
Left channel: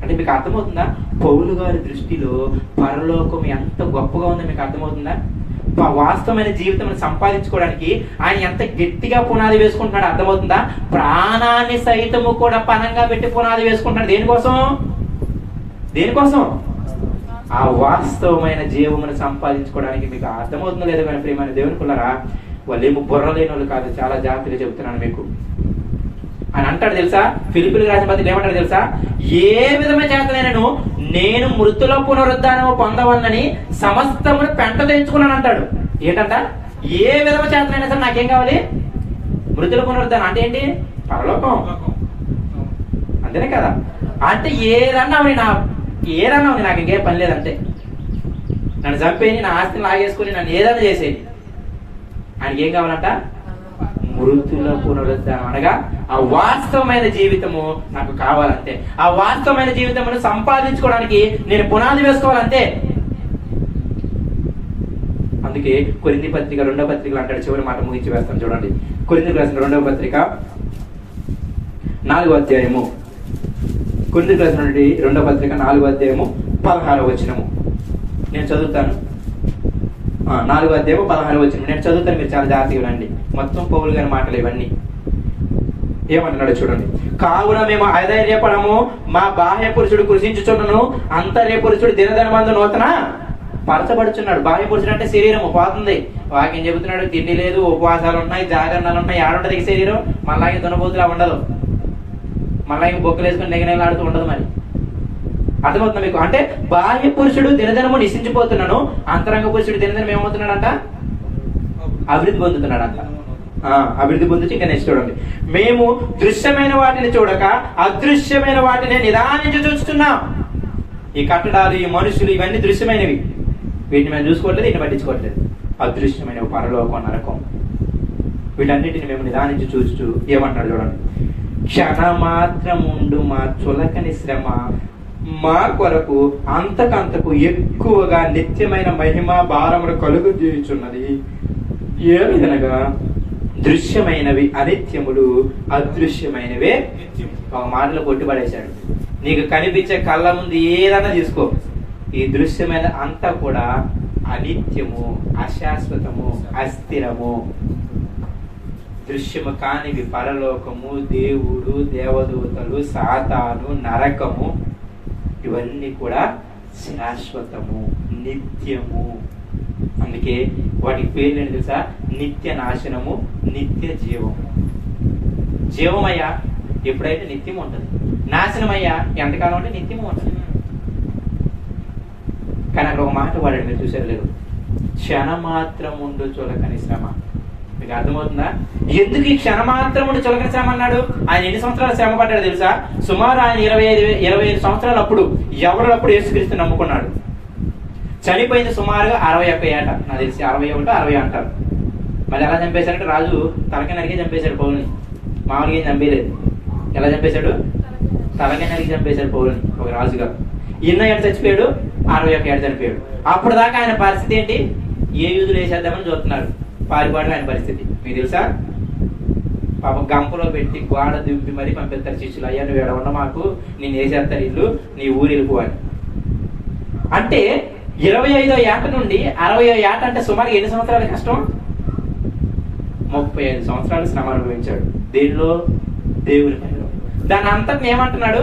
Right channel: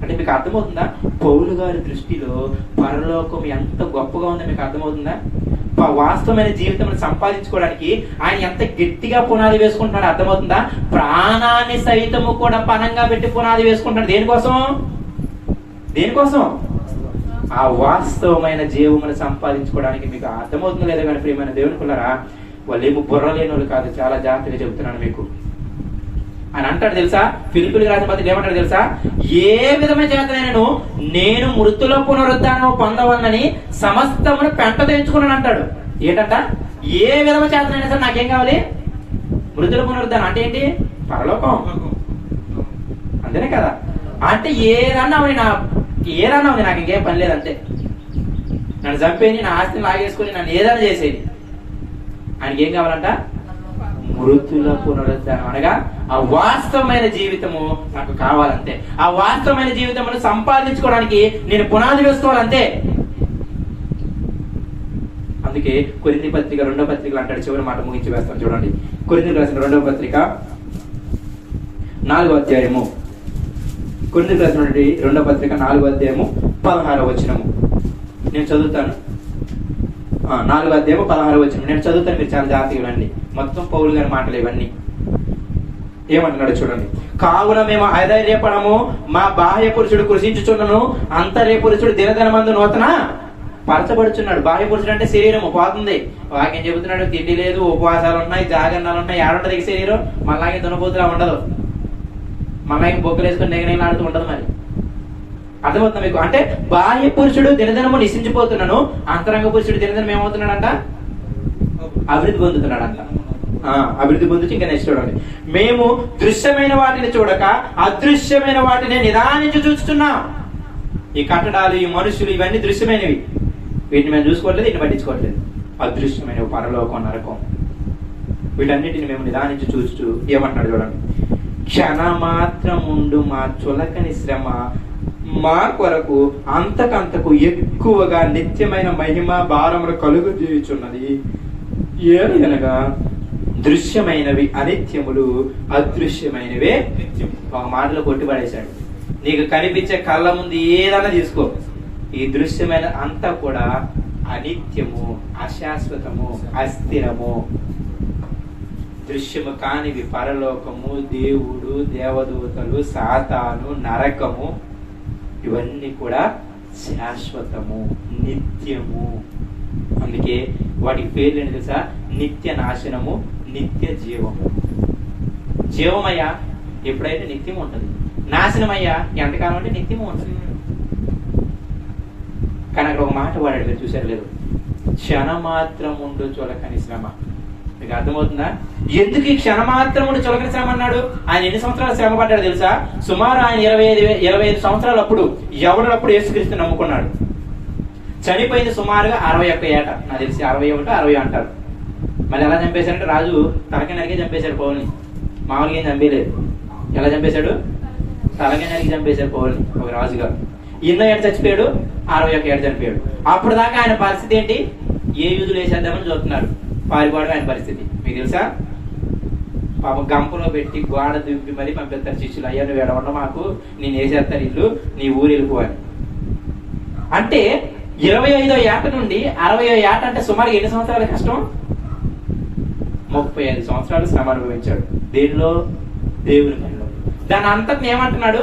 అంటే మీకు అర్థమవుతుందా? పౌలు గారి దృష్టిలో పరలోకం ఎంత గొప్పగా ఉందో మీకు అర్థమవుతుందా? వాస్తవమైన జీవితం సంపాదించుకోవడానికి ఆయన ఎంత గట్టిగా పునాది వేసుకుంటున్నాడు అర్థమవుతుందా? ప్రాణాన్ని సైతము కూడా పణంగా పెట్టి పునాది వేసుకుంటున్నాడు. దేనికోసం? ఆ వాస్తవమైన జీవమును సంపాదించుకోవడానికి. మీకు అర్థమవుతుంది లేదా? కానీ ప్రియమైన దేవుని పిల్లరా, వాళ్ళు ఏమో బుర్ర లేని వాళ్ళు కాదు. చాలా జాగ్రత్తగా చెబుతున్నాను మీకు. అని అంటాడు తెలుసా, ఫిలిప్పీయులకు రాసిన పత్రిక ఏమంటాడు తెలుసా, ఏ విధమైన చేతనైనను నేను మృతుల పునరుద్ధానం పొందవలనని సమస్తమును పెంట తెచ్చుకున్నాను అంటాడు. ఏంటంట? ఏ విధమైన చేతనైనా సరే నాకేం కావాలి? మృతుల పునరుద్ధానం అంటే ఏంటి? పరలోకం. అంతేనే కదా? అంటే ఏదన్నా నాకు ఇంకేం పని లేదంటే, నన్ను చంపేది, నా ఆస్తిని లాగేసుకుని నన్ను ఏదైనా చేసేది, ఆయనకి ఏం కావాలంట? మృతుల పునరుద్ధానం అనగా ఆ వాస్తవమైన జీవితము నాకు కావాలంతే. ఆ వాస్తవమైన జీవితమును సంపాదించుకోవడానికి నేను పునాది వేసుకోవాలంతే. అందుకే కొరింథీ పత్రిక 2వ పత్రికలు అంటాడు. చివరి మాట ముగించి వేస్తాను చూడండి. కొరింథీయులకు రాసిన 2వ పత్రిక 4వ అధ్యాయము. కొరింథీయులకు రాసిన 2వ పత్రిక 4వ అధ్యాయము 16వ వచనము నేను చదువుతాను. 4వ అధ్యాయము 16వ వచనం నేను చదువుతాను, మీరు చాలా జాగ్రత్తగా వినండి. మొత్తం పౌలు గారి మాటలు ఇవన్నీ. ఏమంటున్నాడు చూడండి. కావున మేము అధైర్యపడము, మా బాహ్య పురుషుడు కృషించుచున్నను, అంతర్య పురుషుడు దినదినమందు నూతన పరచబడుచున్నాడు. బాహ్య పురుషుడు అంటే శరీరము పోతుంది. వాక్యం చెబుతున్నాడు, తిండి లేదు, ఉపవాసాలు ఉన్నాయి, జాగరణాలు ఉన్నాయి. ఆడుంటది శరీరం మళ్ళాగే దునబోతులా ఉండదు, మళ్ళాగే బొక్కలు వేసుకుని నెగనెలాడుతూ ఉండదు. మరి అర్థమవుతుంది మీకు? అంటే బాహ్య పురుషుడు దినదినము నిశించిపోతున్నాను, అంతరంగ పురుషుడు దినదినం ఏమవుతున్నాడంట? అభివృద్ధి పొందుతున్నాడంట. అభివృద్ధి పొందుతూ ఇంకా నెక్స్ట్ చూడండి. మేము దృశ్యమైన వాటిని చూడక అదృశ్యమైన వాటిని నిదానించి చూస్తున్నాం. ఈ కట్టడాలు, ఈ మనుషులు, ఇవన్నీ దృశ్యమైనవి. వీటిని మేము చూసుకోవట్లేదు, వీటిని పట్టించుకోవట్లేదు. అదృశ్యమైన పరలోకం, నరకం, వీటన్నిటిని మేము నిదానించి చూస్తూ ఏమంటాడు చూడండి. క్షణమాత్రముండు మా చులకని శ్రమ మా కొరకు అంతకంతకు ఎక్కువగా నిత్యమైన మహిమ భారములు కలుగు చేయుచున్నది. ఏమనగా దృశ్యమైనవి అనిత్యములు, అదృశ్యమైనవే ఒక మాటలో కొట్టుపడేశాడు. నీకు కనిపించే కళ్ళ ముందు ఏదైనా తీసుకో, ఈ దృశ్యమైన అంతా కూడా అనిత్యము, అశాశ్వతము, అస్థిరము. దృశ్యము కానివి పరలోకము, దేవుడు, దేవదూతలు, సాతాను, నరకము, ఇవన్నీ కూడా శాశ్వతము, నిత్యము. అందుకే వాటికి పేర్లు ఏంటి తెలుసా? నిత్య నాశనము, నిత్య జీవము. జీవమయ్యా ఎప్పుడైతే నిత్యం ఉంటుంది, నాశనమయ్యా ఎంతకాలం అంటే నిత్యము ఉంటుంది. కానీ అక్కడ ఒక మాట వాడాడు, మీరు చూసారు లేదు? క్షణమాత్రం ఉండు చులకని శ్రమ. మీకు అర్థమవుతుందా? ఎందుకు ఈ క్షణమాత్రముడు చులకని శ్రమ అన్నాడు? ఆయన ఎన్ని సంవత్సరాలు శ్రమ పడ్డాడు తెలుసా? సుమారు ఆయన 25 సంవత్సరాలు అప్పుడు ఎవడప్పుడు యేసుక్రీస్తు నమ్ముకున్నాడు. చనిపోయింది సుమారుగా 61 ఏట, నాకు తెలిసి 61, 60 అంటారు. మరి ఎలా చంపేశారంటే రాజు తలకి నరికి చంపేశాడు పౌల్ని. మామూలుగా ఏం చంపేలేదు. ఎలా చంపేశాడు? తలకి నరికి చంపేశాడు పౌల్ని ఒక రాజుగా. ఎన్నో ఏట చచ్చిపోయాడు? 61 ఏట చనిపోయాడు. అప్పుడు దాకా ఆయన పరిస్థితి ఏంటి? ఏ యూదులు వేసేద్దామని చూస్తున్నారు. పారిపాటు ఆయన పరిస్థితి మీకు తెలుసా? పాప గంపలో పెట్టి గోడ దింపి మరీ పంపిస్తారు శిష్యులు. అయ్యా నువ్వు ఎడ ఉండ, మాకు నేను వేసేస్తారు ఇల్లు, నీ ఊరు వెళ్ళిపోవాలి. అంటే 25వ ఏట నుండి 60వ ఏట అంటే సుమారు ఎన్ని సంవత్సరాల కష్టం? 35 సంవత్సరాలు శ్రమ అనుభవించాడు. దేనిలో? దేవుని పనిలో. దాని అంతటిని ఏమంటున్నాడు?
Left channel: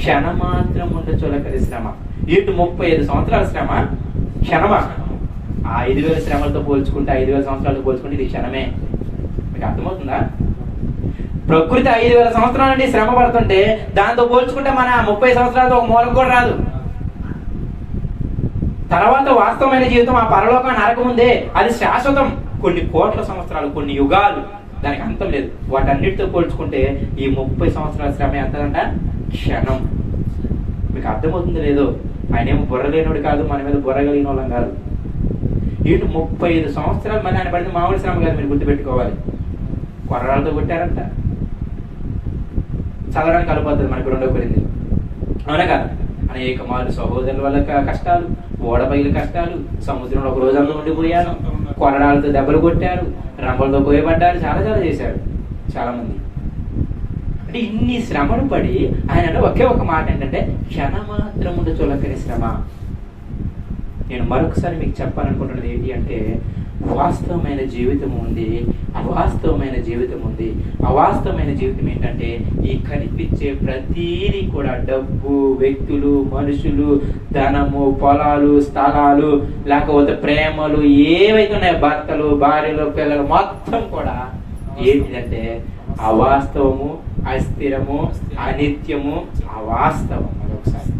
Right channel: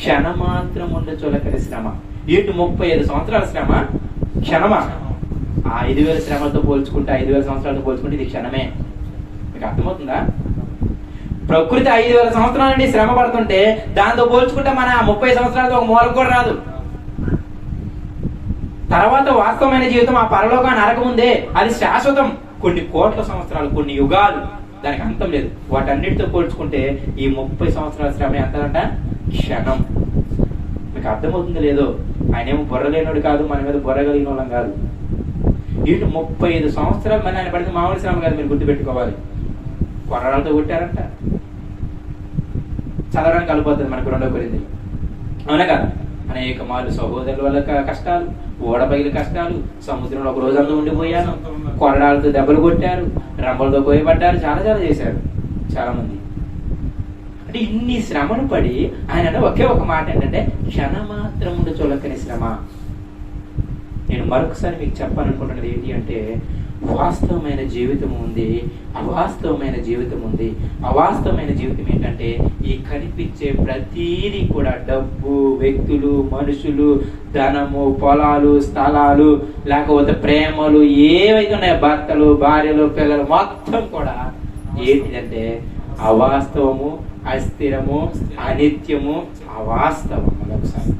క్షణమాత్రం ఉండే చులకరి శ్రమ. ఇటు 35 సంవత్సరాల శ్రమ క్షణమా? ఆ 5,000 శ్రమలతో పోల్చుకుంటే, 5,000 సంవత్సరాలతో పోల్చుకుంటే ఇది క్షణమే. మీకు అర్థమవుతుందా? ప్రకృతి 5,000 సంవత్సరాల నుండి శ్రమ పడుతుంటే దాంతో పోల్చుకుంటే మన 30 సంవత్సరాలతో ఒక మూలకు కూడా రాదు. తర్వాత వాస్తవమైన జీవితం ఆ పరలోక నరకం ఉందే, అది శాశ్వతం. కొన్ని కోట్ల సంవత్సరాలు, కొన్ని యుగాలు, దానికి అంతం లేదు. వాటన్నిటితో పోల్చుకుంటే ఈ 30 సంవత్సరాల శ్రమ ఎంతంట? క్షణం. మీకు అర్థమవుతుంది లేదో? ఆయన ఏమో బుర్ర లేనోడు కాదు, మన మీద బుర్ర కలిగిన వాళ్ళం కాదు. ఇటు 35 సంవత్సరాలు మన ఆయన పడితే మామూలు శ్రమ కాదు, మీరు గుర్తుపెట్టుకోవాలి. కొర్రాలతో కొట్టారంట. చదవడానికి కలిపోతుంది మనకు 2వ కొరింథీయులు, అవునా కదా? అనేక మార్లు సహోదరుల వల్ల కష్టాలు, ఓడబయలు కష్టాలు, సముద్రంలో ఒక రోజంతా ఉండిపోయాను, కొరడాలతో దెబ్బలు కొట్టారు, రంపలతో కోయబడ్డారు, చాలా చాలా చేశారు చాలా మంది. అంటే ఇన్ని శ్రమను పడి ఆయన ఒకే ఒక మాట ఏంటంటే క్షణమాత్రముండు చులకని శ్రమ. నేను మరొకసారి మీకు చెప్పాలనుకుంటున్నది ఏంటి అంటే వాస్తవమైన జీవితం ఉంది, అవాస్తవమైన జీవితం ఉంది. అవాస్తవమైన జీవితం ఏంటంటే ఈ కనిపించే ప్రతీది కూడా డబ్బు, వ్యక్తులు, మనుషులు, ధనము, పొలాలు, స్థలాలు, లేకపోతే ప్రేమలు, ఏవైతే ఉన్నాయో భర్తలు, భార్యలు, పిల్లలు, మొత్తం కూడా ఏంటిదంటే అవాస్తవము, అస్థిరము, అనిత్యము, అవాస్తవం. ఒకసారి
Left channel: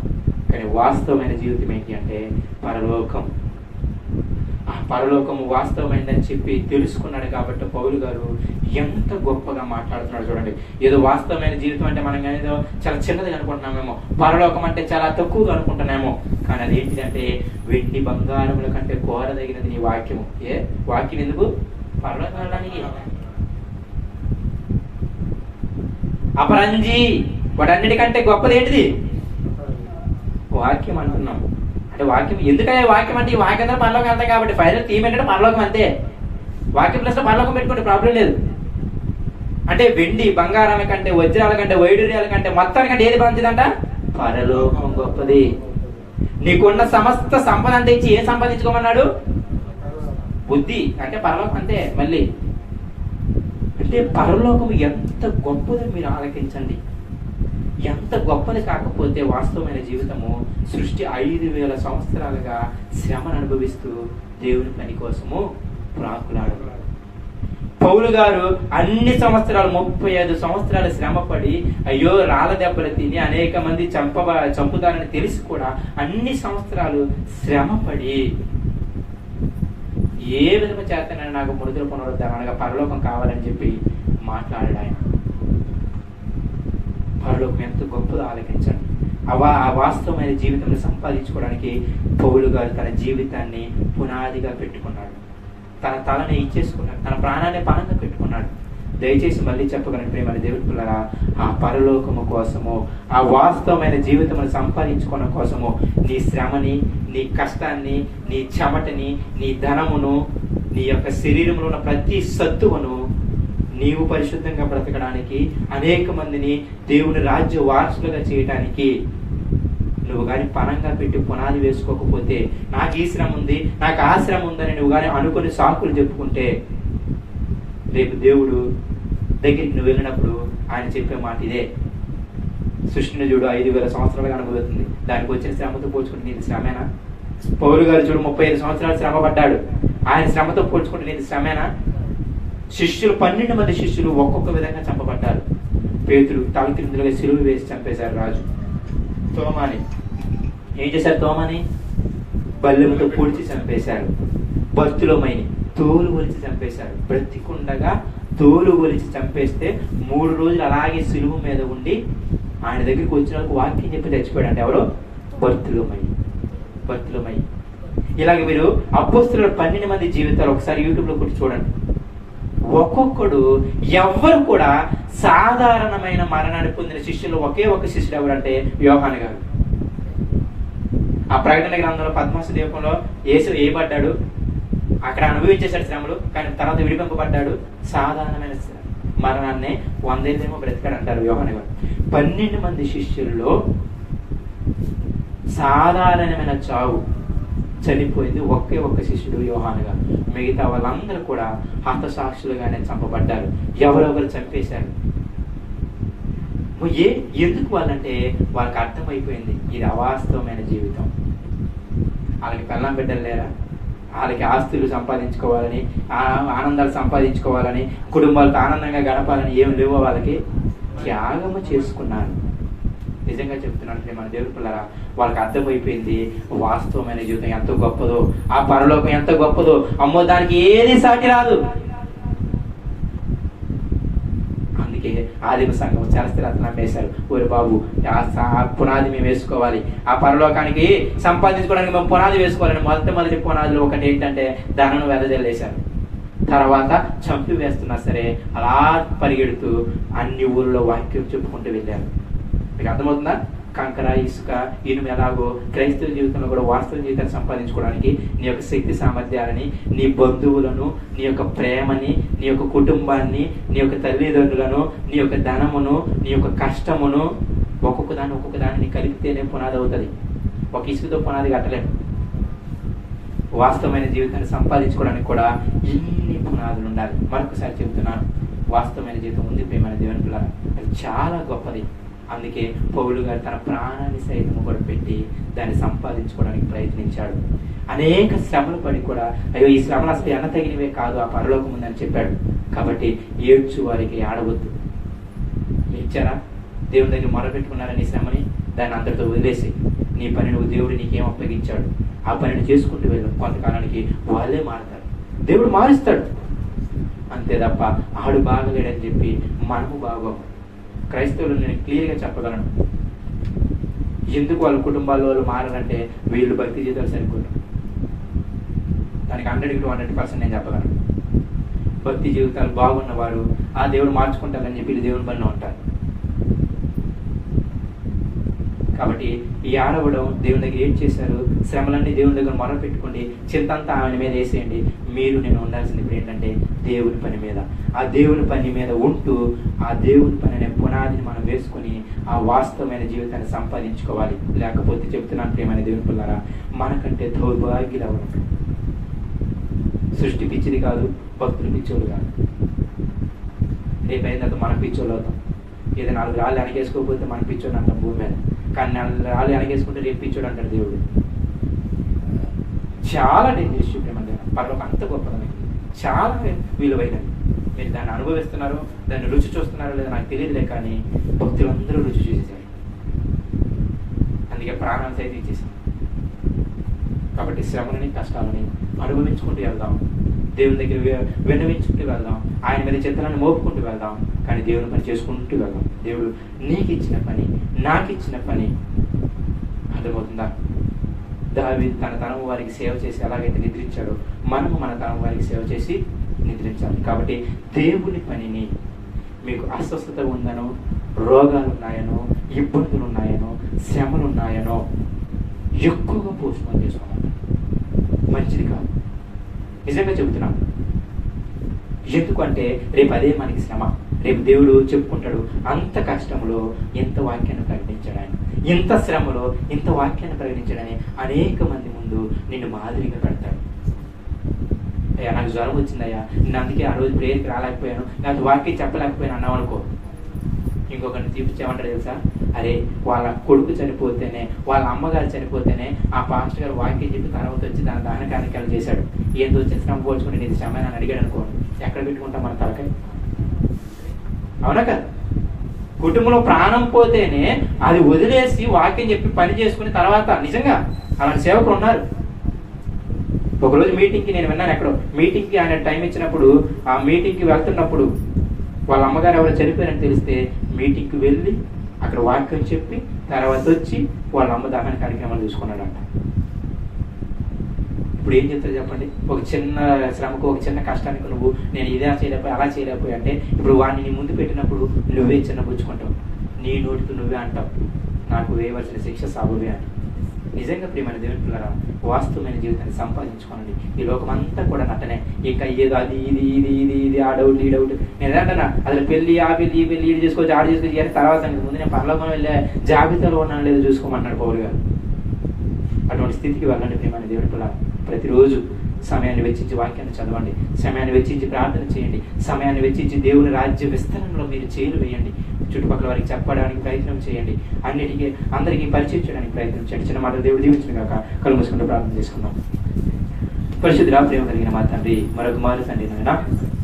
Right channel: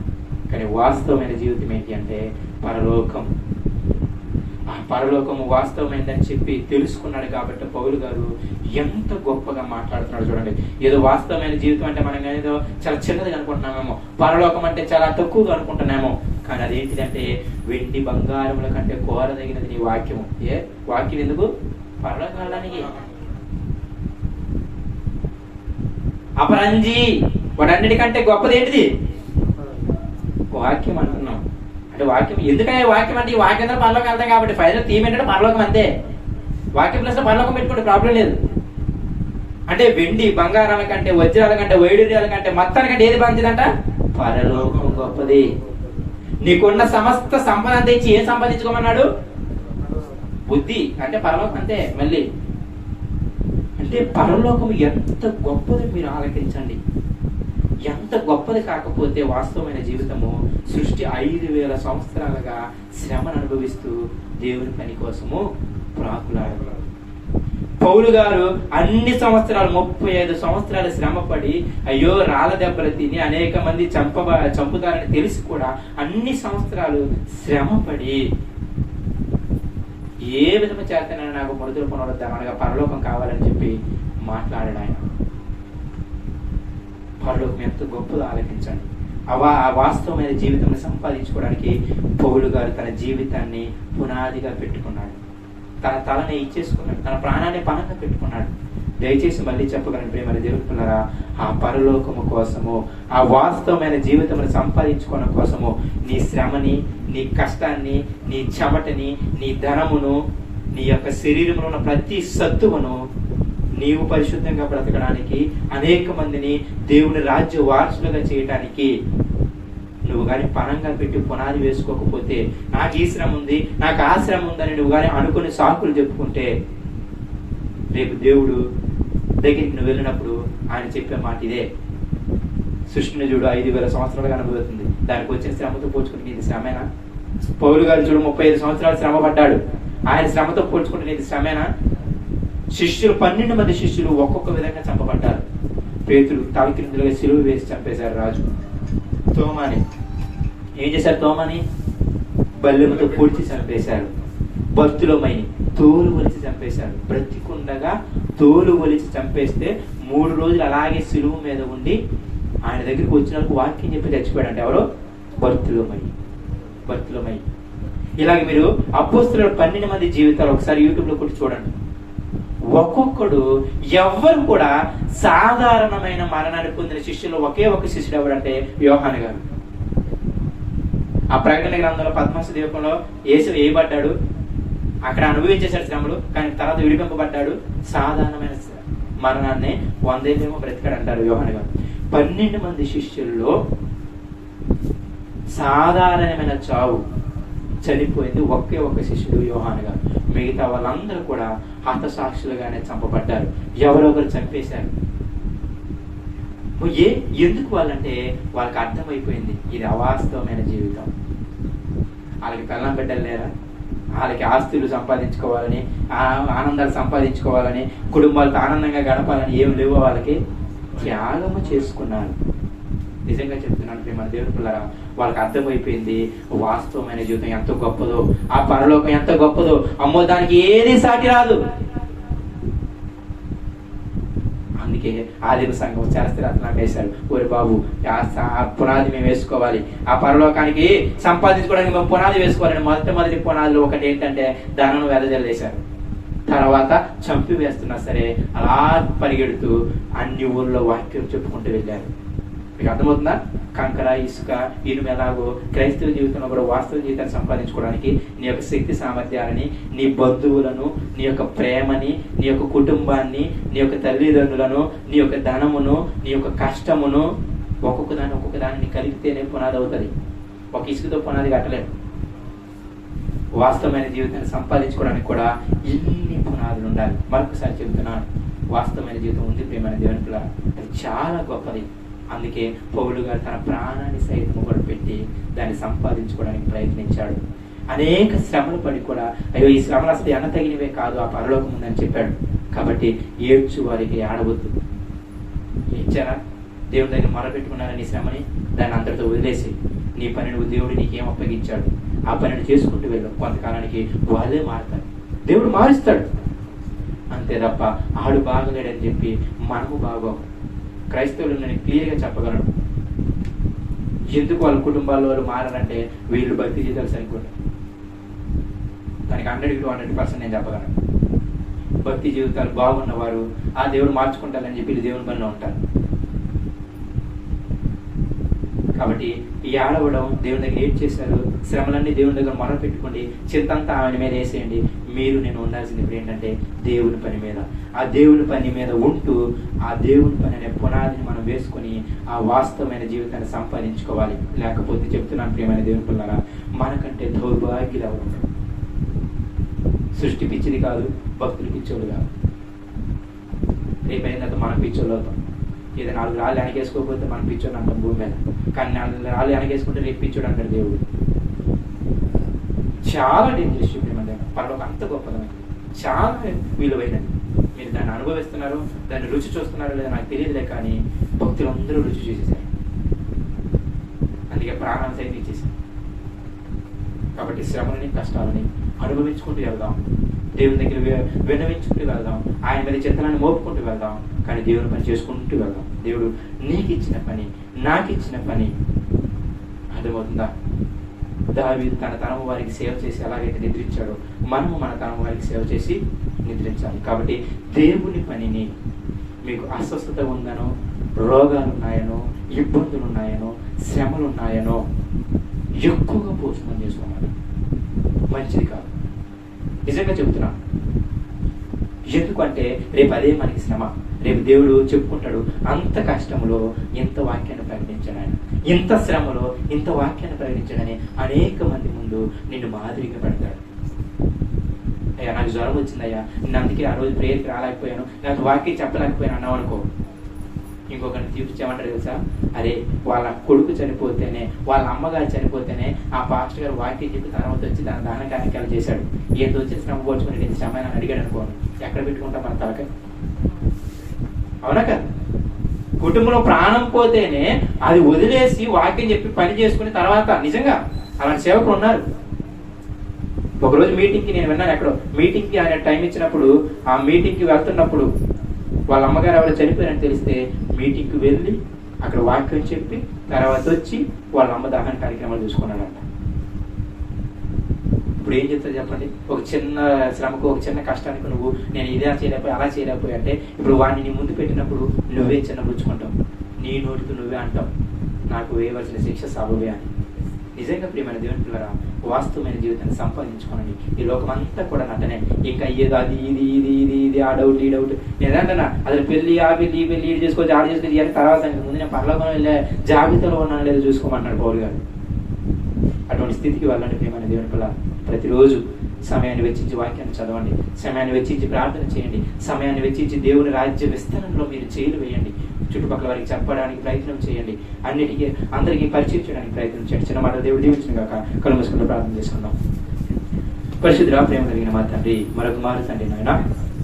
కానీ వాస్తవమైన జీవితం ఏంటి అంటే పరలోకం. ఆ పరలోకము వాస్తవమైనదని చెప్పి తెలుసుకున్నాడు. కాబట్టి పౌలు గారు ఎంత గొప్పగా మాట్లాడుతున్నాడు చూడండి. ఏదో వాస్తవమైన జీవితం అంటే మనం ఏదో చాలా చిన్నది అనుకుంటున్నామేమో, పరలోకం అంటే చాలా తక్కువగా అనుకుంటున్నామేమో. కానీ అదేంటిదంటే వెండి బంగారముల కంటే కోరదగినది నీ వాక్యము. ఏ వాక్యం ఎందుకు? పరలోకం వెళ్ళడానికి. అపరంజి, వాటన్నిటికంటే గొప్పది ఏంటిది? వాక్యం అంటున్నాం. అంటే వాక్యం ఎందుకంటే వాక్యం అంటే ఈ వాక్యంతో పరలోకం వెళ్తాం కాబట్టి ఫైనల్ థీమ్ ఏంటంటే పరలోకం అంతే. వాక్యం ప్లస్ పరలోకం పెట్టుకుంటే ప్రాబ్లం లేదు. అంటే వెండి బంగారాల కంటే, వజ్రాల కంటే, వైడూర్యాల కంటే, మొత్తానికంటే ఏది మంచిదంట? పరలోకం గొప్పది. నీకున్న సమస్త సంపద అంతా ఇచ్చి ఏం సంపాదించుకోమన్నాడు? బుద్ధి. అంటే పరలోకం అంతే. మళ్ళీ అంటే పరలోకం ఎంత గొప్పదో మీరు ఆలకించండి. ఎంత గొప్పది కాకపోతే వాస్తవమైన జీవితము సృష్టి 5,000 సంవత్సరాలుగా శ్రమను అనుభవిస్తూ దేవుని పని కోసము ప్రాకులాడు. పౌలు గారు అన్ని సంవత్సరాలు 35 సంవత్సరాలు శ్రమపడి అయ్యో రాళ్ళ దెబ్బలు తిని అనేక మంది చంపుతారని తెలిసి కూడా అన్ని సంవత్సరాలు శ్రమపడి ఏ విధమ చేతనైనా నాకు మృతులు పునరుద్ధరణ అనగా పరలోకం కావాలని చెప్పి మాట్లాడాడు ఆయన. పరలోకం ఎంత గొప్పదో ఆలోచించండి. ఆ వాస్తవమైన జీవితాన్ని సంపాదించుకోవడానికి పౌలు గారు తన జీవితాన్ని పునాదిగా పెట్టుకున్నాడు. తన తలని ఇచ్చేసుకున్నాడు, తన ప్రాణాన్ని పణంగా పెట్టుకున్నాడు. దయచేసి మళ్ళీ చెప్పగలను ప్రేమ దేవుని పిల్లరా, ఆ పరలోకము కోసము, ఆ వాస్తవమైన జీవితమును సంపాదించుకోవడం కోసము నీ శ్రమని, నీ కష్టాన్ని, నీ చెమటని, నీ ధనమును, నీ యొక్క శరీరంలో ఉన్న ప్రతి సత్తువును నీవు పరిశుద్ధంగా బ్రతకడానికి, అనేక మందిని దేవుని రాజ్య వారసులుగా చేయటానికి నువ్వు కానీ పణంగా పెట్టి పునాది వేసుకోకపోతే, నాకు ఈ శ్రమ ఉంది, నాకు ఆ శ్రమ ఉందని నువ్వు కానీ అనుకుని సాకులు చెప్పుకుంటే, రేపు దేవుడు దగ్గరికి నువ్వు వెళ్ళినప్పుడు ఆయన చెప్పే మాట ఇదే. సృష్టిని చూడు 5,000 సంవత్సరాలుగా అనుభూతుంది, దానికి వచ్చిన శ్రమతో పోల్చుకుంటే నీది శ్రమేనా? పౌలు గారు చూడు 35 సంవత్సరాలు శ్రమ పడ్డాడు, ఆయన శ్రమతో పోల్చుకుంటే నీది శ్రమేనా? శిష్యులు 12 మంది శిష్యులు ఒక్కొక్క విధంగా చంపబడ్డారు. పేతురు తలకిందులుగా సిలువ వేసి చంపేశారు రాజు. తోమాని ఏం చేశారు? తోమాని బల్లెముతో పూడ్చి చంపేశారు. బర్తులోమైని తోలు ఒలిచి చంపేశారు. బ్రతికుండగా తోలు ఒలిచి చంపేస్తే 3 రోజులు అలాగే సిలువ మీద ఉండి ఆయన దగ్గరికి వచ్చిన వాక్యం చెప్పి చచ్చిపోయాడు. అంటే ఎవరో? బర్తులోమై. ఇలాగ మీరు అపోస్తలుల 12 మంది జీవితాలు ఒకసారి యూట్యూబ్ లో కూడా చూడండి. ఒక్కొక్కడు ఎవ్వరు కూడా సాధారణమైన మరణాన్ని పొందిన శిష్యులు ఒకే ఒక శిష్యుడు ఎవరంటే యోహాను గారు. ఆ ప్రకటన గ్రంథంలో పద్మాసు దీపంలో యేసు వేయబడ్డాడు, అక్కడ అనుభవించేశాడు శ్రమలు, కానీ తర్వాత విడిపింపబడ్డాడు. సాధారణమైన మరణాన్ని 100 ఏళ్ళేమో బ్రతికాడు అంటారు యోహాను గారు. 12 మంది శిష్యుల్లో సాధారణమైన చావు చనిపోయింది ఒకే ఒక్క శిష్యుడు యోహాను గారు. మిగతా వాళ్ళందరూ కూడా హతసాక్షులుగానే చంపబడ్డారు. ఎవరెవరు చంపేశారు? ఎందుకు వాళ్ళంటే వాళ్ళకి అర్థమైపోయింది ఇది అవాస్తవమైన జీవితం. వాళ్ళకి పెళ్ళాం బిడ్డలు లేరా? వాళ్ళకి ఆస్తులు సంపాదించుకోవాలని, ఆనందాలు సంపాదించుకోవాలని, కుటుంబాలతో ఆనందంగా గడపాలని ఏం లేవో వాళ్ళకి. త్యాగము చేసుకున్నారు. నిజంగా చెప్తున్నాను మన దేవుని పిల్లరా, వాళ్ళకి అర్థమైపోయింది వాస్తవమైన జీవితం ఎంత గొప్పదో, ఆ పరలోకం ఎంత గొప్పదో. అమ్మో దానికి ఏది సాటి రాదు. అందుకే ఆదిమ సంఘం శాస్త్రరత్నాలు వేశారు. ఓరి బాబు ఆ పునాది మేము వేసుకోవాలి, ఆ పరలోకానికి సంపాదించుకోవడానికి మేము పునాది వేసుకోవాలని మొదటి పునాదులు ఒకటి ఏంటంటే ధనను వెదజల్లేశారు. తర్వాత చంపి వేస్తున్నా సరే అలా పరిగెడుతూ అన్ని ఊర్లో వాక్యం చెప్పుకుంటూ వెళ్ళారు. మీకు అర్థమవుతుందా? కంకర, ఇసుక, ఇనుము ఎలాగో క్రైస్తవ జీవితంలో కూడా వాస్తవ జీవితాన్ని సంపాదించుకోవడానికి నీ యొక్క శక్తి సామర్థ్యాలని, నీ బంధువులను, నీ యొక్క ప్రేమని, నీ యొక్క కుటుంబాన్ని, నీ యొక్క తల్లిదండ్రులను, నీ యొక్క ధనమును, నీ యొక్క కష్టమును ఒక్కొక్క దాన్ని కలిపితేనే పునాది అవుతుంది. ఒక ఇసుకతో పునాది కట్టలేదు. వాస్తవమైన జీవితాన్ని సంపాదించుకోవడానికి కూడా ఇన్ని పునాదులు ఉండాలి. మరొకసారి చెబుతున్నాను, వాస్తవమైన జీవితం ఉంది ప్రియమైన దేవుని పిల్లలు, అది చాలా గొప్పది. అందుకే పౌలు గారు తన ప్రాణాన్ని సైతం కూడా పెట్టి దాన్ని సంపాదించుకోవడానికి ప్రయత్నించాడు. అనేక శ్రమలు పడి కూడా అయ్యో ఈ శ్రమలు అసలు ఎన్న తగినవే కాదు, ఆ పరలోకం ఉందని చెప్పాడు. కాబట్టి ఏడ్చు వారికి ఆడవద్దు. ఇచ్చారా? దేవుడి దగ్గర మొరపెట్టుకున్నారా నీ శ్రమని? దాన్ని అంతటితో వదిలేసి నీ పని నువ్వు దేవుడు నీకేం అప్పగించాడు ఆ పనిని చేసుకుంటూ వెళ్ళు. కొంతకాలానికి వాళ్ళే మారుతారు, దేవుడు మారుస్తాడు. అంతే తప్ప ఆడు బాగలేడని చెప్పి మనము బాగోం. క్రైస్తవులు నేను క్లియర్గా చెప్పగలను. ఎందుకు వాళ్ళ కుటుంబాల్లో వాళ్ళు మారాలంటే వీళ్ళు భక్తి జీవితాలు సరిపోతారు. దానికి 100 to 100% నేను చెప్పగలను. భక్తి జీవితాలు బాగున్నవారు ఆ దేవుడు మార్చుకుంటారని చెప్పి దేవుని పనిలో ఉంటారు. కాబట్టి ఈ ఆడవడం దేవుని దగ్గర ఏం చేశారు, శ్రమలన్నీ దేవుని దగ్గర మొర పెట్టుకోండి, చింతంతా ఆయన మీద వేసేయండి. మీరు నేను ఉండాల్సింది ఇప్పుడు ఏంటంటే దేవుని పని మీద. ఆ దేవుని పని మీద ఉంటూ ఆ దేవుని పని అనే పునాదిని మనం వేసుకొని ఆ వాస్తవమైన జీవితాన్ని సంపాదించుకోవాలి. లేకపోతే చెప్తున్నాను ప్రియమైన దేవుని పిల్లరా, మనకంటే దౌర్భాగ్యులు ఎవరు? సృష్టి పిచ్చిది కాదు, భక్తులు పిచ్చోళ్ళు కాదు. రేపైందాక మనం పిచ్చోళ్ళు అవుతాం. ఏదో 4 రాళ్ళు వెనకేసుకోకపోతే మనం పిచ్చోడు అంటాం భూమి మీద, కానీ 4 రాళ్ళు వెనకేసుకుంటే రేపు పిచ్చోడు అంటారు దేవుడు. చాలా డేంజరస్ ప్రేమ. పరలోకం అంత గొప్పదమైనది, చాలా విలువైనది. మీరు దాన్ని అనుభవిస్తున్నారు, దాన్ని రుచి చూస్తున్నారో లేదో నాకు తెలియదులే, కానీ భక్తులందరూ రుచి చూసేసారు. అందుకే ప్రాణాలు సైతం ఇచ్చేసారు. కాబట్టి శ్రమలని కష్టాలని అనుభవించుకుంటూ వెళ్దాం, దేవుని దగ్గర విన్నవించుకుంటూ వెళ్దాం, ఆయన మీద చిత్తాలను మోపుకుంటూ వెళ్దాం, కానీ దేవుని పని చేసుకుంటూ వెళ్దాం. దేవుడు నీకు ఇచ్చిన పని, నాకు ఇచ్చిన పని అర్థమవుతుందా? దావీదు తన తరం వారికి సేవ చేసి ఎలాగైతే నిద్రించాడో మనము మన తరం వారికి సేవ చేసి నిద్రించాలి. కాబట్టి దేవుని పనిని, మీకు అస్వస్థత ఉందనో, రోగాలు ఉన్నాయనో, ఇబ్బందులు ఉన్నాయనో, శ్రమలు ఉన్నాయనో ఎక్కువగా పోషణ చేసుకోవాలి, మంచిది కాదు. నిజంగా చెబుతున్నాను. ఎందుకంటే రేపు అదే మనకి శ్రమ. రేపు దేవుడు చెప్పుకుంటాడు, అంత కష్టంలో ఎంత వాక్యాన్ని ప్రకటించాడు ఆయన, ఇంత శ్రమలో ఇంత వాక్యాన్ని ప్రకటించాడని అనేక మంది ముందు నిన్ను మాదిరిగా పెడతాడు. అయ్యా నాకు జ్వరం వచ్చిందయ్యా, నేను అందుకే ఆ రోజు ప్రేయర్కి రాలేకపోయాను, నాకు వాక్యం చెప్పలేకపోయాను అన్నావు అనుకో, ఇంకొకరిని చూపించామంటారు తెలుసా, అరే వాళ్ళ కొడుకు చనిపోతేనే, వాళ్ళ అమ్మగారు చనిపోతేనే ఆ పాస్టర్ గారు వాక్యం చెప్పి తర్వాత వచ్చి దాన కార్యక్రమాలు చేశాడు, ఏందో వచ్చి శ్రమ పోల్చుకుని ఇది శ్రమ అని అడిగాడు అనుకోండి, ఎక్కడ పెట్టుకుంటాం మన తలకాయ? అవునా కదా? కుటుంబంలో ప్రాణం పోతేనే అది వదిలేసి వాక్యం చెప్పి పని చేసుకుని తర్వాత, నిజంగా అలాంటి సేవకులు ఉన్నారు. ఒకరోజు మీటింగ్కి నేను విన్నాను, ఎక్కడో మీటింగ్కి ఆయన టైం ఇచ్చినప్పుడు, ఆ మీటింగ్కి వెళ్తున్నప్పుడు వాళ్ళ అమ్మగారు ఎవరు చనిపోయారని తెలిస్తే మీటింగ్కి వెళ్ళి అక్కడ వాక్యం చెప్పి తర్వాత వచ్చి వాళ్ళ అమ్మ దహన కార్యక్రమాలు చూసుకున్నాడంట. ఇప్పుడు ఏం చెప్తారు చెప్పండి? ఒక చిన్న శ్రమకు, ఒక చిన్న కష్టానికి నువ్వు నేను ఇదే చేయలేకపోయి అలా చేయలేకపోయి అంటే, ఇప్పుడు వాడిని నీ ముందు పెట్టినప్పుడు నువ్వే చిన్నపుచ్చుకుంటావు, నీ నోటితో నువ్వే అంటావు నాకు వేయవలసిన శిక్ష సాబువే అని. నిజంగా ప్రియమైన దేవుని పిల్లరా, వాస్తవమైన జీవితాన్ని సంపాదించుకోనండి. ఈ లోకం అంతా కూడా నటనే. ఇంకా ఏదో అది ఇది ఇది ఇది ఇది ఆ డౌట్ ఈ డౌట్, నేను ఏంటన్నా అది పెళ్లి ఆ పెళ్లి ఈ పెళ్లి ఇది చేసుకోవచ్చు ఆడ చేసుకోవచ్చు అని తర్వాత ముందు నేను పరలోకం వెళ్ళే జాబితాలో ఉన్నాను లేదో చూసుకోమన్నాడు పౌలు గారు. అటువంటి స్థితికి వెళ్ళండి ప్రియమైన దేవుని పిల్లరా. ప్రతిరోజు సమయాన్ని వెచ్చించి వాక్యాన్ని చదవండి, సమయాన్ని వెచ్చించి ప్రార్థన చేయండి, సమయాన్ని వెచ్చించి దేవుని రాజ్య విస్తరణలో మీరు చేలు వేయండి, చుట్టుపక్కల వారికి చెప్పడానికి ప్రయత్నం చేయండి, అన్నిటికీ అందరికీ పరిచయం చేయడానికి ప్రయత్నం చేయండి. చిన్న మాట దేవుడు దీవించిన కాక కళ్ళు మూసుకుంటూ ప్రార్థన చేసుకుందాం. పరిశుద్ధుడా, ప్రేమ కలిగిన మా తండ్రి, మరొక మారు తండ్రి నాయన,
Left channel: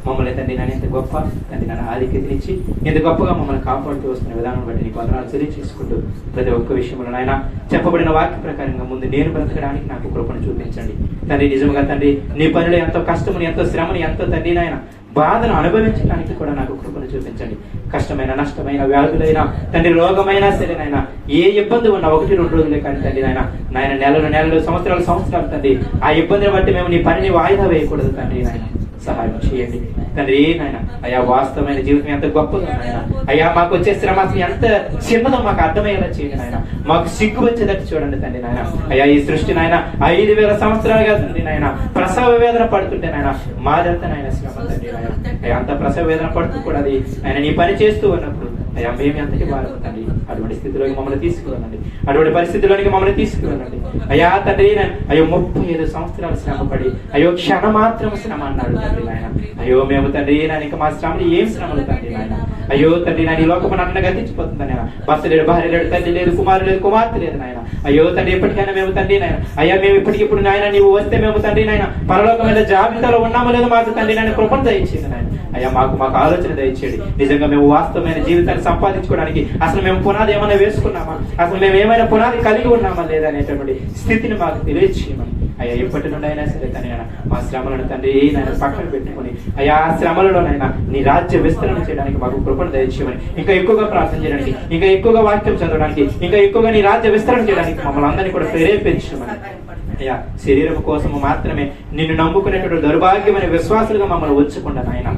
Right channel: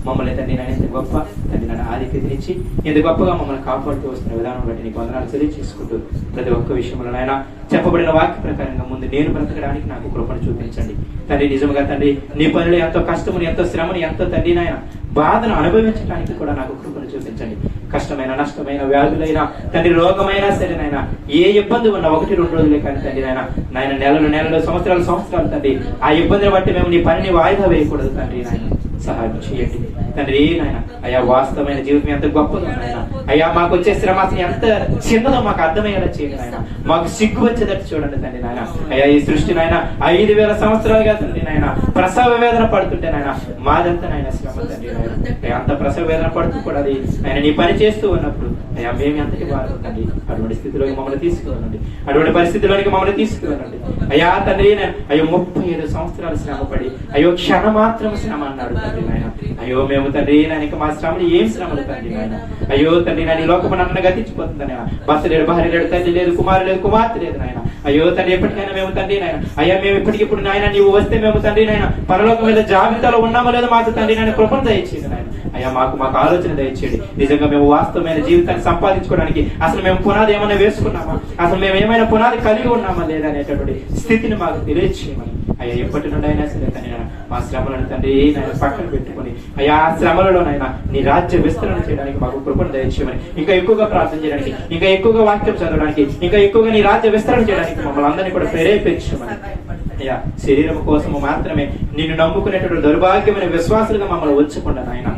మమ్మల్ని తండ్రి నాయన ఎంత గొప్ప తండ్రి నాయన ఆధిక్యతనిచ్చి ఎంత గొప్పగా మమ్మల్ని కాపాడుతూ వస్తున్న విధానం బట్టి నీకు వందనాలు చెల్లించుకుంటూ ప్రతి ఒక్క విషయంలో నాయన చెప్పబడిన వాక్య ప్రకారంగా ముందు నేను బ్రతకడానికి నాకు కృపను చూపించండి తండ్రి. నిజంగా తండ్రి నీ పనిలో ఎంతో కష్టముని, ఎంతో శ్రమని, ఎంతో తండ్రి నాయన బాధను అనుభవించడానికి కూడా నాకు కృపను చూపించండి. కష్టమైన, నష్టమైన, వ్యాధులైనా తండ్రి, రోగమైనా సరే నాయన, ఏ ఇబ్బంది ఉన్నా 1-2 రోజులే కానీ తండ్రి నాయన, నాయన నెలలు సంవత్సరాలు తండ్రి, ఆ ఇబ్బందిని బట్టి మేము నీ పనిని వాయిదా వేయకూడదు తండ్రి నాయన, సహాయం చేయండి తండ్రి నాయన. అయ్యా వాస్తవమైన జీవితం ఎంత గొప్పదో నాయన, అయ్యా మాకు వచ్చే శ్రమ అసలు ఎంత చిన్నదో మాకు అర్థమయ్యేలా చేయండి నాయన, మాకు సిగ్గు వచ్చేటట్టు చూడండి తండ్రి నాయన. అయ్యా ఈ సృష్టి నాయన 5000 సంవత్సరాలుగా తండ్రి నాయన ప్రసవ వేదన పడుతుంటే నాయన మాదంతా నాయన శ్రమ తండ్రి నాయన. అయ్యా అంత ప్రసవ వేదన పడుతూ కూడా అది ఆయన నీ పని చేస్తూ ఉన్నప్పుడు అయ్యా మేము ఎంతటి వారు తండ్రి, అటువంటి స్థితిలోకి మమ్మల్ని తీసుకువెళ్ళండి, అటువంటి పరిస్థితిలోనికి మమ్మల్ని తీసుకువెళ్ళండి అయ్యా తండ్రి. అయ్యో 35 సంవత్సరాలు శ్రమపడి అయ్యో క్షణ మాత్రం శ్రమ అన్నాడు తండ్రి నాయన. అయ్యో మేము తండ్రి నాయన మా శ్రమలు ఏం శ్రమలు తండ్రి నాయన. అయ్యో తండ్రి నాయన ఈ లోకము నన్ను గతించిపోతుంది నాయన, భర్త లేడు, భార్య లేడు, తల్లి లేదు, కుమారు లేదు, కుమార్తె లేదు నాయన. అయ్యో తండ్రి ఎప్పటికైనా మేము తండ్రి నాయన, అయ్యా మేము ఇప్పటికిప్పుడు నాయన నీవు వస్తే మేము తండ్రి నాయన పరలోకం మీద జాబితాలో ఉన్నామో లేదో మాకు తండ్రి నాయన కృపను దయచేయండి నాయన. అయ్యా మాకు ఆలోచన దయచేయండి. నిజంగా మేము వాస్తవమైన జీవితాన్ని సంపాదించుకోవడానికి అసలు మేము పునాది ఏమైనా వేసుకున్నామా, అసలు మేము ఏమైనా పునాది కలిగి ఉన్నామా లేదా అనేటటువంటి స్థితిని మాకు తెలియచేయమని అయ్యా ఎప్పటి నుండి అయినా సరే తండ్రి మా శ్రమలను తండ్రి నేను పక్కన పెట్టుకుని అయ్యా ఆ శ్రమలలోనైనా నీ రాజ్య విస్తరణ చేయడానికి మాకు కృపను దయచేయమని, ఇంకా ఎక్కువగా ప్రార్థన చేయడానికి, ఇంకా ఎక్కువగా వాక్యం చదవడానికి, ఇంకా ఎక్కువగా నీ రాజ్య విస్తరణ చేయడానికి మమ్మల్ని అందరినీ కూడా ప్రేరేపించమని అయ్యా. శరీరం కోసము మాత్రమే నిన్ను నమ్ముకునేటువంటి దౌర్భాగ్యమైన విశ్వాసులుగా మమ్మల్ని ఉంచకుండా నాయన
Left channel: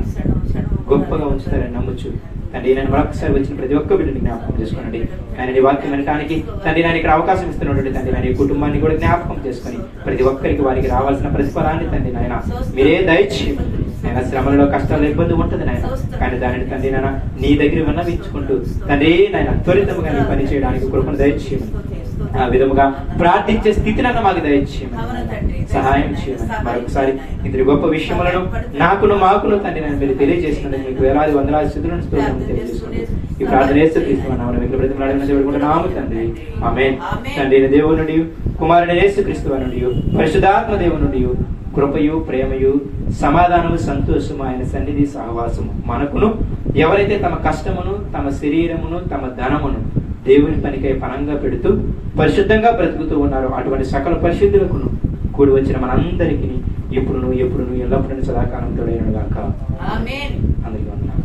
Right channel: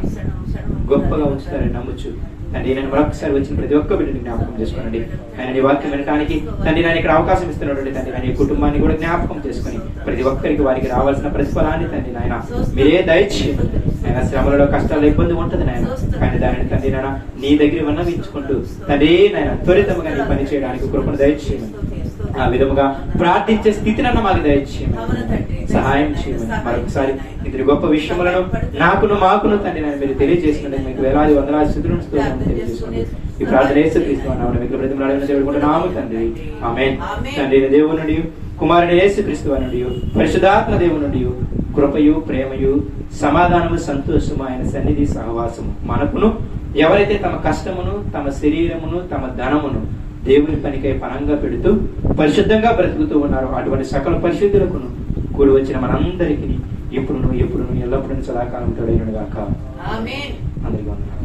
గొప్పగా ఉంచుతారని నమ్ముచు తండ్రి నేను మరొకసారి వచ్చిన ప్రతి ఒక్క బిడ్డని జ్ఞాపకం చేసుకోండి. ఆయన నీ వాక్యం వినడానికి తండ్రి నేను ఇక్కడ అవకాశం ఇస్తున్నటువంటి తండ్రి నేను ఈ కుటుంబాన్ని కూడా జ్ఞాపకం చేసుకొని ప్రతి ఒక్కరికి వారికి రావాల్సిన ప్రతిఫలాన్ని తండ్రి నాయన మీరే దయచేయండి. ఆయన శ్రమలలో కష్టాలు ఇబ్బంది ఉంటుంది నాయన, కానీ దానిని తండ్రి నాయన నీ దగ్గర విన్నవించుకుంటూ తండ్రి నాయన త్వరితముగా నీ పని చేయడానికి కృపను దయచేయండి. ఆ విధముగా ప్రార్థించే స్థితినన్న మాకు దయచేయమని సహాయం చేయమని మరొకసారి ఇద్దరి గొప్ప విషయములను మాకును తండ్రి నేను మీరు తెలియజేసినందుకు మీకు వేలాది వందలాది స్థితులను తెలియజేసుకోండి. ఈ ప్రార్థన నాము తండ్రి ఆమేన్. తండ్రి దేవునుడి కుమారుని యేసుక్రీస్తు నుండి పరిశుద్ధాత్మ దేవునుడి కృపయు ప్రేమయు సమాధానము సంతోషము ఆయన సన్నిధి సహవాసము మనకును ఎవరైతే తమ కష్టమును తమ శరీరమును తమ ధనమును దేవుని పనికై పనంగా పెడుతూ పరిశుద్ధంగా బ్రతుకుతూ ఉన్నారో అటువంటి సకల పరిశుద్ధులకు కూడి వచ్చిన మనందరికీ ఎప్పుడును ఎల్లప్పుడూ సదాకాలం తోడైనగాక. ఆమేన్. అందరికీ వందనాలు.